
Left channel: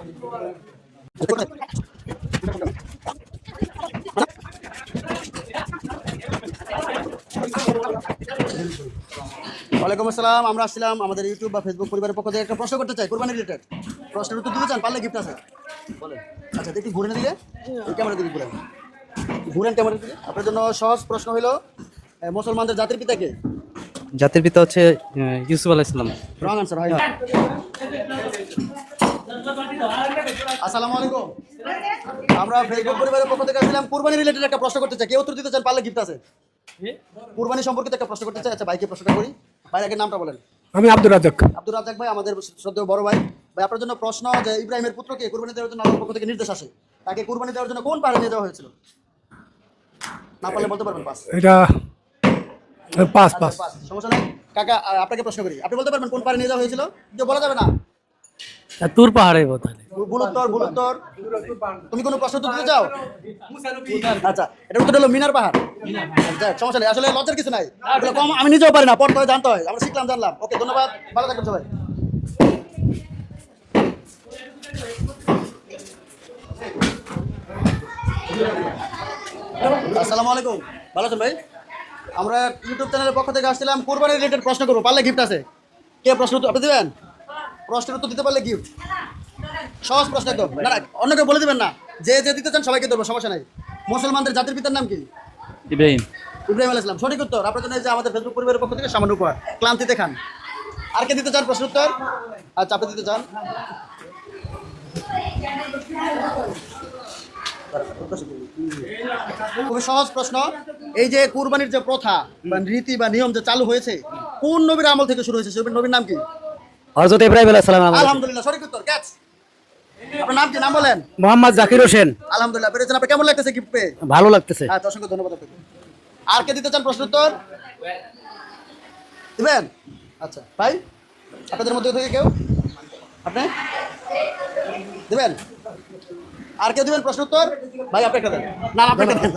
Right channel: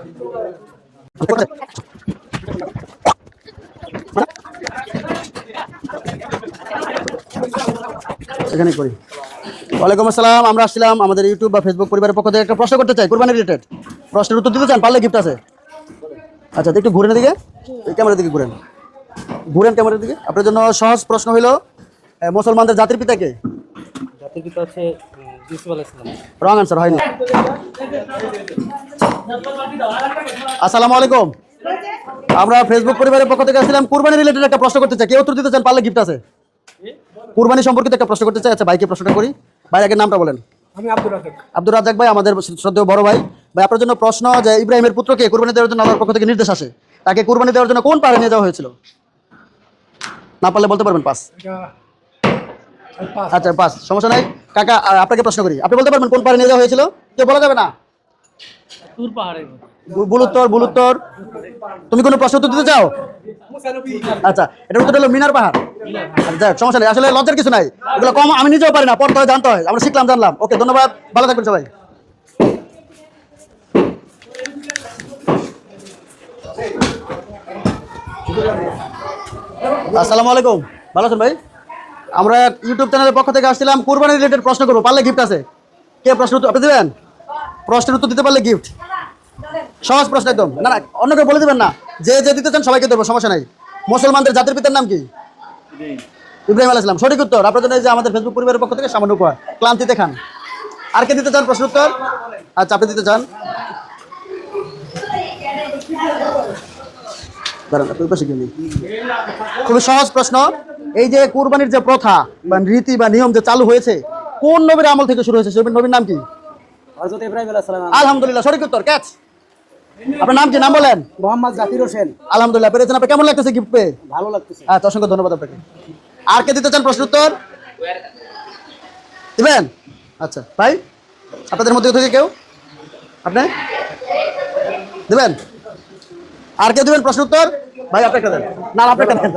এখানে করি। ওয়ালাইকুম আসসালাম। আমরা আসছিলাম আমাদের ইউটিউব বা ফেসবুক পরিবারের পক্ষ থেকে একটা প্রশ্ন করতে চাই, কুরবানি রিলেটেড। প্রশ্নের উত্তর দিতে চান? পারলে গিফট আছে। আচ্ছা, একটু ঘুরেন দিকে, এই ক্যামেরার দিকে ঘুরেন, ঘুরেন ক্যামেরার দিকে। আপনার জন্য সহজ প্রশ্ন হলো, মুসলমানদের জাতির পিতা কে? জাতির পিতা হচ্ছে ইউসুফ আলাইহিস সালাম। রং আনসার, হয় না। আসসালামু আলাইকুম। আমরা ফেসবুক পরিবারের পক্ষ থেকে আসছিলাম কুরবানি রিলেটেড একটা প্রশ্ন করতে চাই, কে উত্তর দিতে চান? পারলে গিফট আছে। কুরবানি সম্পর্কিত একটা প্রশ্ন করতে চাই। আচ্ছা, ভাইকে প্রশ্নটা করি। ভাই আগে নামটা বলেন। আমি আব্দুর রাজাক। আব্দুর রাজ্জাক ভাই, আমাদের শ্রদ্ধেয় বড় ভাই। ভাই আপনার জন্য প্রশ্ন, যে ইব্রাহিমের পুত্রকে কুরবানি দেওয়ার জন্য আল্লাহর পক্ষ থেকে নির্দেশ আসে, তাকে কুরবানি দেওয়ার জন্য কোন পাহাড়ে নিয়ে যাওয়া হয়েছিল? না পারলে বলতে পারবেন পাস। এটা পাস। আচ্ছা পাস, সমস্যা নাই। কাকা আপনাকে প্রশ্ন করি, আপনি বলতে পারবেন কোন পাহাড়ে নিয়ে যাওয়া হয়েছিল? কেউ বলা যাবে না। তুর পাহাড়ে বোধহয়। বুলুত্তর। তুমি কোনো প্রশ্ন উত্তর দিতে চাও? আচ্ছা, এটা উত্তর হলো মিনার পাহাড়। যাক, সমস্যা নেই, আসলে লজ্জার কিছু নাই, এগুলো কম আমি নিজেও পারি না, পড়তে হয়, জানতে হয়, আমরা শিখলাম, জানলাম। ওকে, ধন্যবাদ, ভালো থাকবেন সবাই। আসসালামু আলাইকুম, ভালো আছেন ভাই? আমরা ইউটিউব চ্যানেলের পক্ষ থেকে আসছিলাম, কুরবানি রিলেটেড প্রশ্ন করবো, পারলে গিফট আছে। কে প্রশ্ন উত্তর আপনি দেবেন? প্রশ্নের উত্তর দিতে পারলে গিফট। সহজ প্রশ্ন একদম, না না অন্য কেউ বলে দেবেন না, যে যে দিতে চান সবাইকে দেবো, সমস্যা নাই। মুসলমানদের জাতির পিতার নাম কি? ইব্রাহিম। ইব্রাহিম আলাইহিস সালাম, সঠিক উত্তর। আপনার জন্য এই যে আমাদের ফেসবুক পরিবারের পক্ষ থেকে সামান্য উপহার, ক্লান্তি দেখান। আর কে দিতে চান প্রশ্ন উত্তর? আচ্ছা, আপনি দিতে চান? খুবই সহজ প্রশ্ন। এই যে কুরবানির যে প্রথা বা রীতি বা নিয়ম যে চালু হয়েছে, কোন নবীর আমল থেকে শুরু হয়েছে? সেই নবীর নাম কি? হযরত ইব্রাহিম আলাইহিস সালাম। আলহামদুলিল্লাহ, সঠিক উত্তর, ক্যাচ। আপনার নাম কি, নাম বলেন? মোহাম্মদ জাকির হোসেন। আলহামদুলিল্লাহ, পেরেছেন। আপনার কেমন লাগতেছে গিফট পেয়ে? ভালো লাগতেছে। আচ্ছা, অসংখ্য ধন্যবাদ আপনাকে। আর কে দিতে চান প্রশ্ন উত্তর? দিবেন? আচ্ছা ভাই, আপনাদের মধ্যে থেকে কেউ? আপনি দিবেন? আর কে দিবেন প্রশ্ন উত্তর? ভাই আপনি একটা দেন। না আপনি একটা দেন।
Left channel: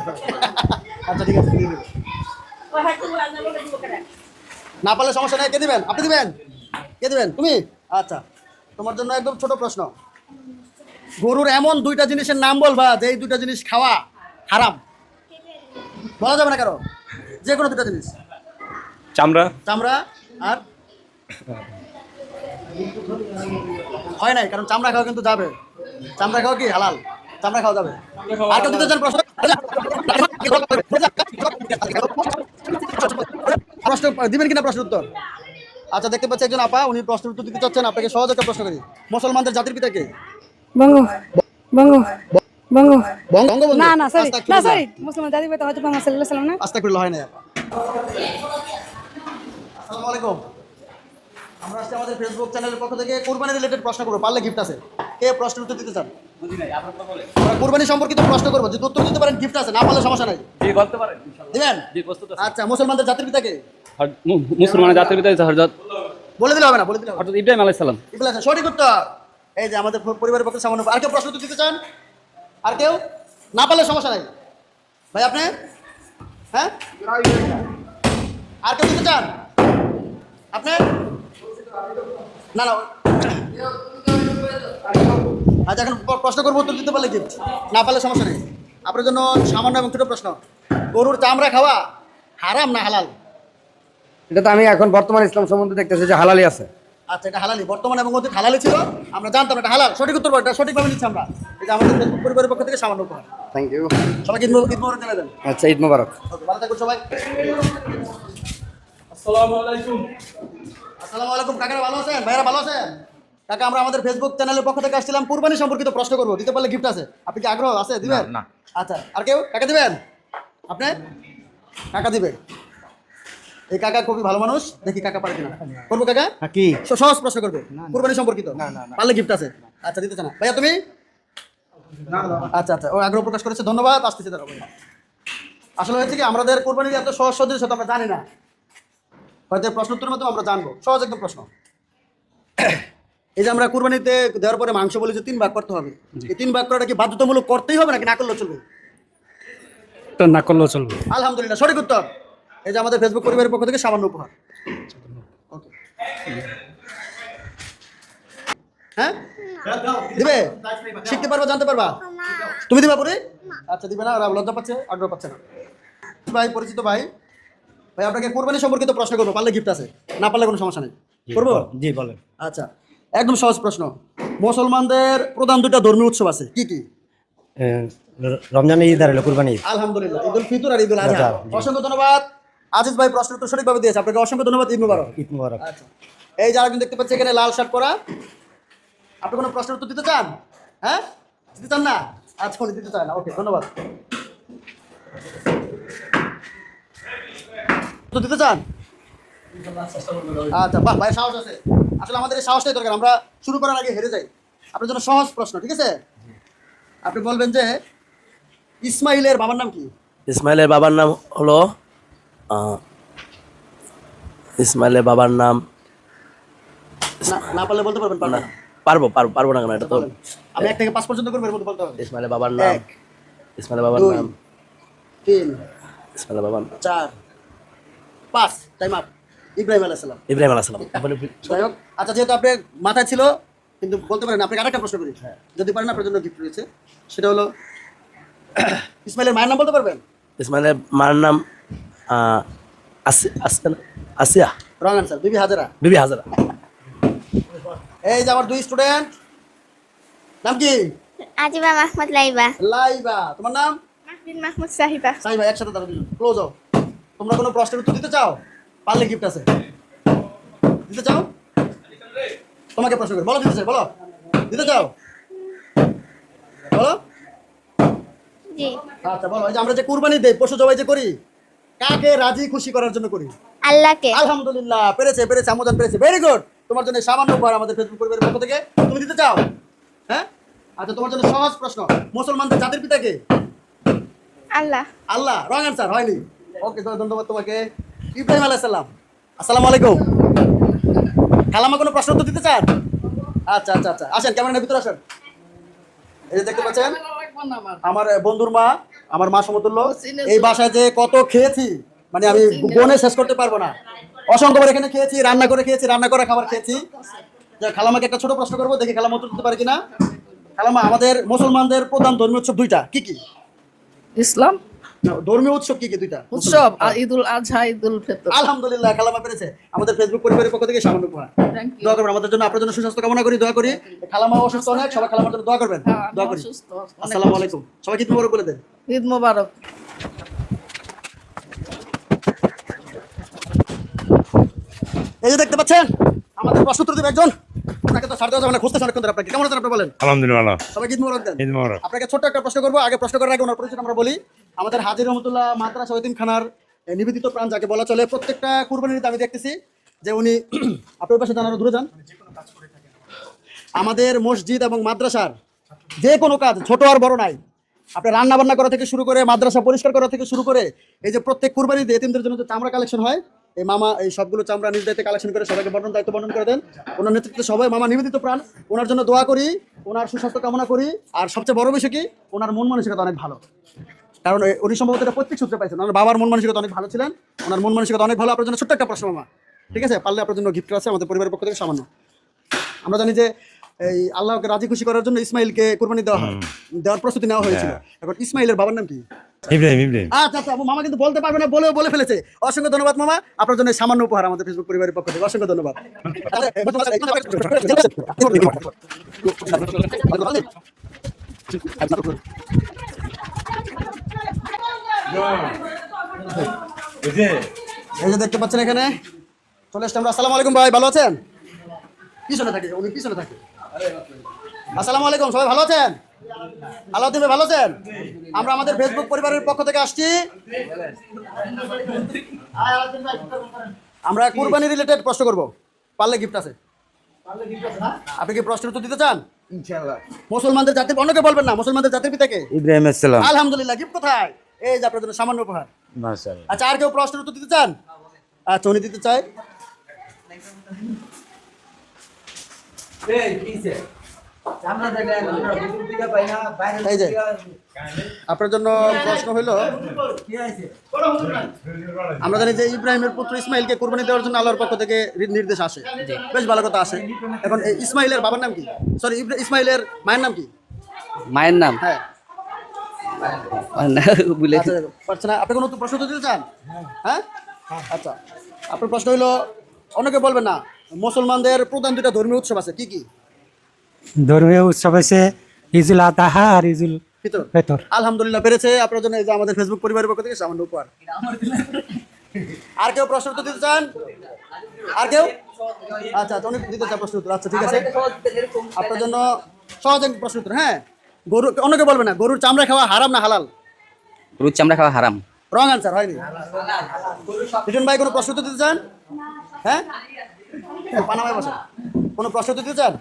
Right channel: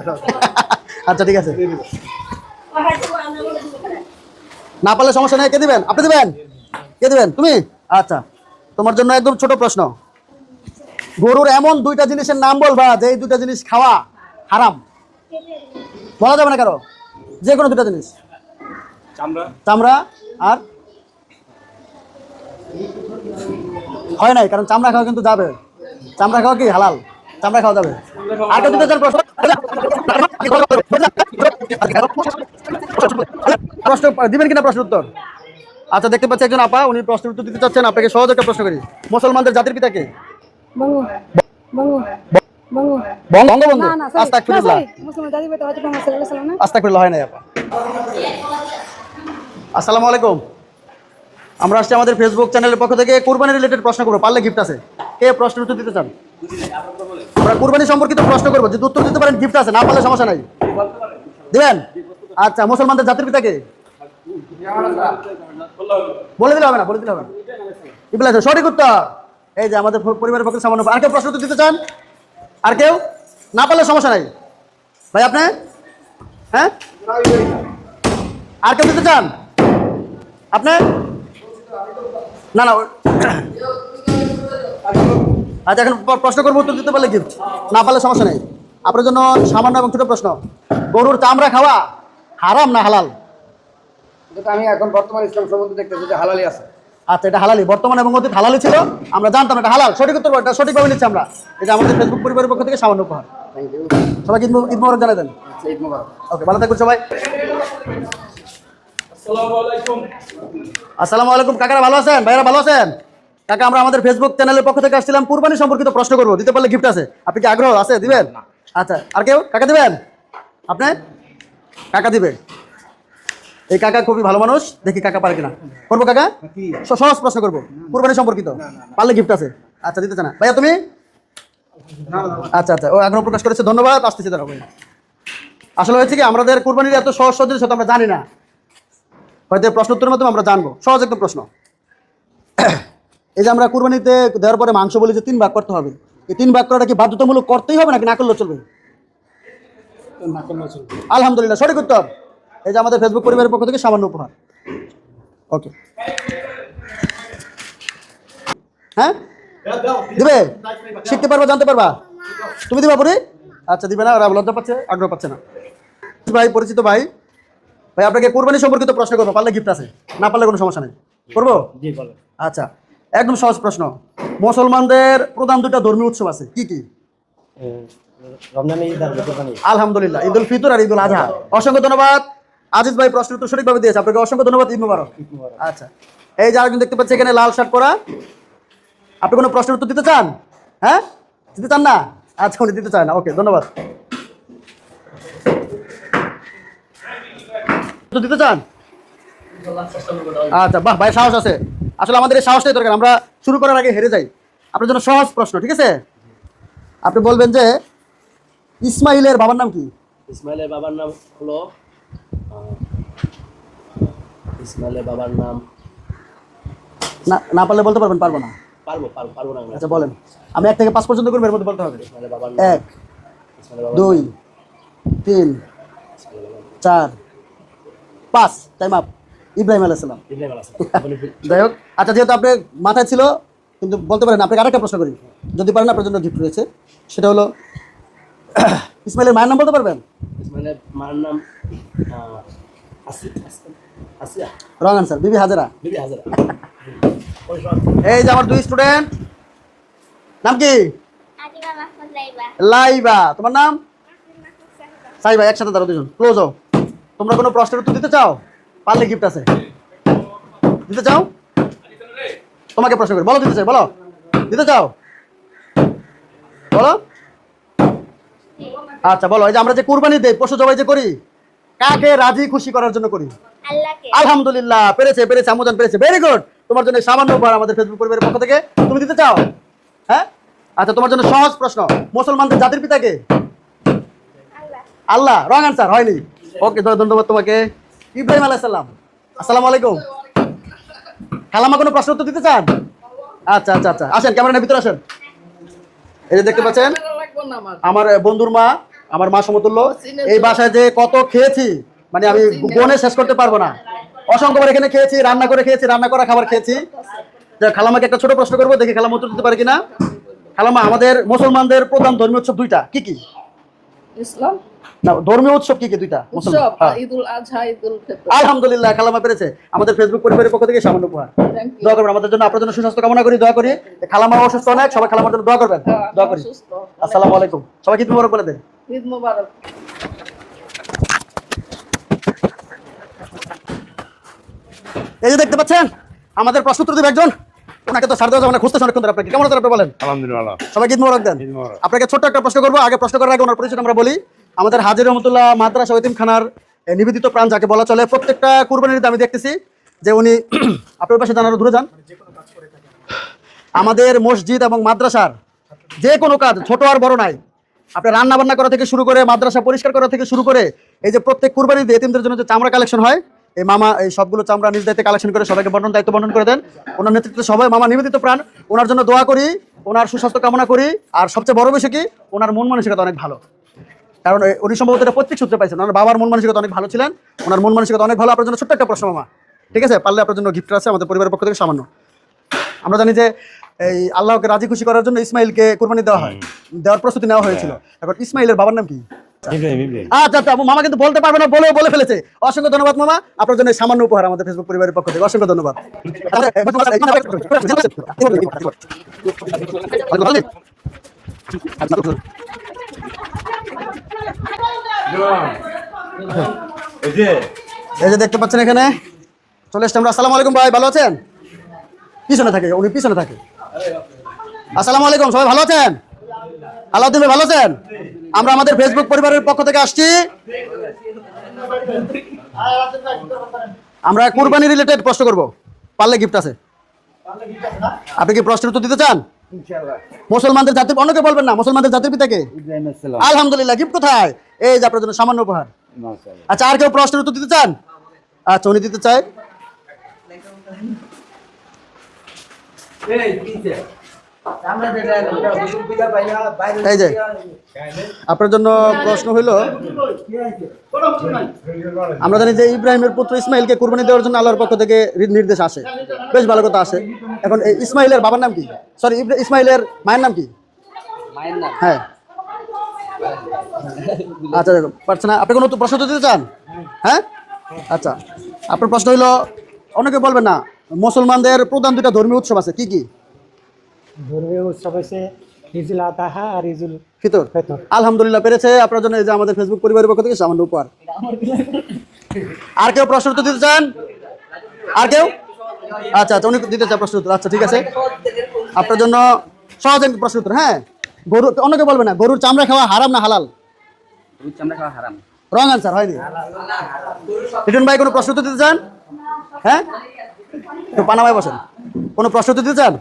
আচ্ছা ঠিক আছে, নিয়ে নিব। না পারলে সমস্যা নেই, কে দিবেন? আপনি দিবেন? কে দিবেন? তুমি? আচ্ছা, তোমার জন্য একদম ছোট প্রশ্ন। গরুর এমন দুইটা জিনিসের নাম বলবা যে এই দুইটা জিনিস খাওয়া হারাম। বলা যাবে না কারো, যে কোনো দুটা জিনিস। চামড়া আর হয় নাই, কারণ চামড়া খাওয়া কিন্তু যাবে। চামড়া খাওয়া কি হালাল? চামড়া খাওয়া যাবে। আর তো দিতে চান প্রশ্ন? প্রশ্ন দিবেন কিনা প্রশ্ন উত্তর? আচ্ছা, দেখতে পাচ্ছি একজন আপা, উনি প্রশ্নের উত্তর দিতে চাচ্ছেন। আপনাকে সহজ একটা প্রশ্ন করি, মুসলমানদের জাতির পিতা কে? বঙ্গবন্ধু। বঙ্গবন্ধু? না না, আস্তাগফিরুল্লাহ। মুসলমান জাতির পিতা হচ্ছে মোহাম্মদ সাল্লাল্লাহু আলাইহি ওয়াসাল্লাম না? আস্তাগফিরুল্লাহ, হয় নাই আপা। আসসালামু আলাইকুম। আমরা আসছি আমাদের ফেসবুক চ্যানেলের পক্ষ থেকে কুরবানি রিলেটেড প্রশ্ন করবো, পারলে গিফট আছে। কে প্রশ্নের উত্তর দিতে চান? আমরা কুরবানি সম্পর্কিত প্রশ্ন করবো, যদি উত্তর দিতে পারেন গিফট আছে, না পারলে সমস্যা নাই। দিবেন? আচ্ছা, মুসলমানদের জাতির পিতা কে? মুসলমানের জাতির পিতা হযরত বলে দিলে হবে না, বলে দিলে হবে না। ইব্রাহিম আলাইহিস সালাম। ইব্রাহিম, সঠিক উত্তর। এই যে আমাদের পরিবারের পক্ষে সামান্য। আর কেউ প্রশ্ন উত্তর দিতে চান? আর কেউ? না পারলে সমস্যা নাই। ভাই আপনি? হ্যাঁ, আর কেউ দিতে চান? আপনি? না না, আচ্ছা, এখন প্রশ্ন করবো, উত্তর দিতে পারলে গিফট, না পারলে সমস্যা নেই। আপনার জন্য সামান্য এবং ছোট প্রশ্ন, গরুর চামড়া খাওয়া হারাম না হালাল? এটা তো আমি এখন বর্তমান ইসলাম সম্বন্ধে দেখতেছি যে হালালি আছে। আচ্ছা, এটা হালালি, বর্তমান এবং অতীত হালালি ছিল, আমরা জানতাম এটা হালাল। সঠিক উত্তর, এটা সঠিকভাবে নিচ্ছি আমরা। এই যে আমাদের ফেসবুক পরিবারের পক্ষ থেকে সামান্য উপহার। Thank you. সবাইকে ঈদ মোবারক জানাই দেন। আচ্ছা, ঈদ মোবারক। ওকে, ভালো থাকবেন সবাই। আসসালামু আলাইকুম। কাকারা ভালো আছেন? ভাইয়ারা ভালো আছেন? কাকা, আমরা আমাদের ফেসবুক চ্যানেলের পক্ষ থেকে আসছিলাম, কুরবানি সম্পর্কিত প্রশ্ন করবো, দিতে পারলে গিফট আছে। আপনি কি আগ্রহ আছে? দিবেন? আচ্ছা, আর কেউ? কাকা দিবেন? আপনি? কাকা দিবে। এই কাকা খুবই ভালো মানুষ, দেখি কাকা পারে কিনা। করবো কাকা? কি সহজ প্রশ্ন করবো, কুরবানি সম্পর্কিত, পারলে গিফট আছে। আচ্ছা, দিতে চান না ভাইয়া? তুমি? আচ্ছা আচ্ছা, ও আগ্রহ প্রকাশ করেছে, ধন্যবাদ। আসতেছি দাঁড়াবো। আসলে হয়েছে কি, আমাদের কুরবানির এত সহজ সহজ জিনিস আমরা জানি না, হয়তো প্রশ্ন উত্তরের মাধ্যমে আমরা জানবো। সহজ একদম প্রশ্ন। এই যে আমরা কুরবানিতে দেওয়ার পরে মাংস বলি যে 3 ভাগ করতে হবে, এই 3 ভাগ করাটা কি বাধ্যতামূলক করতেই হবে নাকি না করলেও চলবে? না করলেও চলবে। আলহামদুলিল্লাহ, সঠিক উত্তর। এই যে আমাদের ফেসবুক পরিবারের পক্ষ থেকে সামান্য উপহার। ওকে। হ্যাঁ দিবে? শিখতে পারবা, জানতে পারবা? তুমি দিবা পরে? আচ্ছা দিবে না, ওরা লজ্জা পাচ্ছে, আগ্রহ পাচ্ছে না। ভাই পরিচিত ভাই, ভাই আপনাকে কুরবানি সম্পর্কিত প্রশ্ন করবো, পারলে গিফট আছে, না পারলে কোনো সমস্যা নেই, করবো? জি বলেন। আচ্ছা, একদম সহজ প্রশ্ন। মুসলমানদের প্রধান দুটো ধর্মীয় উৎসব আছে, কি কি? রমজান ঈদ আর কুরবানি ঈদ। আলহামদুলিল্লাহ, ঈদুল ফিতর আর ঈদুল আজহা। অসংখ্য ধন্যবাদ আজিজ ভাই, প্রশ্ন তো সঠিকভাবে দিয়েছে, আপনাকে অসংখ্য ধন্যবাদ। ঈদ মুবারক। ঈদ মুবারক। আচ্ছা, এই যে আরেকজন দেখতে পাচ্ছি এখানে লাল শার্ট পরা, আপনি কোনো প্রশ্নের উত্তর দিতে চান? হ্যাঁ, দিতে চান না? আচ্ছা, উনি দিতে চান না, ওকে ধন্যবাদ। দিতে চান? আচ্ছা, বাহ ভাই, সাহস আছে। আসলে আমাদের এই সাহসটাই দরকার, আমরা শুরু করার আগে হেরে যাই। আপনার জন্য সহজ প্রশ্ন, ঠিক আছে? আপনি বলবেন যে ইসমাইলের বাবার নাম কি? ইসমাইলের বাবার নাম হলো ইসমাইলের বাবার নাম না পারলে বলতে পারবেন, পারবেন না? পারবো না কেন? তো বলেন, আমি 1 থেকে 5 পর্যন্ত করব, এর মধ্যে বলতে হবে। ইসমাইলের বাবার নাম 1 2 3 ইসমাইলের বাবার নাম 4 5, টাইম আপ। ইব্রাহিম আলাইহিস সালাম। ইব্রাহিম আলাইহিস সালাম। যাই হোক, আচ্ছা যেহেতু আপনি মাথায় ছিল কিন্তু বলতে পারেন, আপনাকে আরেকটা প্রশ্ন করি, যদি পারেন আপনার জন্য গিফট রয়েছে। সেটা হলো ইসমাইলের মায়ের নাম বলতে পারবেন? ইসমাইলের মার নাম আসিয়া। রং আনসার, বিবি হাজারা। বিবি হাজারা। এই যে আমার 2 স্টুডেন্ট, নাম কি? আজিবা মাহমুদ লাইবা। লাইবা। তোমার নাম? মাহমুদ মাহমুদ সাহিবা। সাইবা। একসাথে দাঁড়াও দুজন, ক্লোজ হও। তোমরা কোনো প্রশ্নের উত্তর দিতে চাও? পারলে গিফট আছে, দিতে চাও? তোমাকে প্রশ্ন করি, বলো দিতে চাই, বলো দিতে চাও, বলো। জি। আচ্ছা বলো, এই যে আমরা যে কুরবানি দেই, পশু জবাই যে করি, কাকে রাজি খুশি করার জন্য করি? আল্লাহকে। আলহামদুলিল্লাহ, পেরেছে পেরেছে, আমুজান পেরেছে, ভেরি গুড। তোমার জন্য সামান্য উপহার আমাদের ফেসবুক পরিবারের পক্ষ থেকে, তুমি দিতে চাও? হ্যাঁ, আচ্ছা তোমার জন্য সহজ প্রশ্ন, মুসলমানদের জাতির পিতা কে? আল্লাহ। আল্লাহ। রং আনসার, হয়নি। ওকে, ধন্যবাদ তোমাকে। ইব্রাহিম আলাইহিস সালাম। আসসালামু আলাইকুম। খালামা কোনো প্রশ্ন উত্তর দিতে চান? আচ্ছা আচ্ছা আচ্ছা, আসেন, ক্যামেরার ভিতরে আসেন। এই যে দেখতে পাচ্ছেন আমার বন্ধুর মা, আমার মা সমতুল্য। এই বাসায় যে কত খেয়েছি, মানে আমি গনে শেষ করতে পারবো না। অসংখ্যবার এখানে খেয়েছি, রান্না করে খেয়েছি, রান্না করা খাবার খেয়েছি। খালামাকে একটা ছোট প্রশ্ন করবো, দেখি খালামা উত্তর দিতে পারে কিনা। খালামা, আমাদের মুসলমানদের প্রধান ধর্মীয় উৎসব 2টা, কি কি? ইসলাম না, ধর্মীয় উৎসব কি কি 2টা? উৎসব ঈদুল আজহা, ঈদুল ফিতর। আলহামদুলিল্লাহ, খালামা পেরেছে। আমাদের ফেসবুক পরিবারের পক্ষ থেকে সামান্য উপহার। দোয়া করবেন আমাদের জন্য, আপনার জন্য সুস্বাস্থ্য কামনা করি, দোয়া করি। খালামা অসুস্থ অনেক, সবাই খালামার জন্য দোয়া করবেন, দোয়া করি। আসসালামু আলাইকুম, সবাইকে ঈদ মোবারক বলে দেন। ঈদ মোবারক। এই যে দেখতে পাচ্ছেন আমাদের প্রশ্ন উত্তর দিবে একজন, ওনাকে তো সারতে যাবে না, খুঁজতে অনেকক্ষণ ধরে। আপনাকে কেমন আছেন আপনি বলেন? আলহামদুলিল্লাহ। সবাইকে ঈদ মোবারক দেন। আপনাকে ছোট্ট একটা প্রশ্ন করবো, আগে প্রশ্ন করার আগে ওনার পরিচয় আমরা বলি। আমাদের হাজী রহমতুল্লাহ মাদ্রাসা এতিমখানার নিবেদিত প্রাণ যাকে বলা চলে, প্রত্যেকটা কুরবানির ঈদে আমি দেখতেছি যে উনি আপনার পাশে জানারও দূরে যান, আমাদের মসজিদ এবং মাদ্রাসার যে কোনো কাজ, ছোট আর বড় নাই, আপনি রান্না বান্না করা থেকে শুরু করে, মাদ্রাসা পরিষ্কার করা থেকে শুরু করে, এই যে প্রত্যেক কুরবানিতে এতিমদের জন্য যে চামড়া কালেকশন হয়, এই মামা এই সবগুলো চামড়া নিজ দায়িত্বে কালেকশন করে সবাইকে দায়িত্ব বন্টন করে দেন। ওনার নেতৃত্বে সবাই মামা নিবেদিত প্রাণ, ওনার জন্য দোয়া করি, ওনার সুস্বাস্থ্য কামনা করি। আর সবচেয়ে বড় বিষয় কি, ওনার মন মানসিকতা অনেক ভালো, কারণ উনি সম্ভবত এটা প্রত্যেক সূত্রে পাইছেন। ওনার বাবার মন মানসিকতা অনেক ভালো ছিলেন, ওনার মন মানসিকতা অনেক ভালো। আপনার জন্য ছোট্ট একটা প্রশ্ন মামা, ঠিক আছে? পারলে আপনার জন্য গিফট আছে আমাদের পরিবারের পক্ষ থেকে সামান্য। আমরা জানি যে এই আল্লাহকে রাজি খুশি করার জন্য ইসমাইলকে কুরবানি দেওয়া হয়, দেওয়ার প্রস্তুতি নেওয়া হয়েছিল। এখন ইসমাইলের বাবার নাম কি? আচ্ছা আচ্ছা, মামা কিন্তু বলতে পারবে না, বলে ফেলেছে। অসংখ্য ধন্যবাদ মামা, আপনার জন্য সামান্য উপহার আমাদের ফেসবুক পরিবারের পক্ষ থেকে, অসংখ্য ধন্যবাদ। এই যে দেখতে পাচ্ছেন এখানে চলে এসছি আমরা। আসসালামু আলাইকুম ভাই, ভালো আছেন? পিছনে থাকে উনি, পিছনে থাকে। আসসালামু আলাইকুম, সবাই ভালো আছেন? আলাউদ্দিন ভাই ভালো আছেন? আমরা আমাদের ফেসবুক পরিবারের পক্ষ থেকে আসছি, আমরা কুরবানি রিলেটেড প্রশ্ন করব, পারলে গিফট আছে। আপনি কি প্রশ্নের উত্তর দিতে চান? মুসলমানদের জাতির, অন্যকে বলবেন না, মুসলমানদের জাতির পিতা কে? ইব্রাহিম আলাইহিস সালাম। আলহামদুলিল্লাহ, গিফট কোথায়? এই যে আপনার জন্য সামান্য উপহার। আচ্ছা, আর কেউ প্রশ্নের উত্তর দিতে চান? আচ্ছা, উনি দিতে চাই। এই যে আপনার জন্য প্রশ্ন হইলো, আমরা জানি যে ইব্রাহিমের পুত্র ইসমাইলকে কুরবানি দেওয়ার জন্য আল্লাহর পক্ষ থেকে নির্দেশ আসে, বেশ ভালো কথা আসে। এখন এই ইসমাইলের বাবার নাম কি, সরি ইসমাইলের মায়ের নাম কি? মায়ের নাম হ্যাঁ আচ্ছা পারছে না। আপনি কোনো প্রশ্ন তো দিতে চান? হ্যাঁ আচ্ছা, আপনার প্রশ্ন হইলো, অনেকে বলবেন না মুসলমানদের প্রধান দুটা ধর্মীয় উৎসব আছে, কি কি ধর্মীয় উৎসব আছে ঈদুল আযহা আর ঈদুল ফিতর? ফিতর। আলহামদুলিল্লাহ পেরেছে। আপনার জন্য এই যে আমাদের ফেসবুক পরিবারের পক্ষ থেকে সামান্য উপহার। আর কেউ প্রশ্ন উত্তর দিতে চান? আর কেউ? আচ্ছা আচ্ছা, উনি দিতে চান প্রশ্ন উত্তর। আচ্ছা ঠিক আছে, আপনার জন্য সহজ একটা প্রশ্ন উত্তর। হ্যাঁ, গরু, অনেকে বলবে না গরুর চামড়া খাওয়া হারাম না হালাল? গরুর চামড়া খাওয়া হারাম। রং আনসার, হয়নি। রিটন ভাই কোনো প্রশ্ন উত্তর দিতে চান? হ্যাঁ, একটু পানামায় বসেন। কোনো প্রশ্ন উত্তর দিতে চান?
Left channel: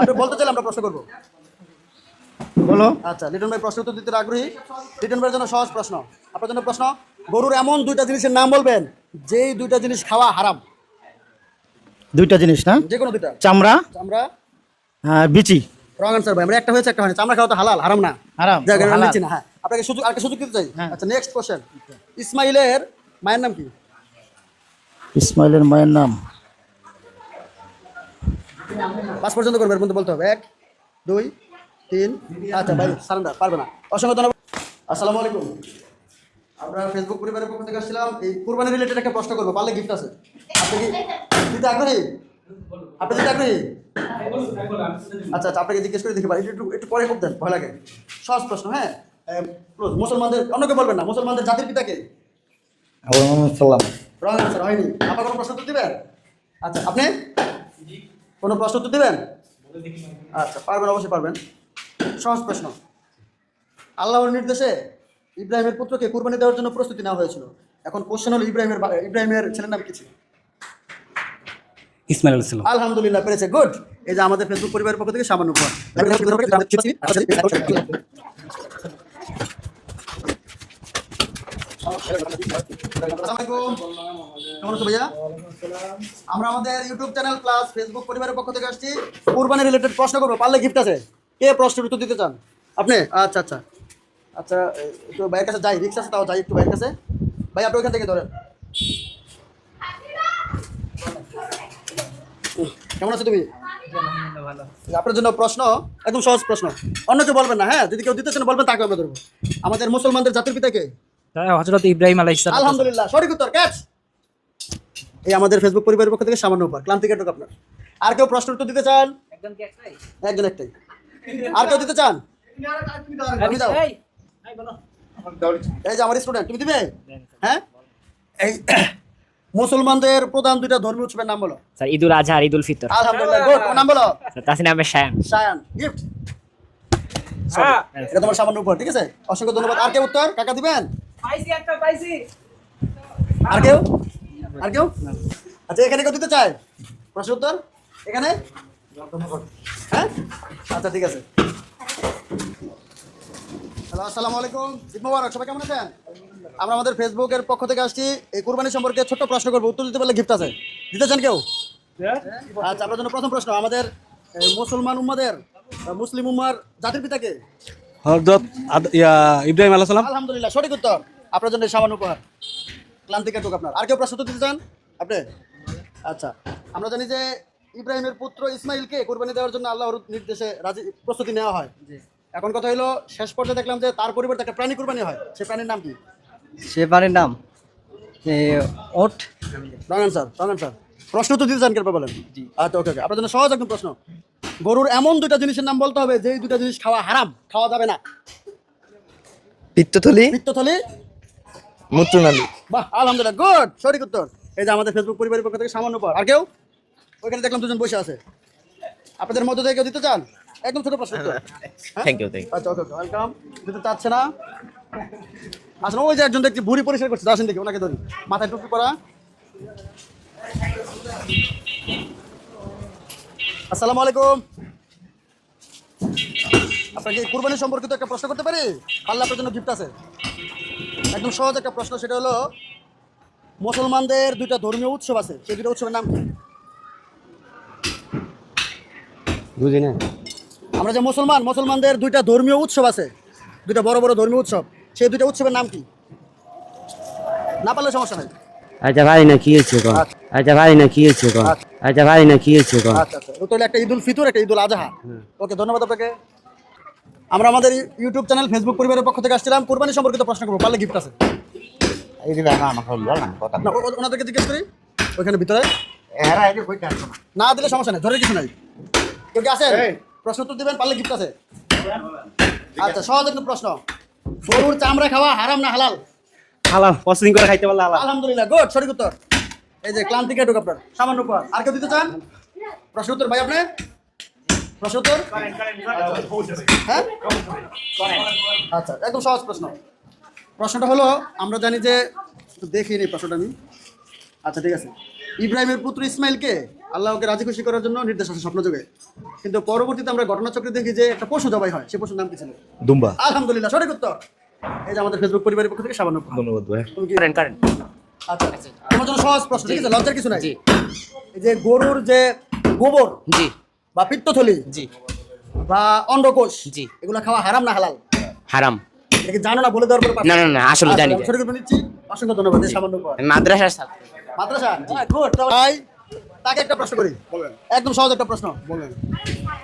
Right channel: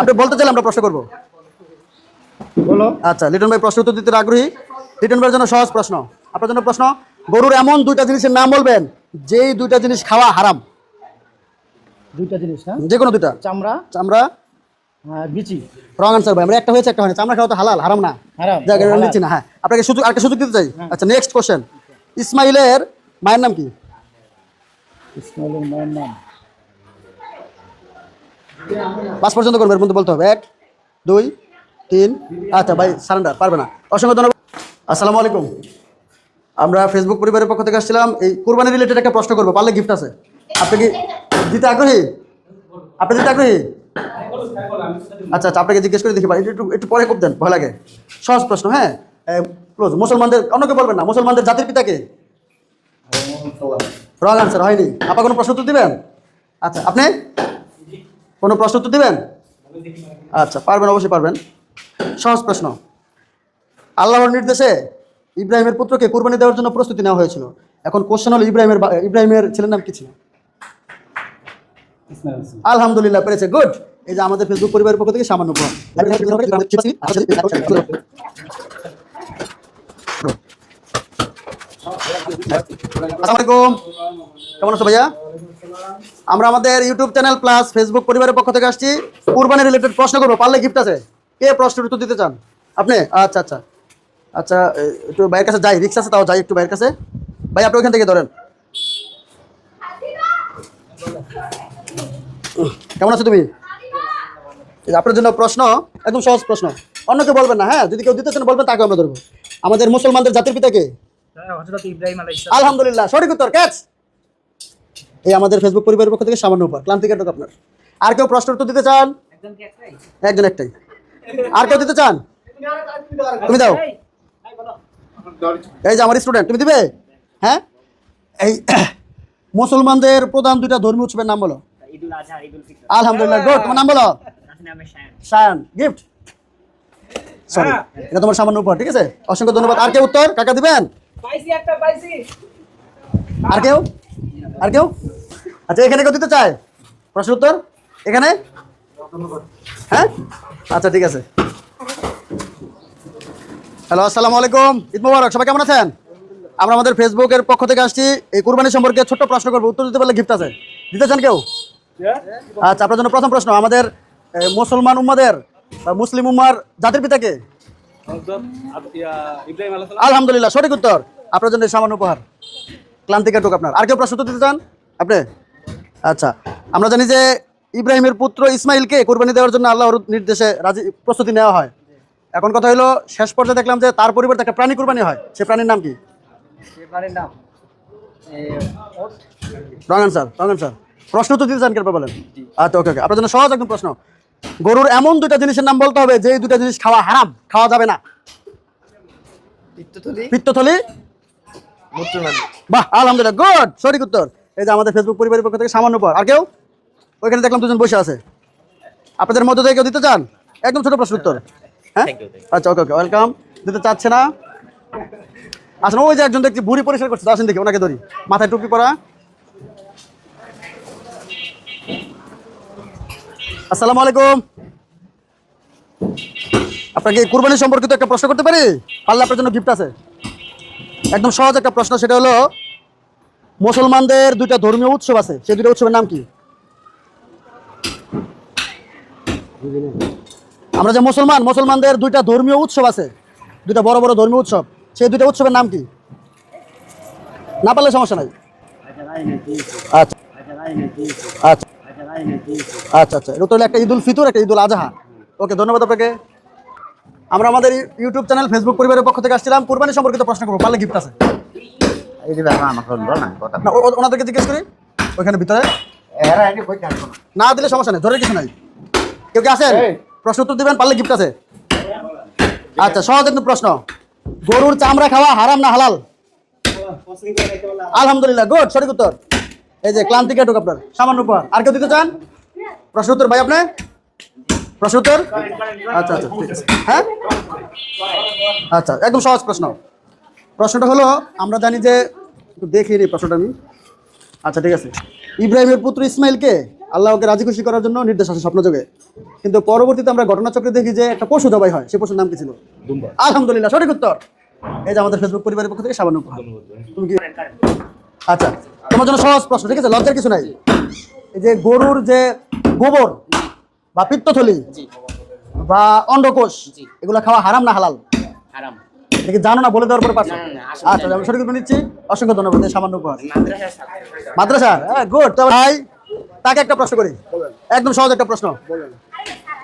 আপনি বলতে চাইলে আমরা প্রশ্ন করবো। আচ্ছা, লিটন ভাই প্রশ্ন উত্তর দিতে আগ্রহী। লিটন ভাইয়ের জন্য সহজ প্রশ্ন। আপনার জন্য প্রশ্ন, গরুর এমন দুইটা জিনিসের নাম বলবেন যেই দুইটা জিনিস খাওয়া হারাম। দুইটা জিনিস না, যে কোনো দুইটা। চামড়া চামড়া আর বিচি। রং আনসার ভাই, আমরা একটা হয়েছে একটা হয়নি। চামড়া খাওয়া তো হালাল, হারাম না। হারাম। জায়গা নিচ্ছি না। হ্যাঁ, আপনাকে সুযোগ, আরেকটা সুযোগ দিতে চাই। আচ্ছা নেক্সট কোশ্চেন, ইসমাইলের মায়ের নাম কি? ইসমাইলের মায়ের নাম 5 পর্যন্ত করবে, এর মধ্যে বলতে হবে। 1 2 3। আচ্ছা ভাই সারেন্ডার, পারবে না। অসংখ্য ধন্যবাদ। আসসালামু আলাইকুম। আমরা ফেসবুক পরিবারের পক্ষ থেকে আসছিলাম, এই কুরবানি রিলেটেড একটা প্রশ্ন করবো, পারলে গিফট আছে। আপনি কি দিতে আগ্রহী? আপনি দিতে আগ্রহী? আচ্ছা আচ্ছা, আপনাকে জিজ্ঞেস করে দেখি পারি, একটু একটু পরে খুব দেন, ভয় লাগে। সহজ প্রশ্ন। হ্যাঁ, ক্লোজ। মুসলমানদের, অন্যকে বলবেন না, মুসলমানদের জাতির পিতা কে? রং আনসার, হয়নি। আপা কোনো প্রশ্ন উত্তর দিবেন? আচ্ছা, আপনি কোনো প্রশ্ন উত্তর দিবেন? আচ্ছা পারবেন, অবশ্যই পারবেন। সহজ প্রশ্ন। আল্লাহর নির্দেশে ইব্রাহিমের পুত্রকে কুরবানি দেওয়ার জন্য প্রস্তুতি নেওয়া হয়েছিল। এখন কোশ্চেন হলো, ইব্রাহিমের ছেলের নাম কি ছিল? ইসমাইল আলাইহিস সালাম। আলহামদুলিল্লাহ পেরেছে, গুড। এই যে আমাদের ফেসবুক পরিবারের পক্ষ থেকে সামান্য উপহার। আসসালামু আলাইকুম, কেমন আছো ভাইয়া? আমরা আমাদের ইউটিউব চ্যানেল প্লাস ফেসবুক পরিবারের পক্ষ থেকে আসছি, কুরবানি রিলেটেড প্রশ্ন করবো, পারলে গিফট আছে। কে প্রশ্নের উত্তর দিতে চান? আপনি? আচ্ছা আচ্ছা আচ্ছা, একটু ভাইয়ের কাছে যাই, রিক্সা আছে তাও যাই একটু ভাইয়ের কাছে। ভাই আপনি ওখান থেকে ধরেন। কেমন আছো তুমি? আপনার জন্য প্রশ্ন, একদম সহজ প্রশ্ন, অন্যকে বলবেন না। হ্যাঁ, যদি কেউ দিতে চান বলবেন, তাকে আমরা ধরবো। আমাদের মুসলমানদের জাতির পিতা কে? হযরত ইব্রাহিম আলাইহিস সালাম। আলহামদুলিল্লাহ, সঠিক উত্তর, ক্যাচ। এই আমাদের ফেসবুক পরিবারের পক্ষ থেকে সামান্য উপহার, ক্লান্তি কাটক আপনার। আর কেউ প্রশ্ন উত্তর দিতে চান? একজন একটাই। আর কেউ দিতে চান? তুমি দাও। এই যে আমার স্টুডেন্ট, তুমি দিবে? হ্যাঁ, এই মুসলমানদের প্রধান দুইটা ধর্মীয় উৎসবের নাম বলো। স্যার ঈদুল আযহা আর ঈদুল ফিতর। আলহামদুলিল্লাহ, গুড। তোমার নাম বলো। তাসনিম আহমেদ শায়ান। শায়ান, গিফট। সরি, এটা তোমার সামান্য উপহার, ঠিক আছে? অসংখ্য ধন্যবাদ। আর কেউ উত্তর কাকা দিবেন? আর কেউ? আর কেউ? আচ্ছা, এখানে কেউ দিতে চায় প্রশ্ন উত্তর? এখানে? হ্যাঁ, আচ্ছা ঠিক আছে। হ্যালো, আসসালামু আলাইকুম, ঈদ মোবারক। সবাই কেমন আছেন? আমরা আমাদের ফেসবুকের পক্ষ থেকে আসছি, এই কুরবানি সম্পর্কে ছোট্ট প্রশ্ন করবো, উত্তর দিতে পারলে গিফট আছে। দিতে চান কেউ? আচ্ছা, আপনার জন্য প্রথম প্রশ্ন, আমাদের মুসলমান উম্মাদের বা মুসলিম উম্মার জাতির পিতা কে? হযরত ইব্রাহিম আলাইহিস সালাম। আলহামদুলিল্লাহ, সঠিক উত্তর। আপনার জন্য সামান্য উপহার, ক্লান্তি কাটুক আপনার। আর কেউ প্রশ্ন উত্তর দিতে চান? আপনি? আচ্ছা, আমরা জানি যে ইব্রাহিমের পুত্র ইসমাইলকে কুরবানি দেওয়ার জন্য আল্লাহর নির্দেশে প্রস্তুতি নেওয়া হয়। এখন কথা হলো, শেষ পর্যায়ে দেখলাম যে তার পরিবর্তে একটা প্রাণী কুরবানি হয়, সে প্রাণীর নাম কি? সে প্রাণীর নাম ওট। Wrong answer, wrong answer. প্রশ্ন উত্তর দিতে চান কেন বলেন? আচ্ছা ওকে ওকে, আপনার জন্য সহজ একদম প্রশ্ন। গরুর এমন দুইটা জিনিসের নাম বলতে হবে যে দুইটা জিনিস খাওয়া হারাম, খাওয়া যাবে না। পিত্তথলি, পিত্তথলি, মূত্রনালী। বাহ, আলহামদুলিল্লাহ, গুড, সঠিক উত্তর। এই যে আমাদের ফেসবুক পরিবারের পক্ষ থেকে সামান্য উপহার। আর কেউ? ওইখানে দেখলাম দুজন বসে আছে, আপনাদের মধ্যে থেকে কেউ দিতে চান? একদম ছোট প্রশ্ন উত্তর। হ্যাঁ, আচ্ছা ওকে ওকে, ওয়েলকাম। দিতে চাচ্ছে না? আসলে ওই যে একজন দেখছি ভুঁড়ি পরিষ্কার করছে, আসেন দেখি, ওনাকে ধরি। মাথায় টুপি পরা। আসসালামু আলাইকুম। আপনাকে কুরবানি সম্পর্কিত একটা প্রশ্ন করতে পারি? পারলে আপনার জন্য গিফট আছে। একদম সহজ একটা প্রশ্ন, সেটা হলো মুসলমানদের দুইটা ধর্মীয় উৎসব আছে, সেই দুইটা উৎসবের নাম কি? বুঝি না। আমরা যে মুসলমানদের দুইটা ধর্মীয় উৎসব আছে, দুইটা বড় বড় ধর্মীয় উৎসব, সেই দুইটা উৎসবের নাম কি? না পারলে সমস্যা নাই। আচ্ছা ভাই না কি হচ্ছে গো? আচ্ছা ভাই না কি হচ্ছে গো? আচ্ছা ভাই না কি হচ্ছে গো? আচ্ছা আচ্ছা, এটা তো হলো একটা ঈদুল ফিতর, একটা ঈদুল আজহা। ওকে, ধন্যবাদ আপনাকে। আমরা আমাদের ইউটিউব চ্যানেল ফেসবুক পরিবারের পক্ষ থেকে আসছিলাম, কুরবানি সম্পর্কিত প্রশ্ন করবো, পারলে গিফট আছে। না, ওনাদেরকে জিজ্ঞেস করি ওইখানে ভিতরে। না দিলে সমস্যা নেই, ধরে কিছু নাই। কেউ কি আছেন প্রশ্ন উত্তর দিবেন, পারলে গিফট আছে। আচ্ছা, সহজ একদম প্রশ্ন, গরুর চামড়া খাওয়া হারাম না হালাল? হালাল, প্রসেসিং করে খাইতে পারলে হালাল। আলহামদুলিল্লাহ, গুড, সঠিক উত্তর। এই যে ক্লান্তি কেটুক আপনার, সামান্য উপহার। আর কেউ দিতে চান প্রশ্ন উত্তর? ভাই আপনি প্রশ্ন উত্তর? আচ্ছা আচ্ছা, ঠিক আছে। হ্যাঁ আচ্ছা, একদম সহজ প্রশ্ন। প্রশ্নটা হলো, আমরা জানি যে, একটু দেখিয়ে নিই প্রশ্নটা আমি। আচ্ছা ঠিক আছে, ইব্রাহিমের পুত্র ইসমাইলকে আল্লাহকে রাজি খুশি করার জন্য নির্দেশ আছে স্বপ্নযোগে, কিন্তু পরবর্তীতে আমরা ঘটনাচক্রে দেখি যে একটা পশু জবাই হয়, সেই পশুর নাম কি ছিল? দুম্বা। আলহামদুলিল্লাহ, সঠিক উত্তর। এই যে আমাদের ফেসবুক পরিবারের পক্ষ থেকে সামান্য উপহার। ধন্যবাদ ভাই। তুমি কি? আচ্ছা, তোমার জন্য সহজ প্রশ্ন, ঠিক আছে, লজ্জার কিছু নাই। এই যে গরুর যে গোবর বা পিত্তথলি বা অন্ডকোষ, এগুলো খাওয়া হারাম না হালাল? হারাম। এটা কি জানো না, বলে দেওয়ার পরে পারছো? না না না, আসলে জানি। আমি সঠিক উত্তর নিচ্ছি, অসংখ্য ধন্যবাদ। এই সামান্য উপহার মাদ্রাসা, গুড। ভাই তাকে একটা প্রশ্ন করি, একদম সহজ একটা প্রশ্ন,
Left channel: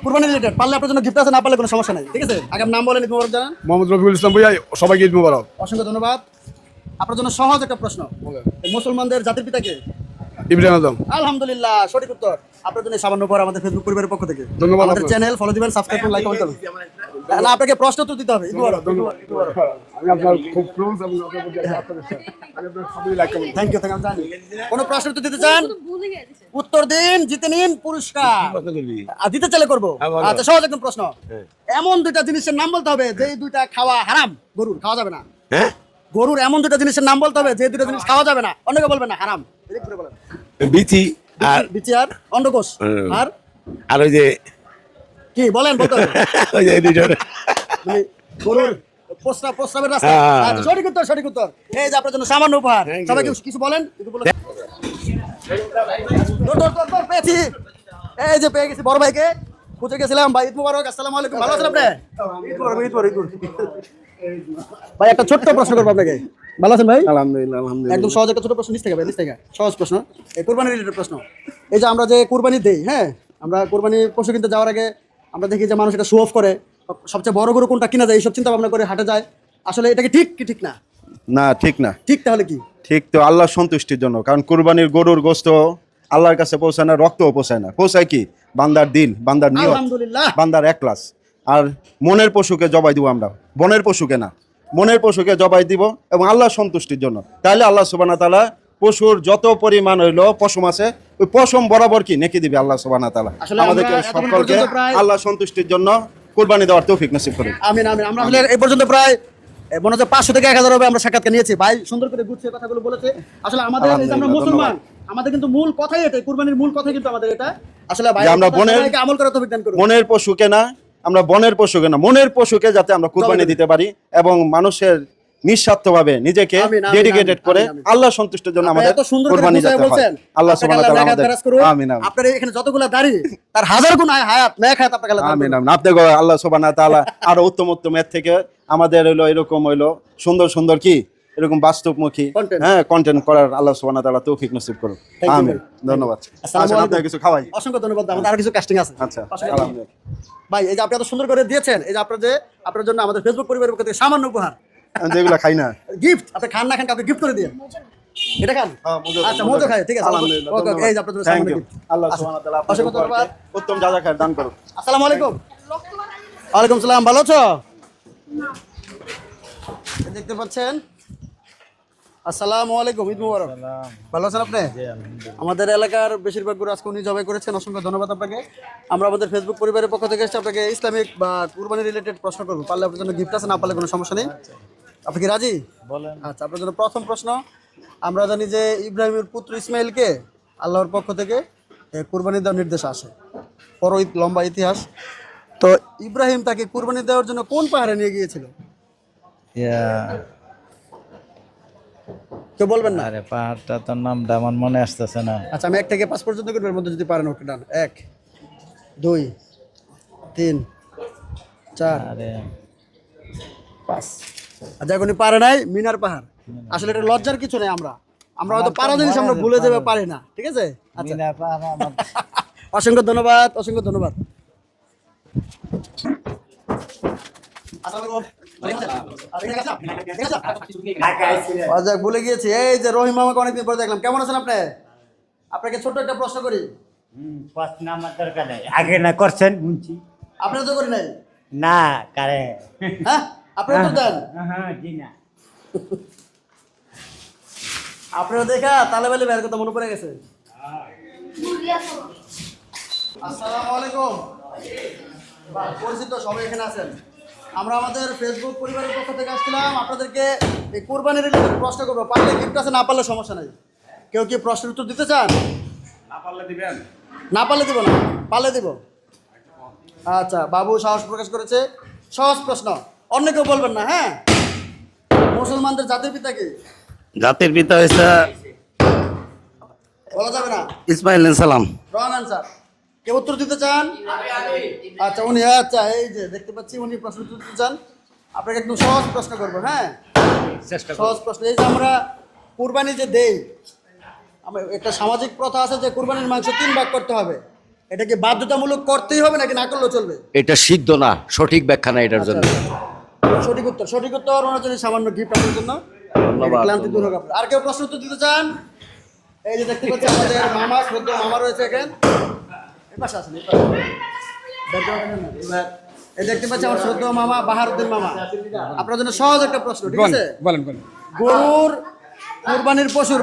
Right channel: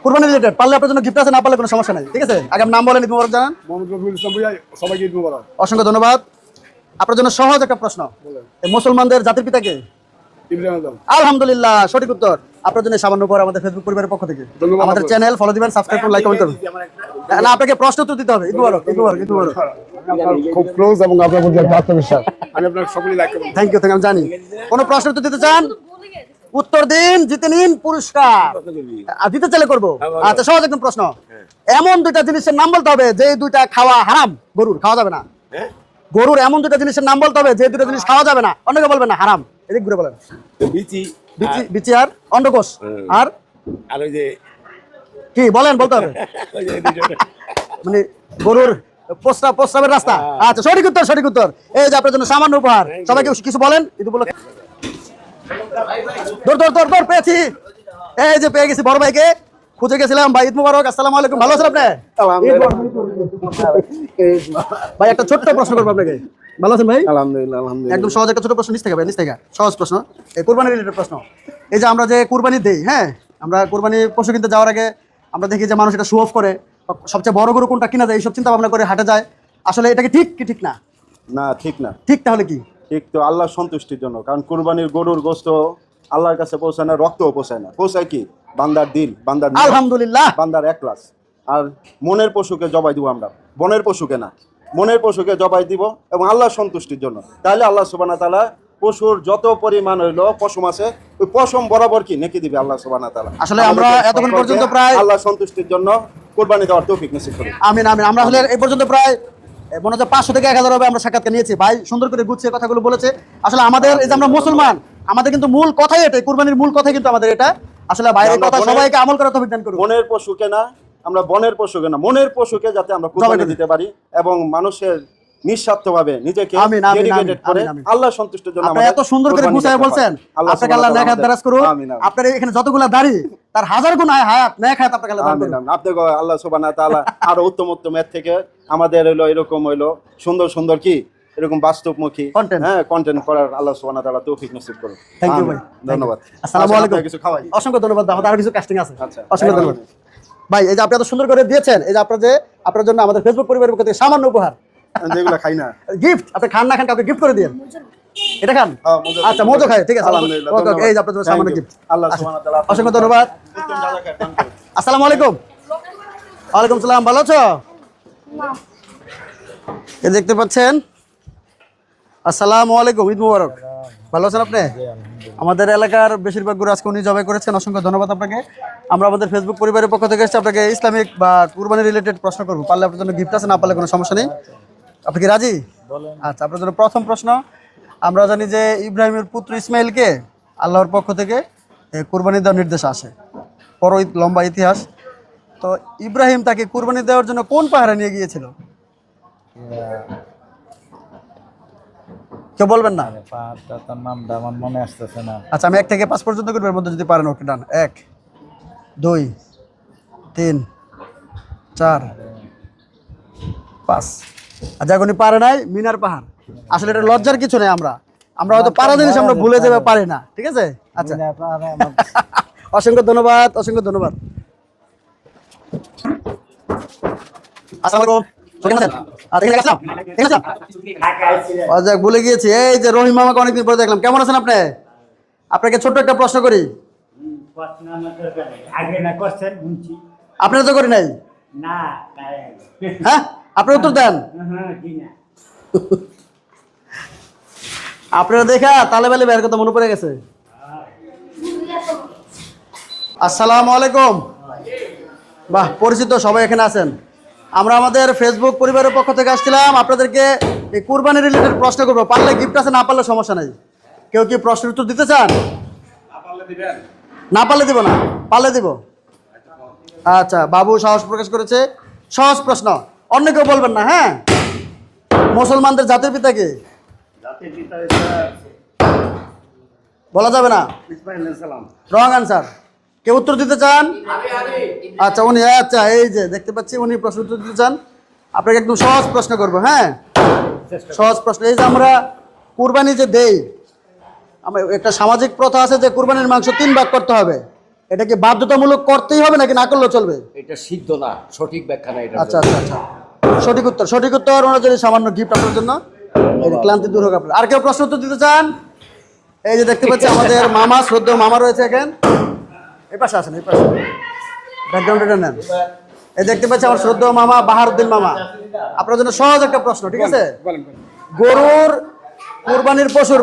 কুরবানি রিলেটেড, পারলে আপনার জন্য গিফট আছে, না পারলে কোনো সমস্যা নাই, ঠিক আছে। আগে নাম বলেন, ঈদ মোবারক জানান। মোহাম্মদ রফিকুল ইসলাম ভাইয়া, সবাইকে ঈদ মোবারক। অসংখ্য ধন্যবাদ। আপনার জন্য সহজ একটা প্রশ্ন, এই মুসলমানদের জাতির পিতা কে? ইব্রাহিম আজম। আলহামদুলিল্লাহ, সঠিক উত্তর। আপনার জন্য সামান্য উপহার আমাদের ফেসবুক পরিবারের পক্ষ থেকে। আমাদের চ্যানেল ফলো দিবেন, সাবস্ক্রাইব করুন, লাইক কমেন্ট করুন। না, আপনাকে প্রশ্ন উত্তর দিতে হবে। ঈদ মোবারক, ঈদ মোবারক, ঈদ মোবারক। খুব ক্লোজ এবং আপনার প্রতি আত্মবিশ্বাস। আমি আপনার সকলেই লাইক করব। থ্যাংক ইউ, আমি জানি। কোনো প্রশ্ন উত্তর দিতে চান? উত্তর দিন, জিতে নিন পুরস্কার। আর দিতে চাইলে করবো। আচ্ছা, সহজ একদম প্রশ্ন, এমন দুইটা জিনিসের নাম বলতে হবে যে দুইটা খাওয়া হারাম, গরুর খাওয়া যাবে না। গরুর এমন দুইটা জিনিসের নাম বলতে হবে যে দুইটা জিনিস খাওয়া যাবে না, অন্যকে বলবেন না, হারাম। এদিক ঘুরে বলেন। বিচি বিচি আর অন্ডকোষ আর আর ওই যে কি বলেন, বলতে হবে। ওই যে মানে গরুর প্রস্রাবের রাস্তা। আচ্ছা, সঠিক উত্তর, সঠিক উত্তর। এই যে আপনার জন্য সামান্য উপহার। সবাইকে কিছু বলেন, একটু বলে। দৌড় পেয়েছি, এই যে পেয়ে গেছি বড় ভাইকে, খুঁজে গেছিলাম। ভাই ঈদ মুবারক, আসসালামু আলাইকুম, ভালো আছেন আপনি? ভাই একটা ছোট্ট প্রশ্ন করবো আপনাকে, ভালো আছেন ভাই? আলহামদুলিল্লাহ, আলহামদুলিল্লাহ। একদম সহজ একটা ছোট প্রশ্ন, নিচ থেকে ভাই, নিচ থেকে সহজ প্রশ্ন, এই কুরবানি রিলেটেড প্রশ্ন। এই যে আমরা যে কুরবানি দেই, হ্যাঁ, আমরা কুরবানি পশু কিনতে যাওয়ার আগে আমরা দেখি যে মানুষ এটা শো অফ করে, সবচেয়ে বড় গরু কোনটা কিনা যায় এইসব চিন্তা ভাবনা করে হাটে যায়। আসলে এটা কি ঠিক কি ঠিক না? না, ঠিক না। ঠিক তাহলে কি? ঠিক তো আল্লাহর সন্তুষ্টির জন্য, কারণ কুরবানির গরুর গোশত আল্লাহর কাছে পৌঁছায় না, রক্তও পৌঁছায় না। পৌঁছায় কি? বান্দার দিল, বান্দার নিয়ত, আলহামদুলিল্লাহ, বান্দার একলাস। আর মনের পশুকে জবাই দিব আমরা, বনের পশুকে না, মনের পশুকে জবাই দিব এবং আল্লাহর সন্তুষ্টির জন্য। তাহলে আল্লাহ সুবহানাহু ওয়া তাআলা পশুর যত পরিমাণ হইলো পশম আছে, ওই পশম বরাবর কি নেকি দিবে আল্লাহ সুবহানাহু ওয়া তাআলা। আসলে আমরা এতক্ষণ পর্যন্ত প্রায় আল্লাহর সন্তুষ্টির জন্য কুরবানি দেওয়ার তৌফিক নসিব করুন। আমিন আমিন। আমরা আসলে এই পর্যন্ত প্রায় মনে হচ্ছে 500 থেকে 1000 হবে আমরা সাক্ষাৎকার নিয়েছি। ভাই সুন্দর করে গুছিয়ে কথাগুলো বলেছে। আসলে আমাদের এই যে আমরা মুসলমান, আমাদের কিন্তু মূল কথাই এটা, কুরবানির মূল কথাই কিন্তু আমাদের এটা। আসলে ভাই সবাইকে আমল করার তৌফিক দান করুন। মনের পশুকে না, আমরা বনের পশুকে না, মনের পশুকে যাতে আমরা কুরবানি দিতে পারি এবং মানুষের নিঃস্বার্থভাবে নিজেকে ডেডিকেটেড করে আল্লাহ সন্তুষ্টির জন্য আপনি এত সুন্দর করে গুছিয়ে বলছেন। আপনাকে আল্লাহ নেক হাত দরাজ করুন। আপনার এখানে যতগুলা দাড়ি তার 1000 গুণ হায়াত নেক হাত আপনাকে আল্লাহ দান করুন। আমিন। আপনাকে আল্লাহ সুবহানাহু ওয়া তাআলা আরো উত্তম উত্তম এর থেকে আমাদের হলো এরকম হইলো সুন্দর সুন্দর কি এরকম বাস্তবমুখী কন্টেন্ট করার আল্লাহ সুবহানাহু ওয়া তাআলা তৌফিক নসিব করুন। থ্যাংক ইউ ভাই, ধন্যবাদ। আসসালামু আলাইকুম। কিছু খাওয়াই, অসংখ্য ধন্যবাদ। আমাদের আরো কিছু কাস্টিং আছে। আচ্ছা, অসংখ্য ধন্যবাদ ভাই। এই যে আপনি এত সুন্দর করে দিয়েছেন, এই যে আপনার জন্য আমাদের ফেসবুক পরিবারের পক্ষ থেকে সামান্য উপহার, যেগুলো খাই না গিফট। আপনি খান না খান কাউকে গিফট করে দিন। এটা খান? আচ্ছা, মজা খাই, ঠিক আছে। ওকে, এই যে আপনার জন্য সামান্য গিফট। আল্লাহ সুবহানাহু ওয়া তাআলা অসংখ্য ধন্যবাদ। উত্তম যা খায় দান করুন। আসসালামু আলাইকুম। ওয়ালাইকুম সালাম, ভালো আছো? এই দেখতে পাচ্ছেন, আসসালামু আলাইকুম, ঈদ মুবারক। ভালো আছেন আপনি? আমাদের এলাকার বেশিরভাগ গরু আজকে উনি জবাই করেছেন, অসংখ্য ধন্যবাদ আপনাকে। আমরা আমাদের ফেসবুক পরিবারের পক্ষ থেকে এসে আপনাকে ইসলামিক বা কুরবানি রিলেটেড প্রশ্ন করবো, পারলে আপনার জন্য গিফট আছে, না পারলে কোনো সমস্যা নেই। আপনি কি রাজি? আচ্ছা, আপনার জন্য প্রথম প্রশ্ন, আমরা জানি যে ইব্রাহিমের পুত্র ইসমাইলকে আল্লাহর পক্ষ থেকে কুরবানি দেওয়ার নির্দেশ আসে, বড় লম্বা ইতিহাস। তো ইব্রাহিম তাকে কুরবানি দেওয়ার জন্য কোন পাহাড়ে নিয়ে গিয়েছিল? কেউ বলবেন না? পাহাড়টা তোর নামটা আমার মনে আসতেছে না। আচ্ছা, আমি 1 থেকে 5 পর্যন্ত করবো, এর মধ্যে যদি পারেন ওকে ডান। 1, 2, 3 4 5 আচ্ছা উনি পারে নাই মিনার পাহাড় আসলে এটা লজ্জার কিছু নেই আমরা হয়তো পারা জিনিস আমরা ভুলে যাবে পারি না ঠিক আছে আচ্ছা অসংখ্য ধন্যবাদ আসসালামু আলাইকুম আচ্ছা ভুলে গিয়েছি এই যে রহিম মামাকে অনেকদিন পরে দেখলাম কেমন আছেন আপনি আপনাকে ছোট্ট একটা প্রশ্ন করি আগে না করছেন আপনারা তো করি নাই না কারে হ্যাঁ আপনারা উত্তর দেন আপনারা দেখা তালে বেলে বের কথা মনে পড়ে গেছে আসসালামু আলাইকুম বাহ পরিচিত সবাই এখানে আছেন আমরা আমাদের ফেসবুক পরিবারের পক্ষ থেকে আসছিলাম আপনাদেরকে এই কুরবানি রিলেটেড প্রশ্ন করবো পারলে গিফট আছে না পারলে সমস্যা নেই কেউ কি প্রশ্নের উত্তর দিতে চান না পারলে দিব না পারলে দিব আচ্ছা বাবু সাহস প্রকাশ করেছে সহজ প্রশ্ন অন্য কেউ বলবেন না হ্যাঁ মুসলমানদের জাতির পিতা কে জাতির পিতা হয়েছে বলা যাবে না ইসমাইল সালাম রং আনসার কেউ উত্তর দিতে চান আচ্ছা উনি আচ্ছা এই যে দেখতে পাচ্ছি উনি প্রশ্ন উত্তর দিতে চান আপনাকে একদম সহজ প্রশ্ন করবো হ্যাঁ সহজ প্রশ্ন এই যে আমরা কুরবানি যে দেই আমরা একটা সামাজিক প্রথা আছে যে কুরবানির মাংস 3 ভাগ করতে হবে এটা কি বাধ্যতামূলক করতেই হবে নাকি না করলেও চলবে এটা সিদ্ধ না সঠিক ব্যাখ্যা না এটার আচ্ছা আচ্ছা সঠিক উত্তর ওনার জন্য সামান্য গিফট আপনার জন্য এই ক্লান্তি দূর হোক আপনার আর কেউ প্রশ্ন উত্তর দিতে চান এই যে দেখতে পাচ্ছি আমাদের মামা শ্রদ্ধেয় মামা রয়েছে এখানে এই পাশে আসেন এই পাশে ব্যাকগ্রাউন্ডটা নেন এই দেখতে পাচ্ছি আমার শ্রদ্ধেয় মামা বাহারউদ্দিন মামা আপনার জন্য সহজ একটা প্রশ্ন ঠিক আছে গরুর কুরবানির পশুর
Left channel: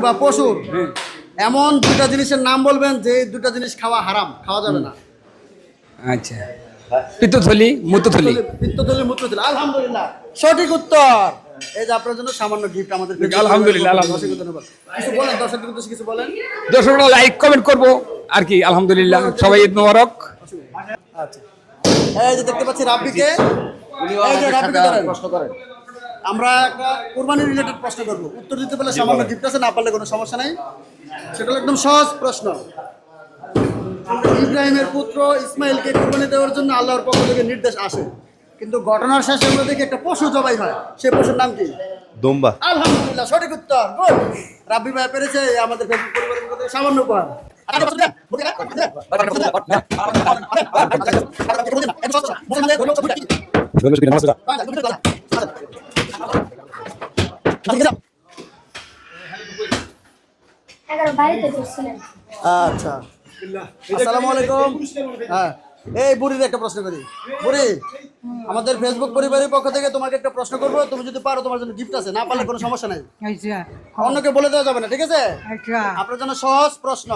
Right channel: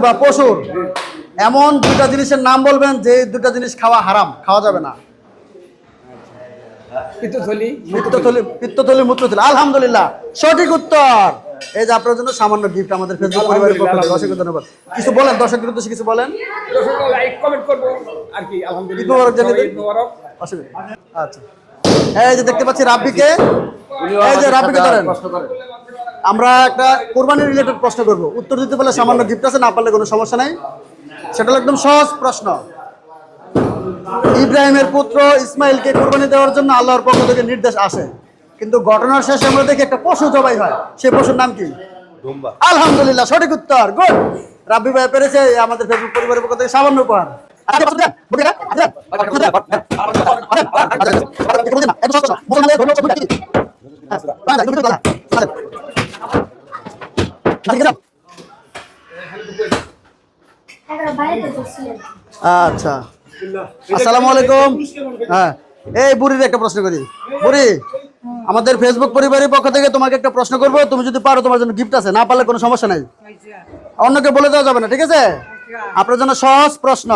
এমন দুটা জিনিসের নাম বলবেন যে দুটা জিনিস খাওয়া হারাম খাওয়া যাবে না আচ্ছা পিত্তথলি মূত্রথলি আলহামদুলিল্লাহ সঠিক উত্তর এই যে আপনার জন্য সামান্য গিফট আমাদের ফেসবুক পরিবারের পক্ষ থেকে অসংখ্য ধন্যবাদ কিছু বলেন দর্শকদের উদ্দেশ্যে কিছু বলেন দর্শকরা লাইক কমেন্ট করবো আর কি আলহামদুলিল্লাহ সবাই ঈদ মোবারক আচ্ছা এই যে দেখতে পাচ্ছি রাব্বিকে এই যে রাব্বিকে ধরেন প্রশ্ন করেন আমরা একটা কুরবানি রিলেটেড প্রশ্ন করব উত্তর দিতে পারলে সামান্য গিফট আছে না পারলে কোনো সমস্যা নাই সেটা হলো একদম সহজ প্রশ্ন ইব্রাহিমের পুত্র ইসমাইলকে কুরবানি দেওয়ার জন্য আল্লাহর পক্ষ থেকে নির্দেশ আসে কিন্তু ঘটনার শেষে আমরা দেখি একটা পশু জবাই হয় সেই পশুর নাম কি দুম্বা আলহামদুলিল্লাহ সঠিক উত্তর গুড রাব্বি ভাই পেরেছে আমাদের ফেসবুক পরিবারের পক্ষ থেকে সামান্য উপহার আচ্ছা আসসালামু আলাইকুম হ্যাঁ এই বুড়ির একটা প্রশ্ন করি বুড়ি আমাদের ফেসবুক পরিবারের পক্ষ থেকে তোমাকে একটা প্রশ্ন করবো তুমি যদি পারো তোমার জন্য গিফট আছে না পারলে কোনো সমস্যা নাই অন্যকে বলে দেওয়া যাবে না ঠিক আছে আপনার জন্য সহজ প্রশ্ন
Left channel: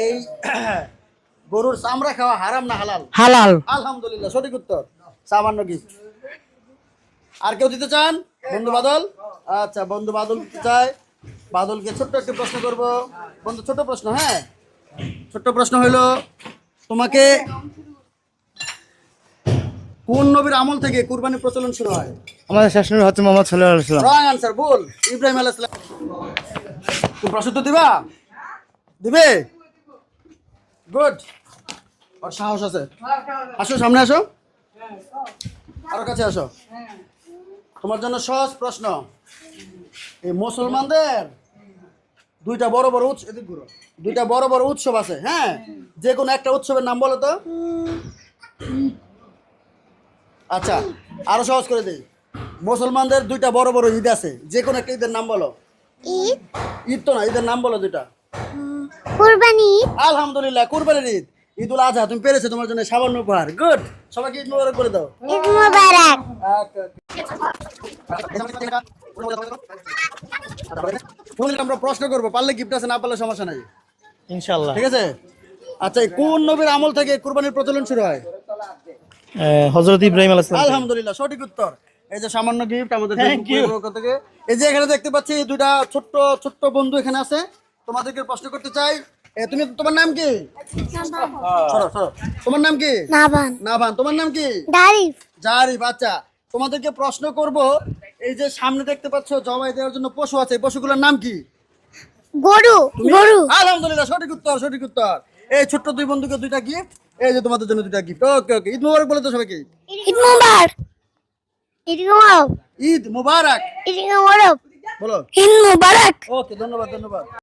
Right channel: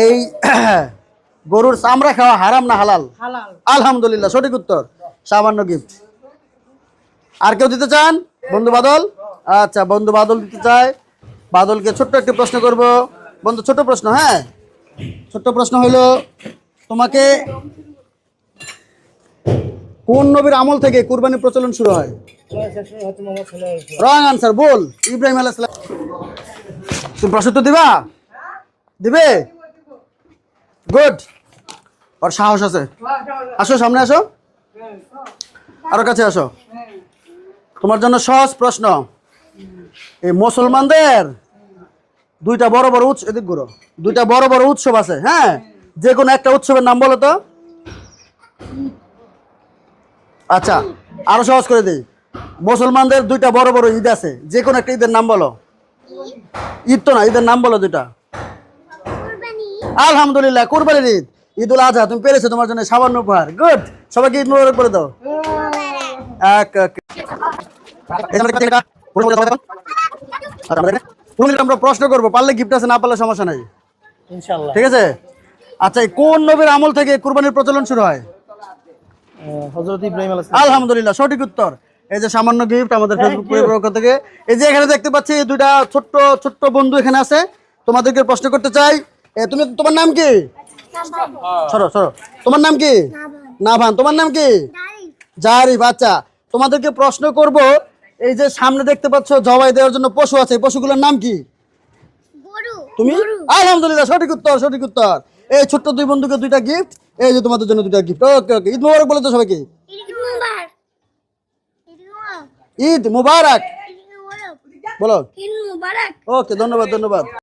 এই গরুর চামড়া খাওয়া হারাম না হালাল হালাল আলহামদুলিল্লাহ সঠিক উত্তর সামান্য গিফট আর কেউ দিতে চান বন্ধু বাদল আচ্ছা বন্ধু বাদল দিতে চায় বাদলকে ছোট্ট একটা প্রশ্ন করব বন্ধু ছোট প্রশ্ন হ্যাঁ ছোট্ট প্রশ্ন হইল তোমাকে কোন নবীর আমল থেকে কুরবানির প্রচলন শুরু হয় আমাদের শেষ নবী হচ্ছে মোহাম্মদ সাল্লাল্লাহু আলাইহি ওয়াসাল্লাম রং আনসার বল ইব্রাহিম আলাইহিস সালাম তুমি প্রশ্ন তো দিবা দিবে গুড আর সাহস আছে আসো সামনে আসো আরো কাছে আসো তোমার জন্য সহজ প্রশ্ন এই মুসলমানদের দুইটা বড় বড় উৎসব এদিক ঘুরো দুইটা বড় বড় উৎসব আছে হ্যাঁ যে কোনো একটা উৎসবের নাম বলো তো আচ্ছা আরো সহজ করে দিই মুসলমানদের দুইটা বড় বড় ঈদ আছে যে কোনো একটা ঈদের নাম বলো ঈদ তো না ঈদের নাম বলো দুইটা কুরবানি আলহামদুলিল্লাহ কুরবানির ঈদ ঈদুল আজহা তুমি পেরেছো তোমার জন্য সামান্য উপহার গুড সবাইকে ঈদ মোবারক বলে দাও ঈদ মোবারক আমরা প্রশ্ন করবো পারলে গিফট আছে না পারলে সমস্যা নাই ইনশাআল্লাহ ঠিক আছে আচ্ছা কোন নবীর আমল থেকে কুরবানির প্রচলন শুরু হয় হযরত ইব্রাহিম আলাইহিস সালাম আলহামদুলিল্লাহ সঠিক উত্তর এই যে সামান্য গিফট আমাদের ফেসবুক পরিবারের পক্ষ থেকে এই যে এখানে দেখতে পাচ্ছি দুইটা ছোট্ট ছোট্ট বন্ধু এখানে আছে তোমাদেরকে প্রশ্ন করতে চাই তুমি তোমার নাম কি সরো সরো তোমার নাম কি নাভান তোমার নাম কি জারিফ আচ্ছা তোমাদেরকে প্রশ্ন করব এই যে সামনে দেখতে পাচ্ছ জবাই দেওয়ার জন্য পশু আছে পশুগুলোর নাম কি গরু তুমি আলহামদুলিল্লাহ সঠিক উত্তর এই ছোট্ট দুই বন্ধুকে দুইটা গিফট এই যে তোমাদের জন্য দুটা গিফট। ওকে ওকে, ঈদ মুবারক বলো তো সবাইকে। ঈদ মুবারক, ঈদ মুবারক, ঈদ মুবারক ঈদ মুবারক, বলো। ঈদ মুবারক। ওকে, ধন্যবাদ ধন্যবাদ।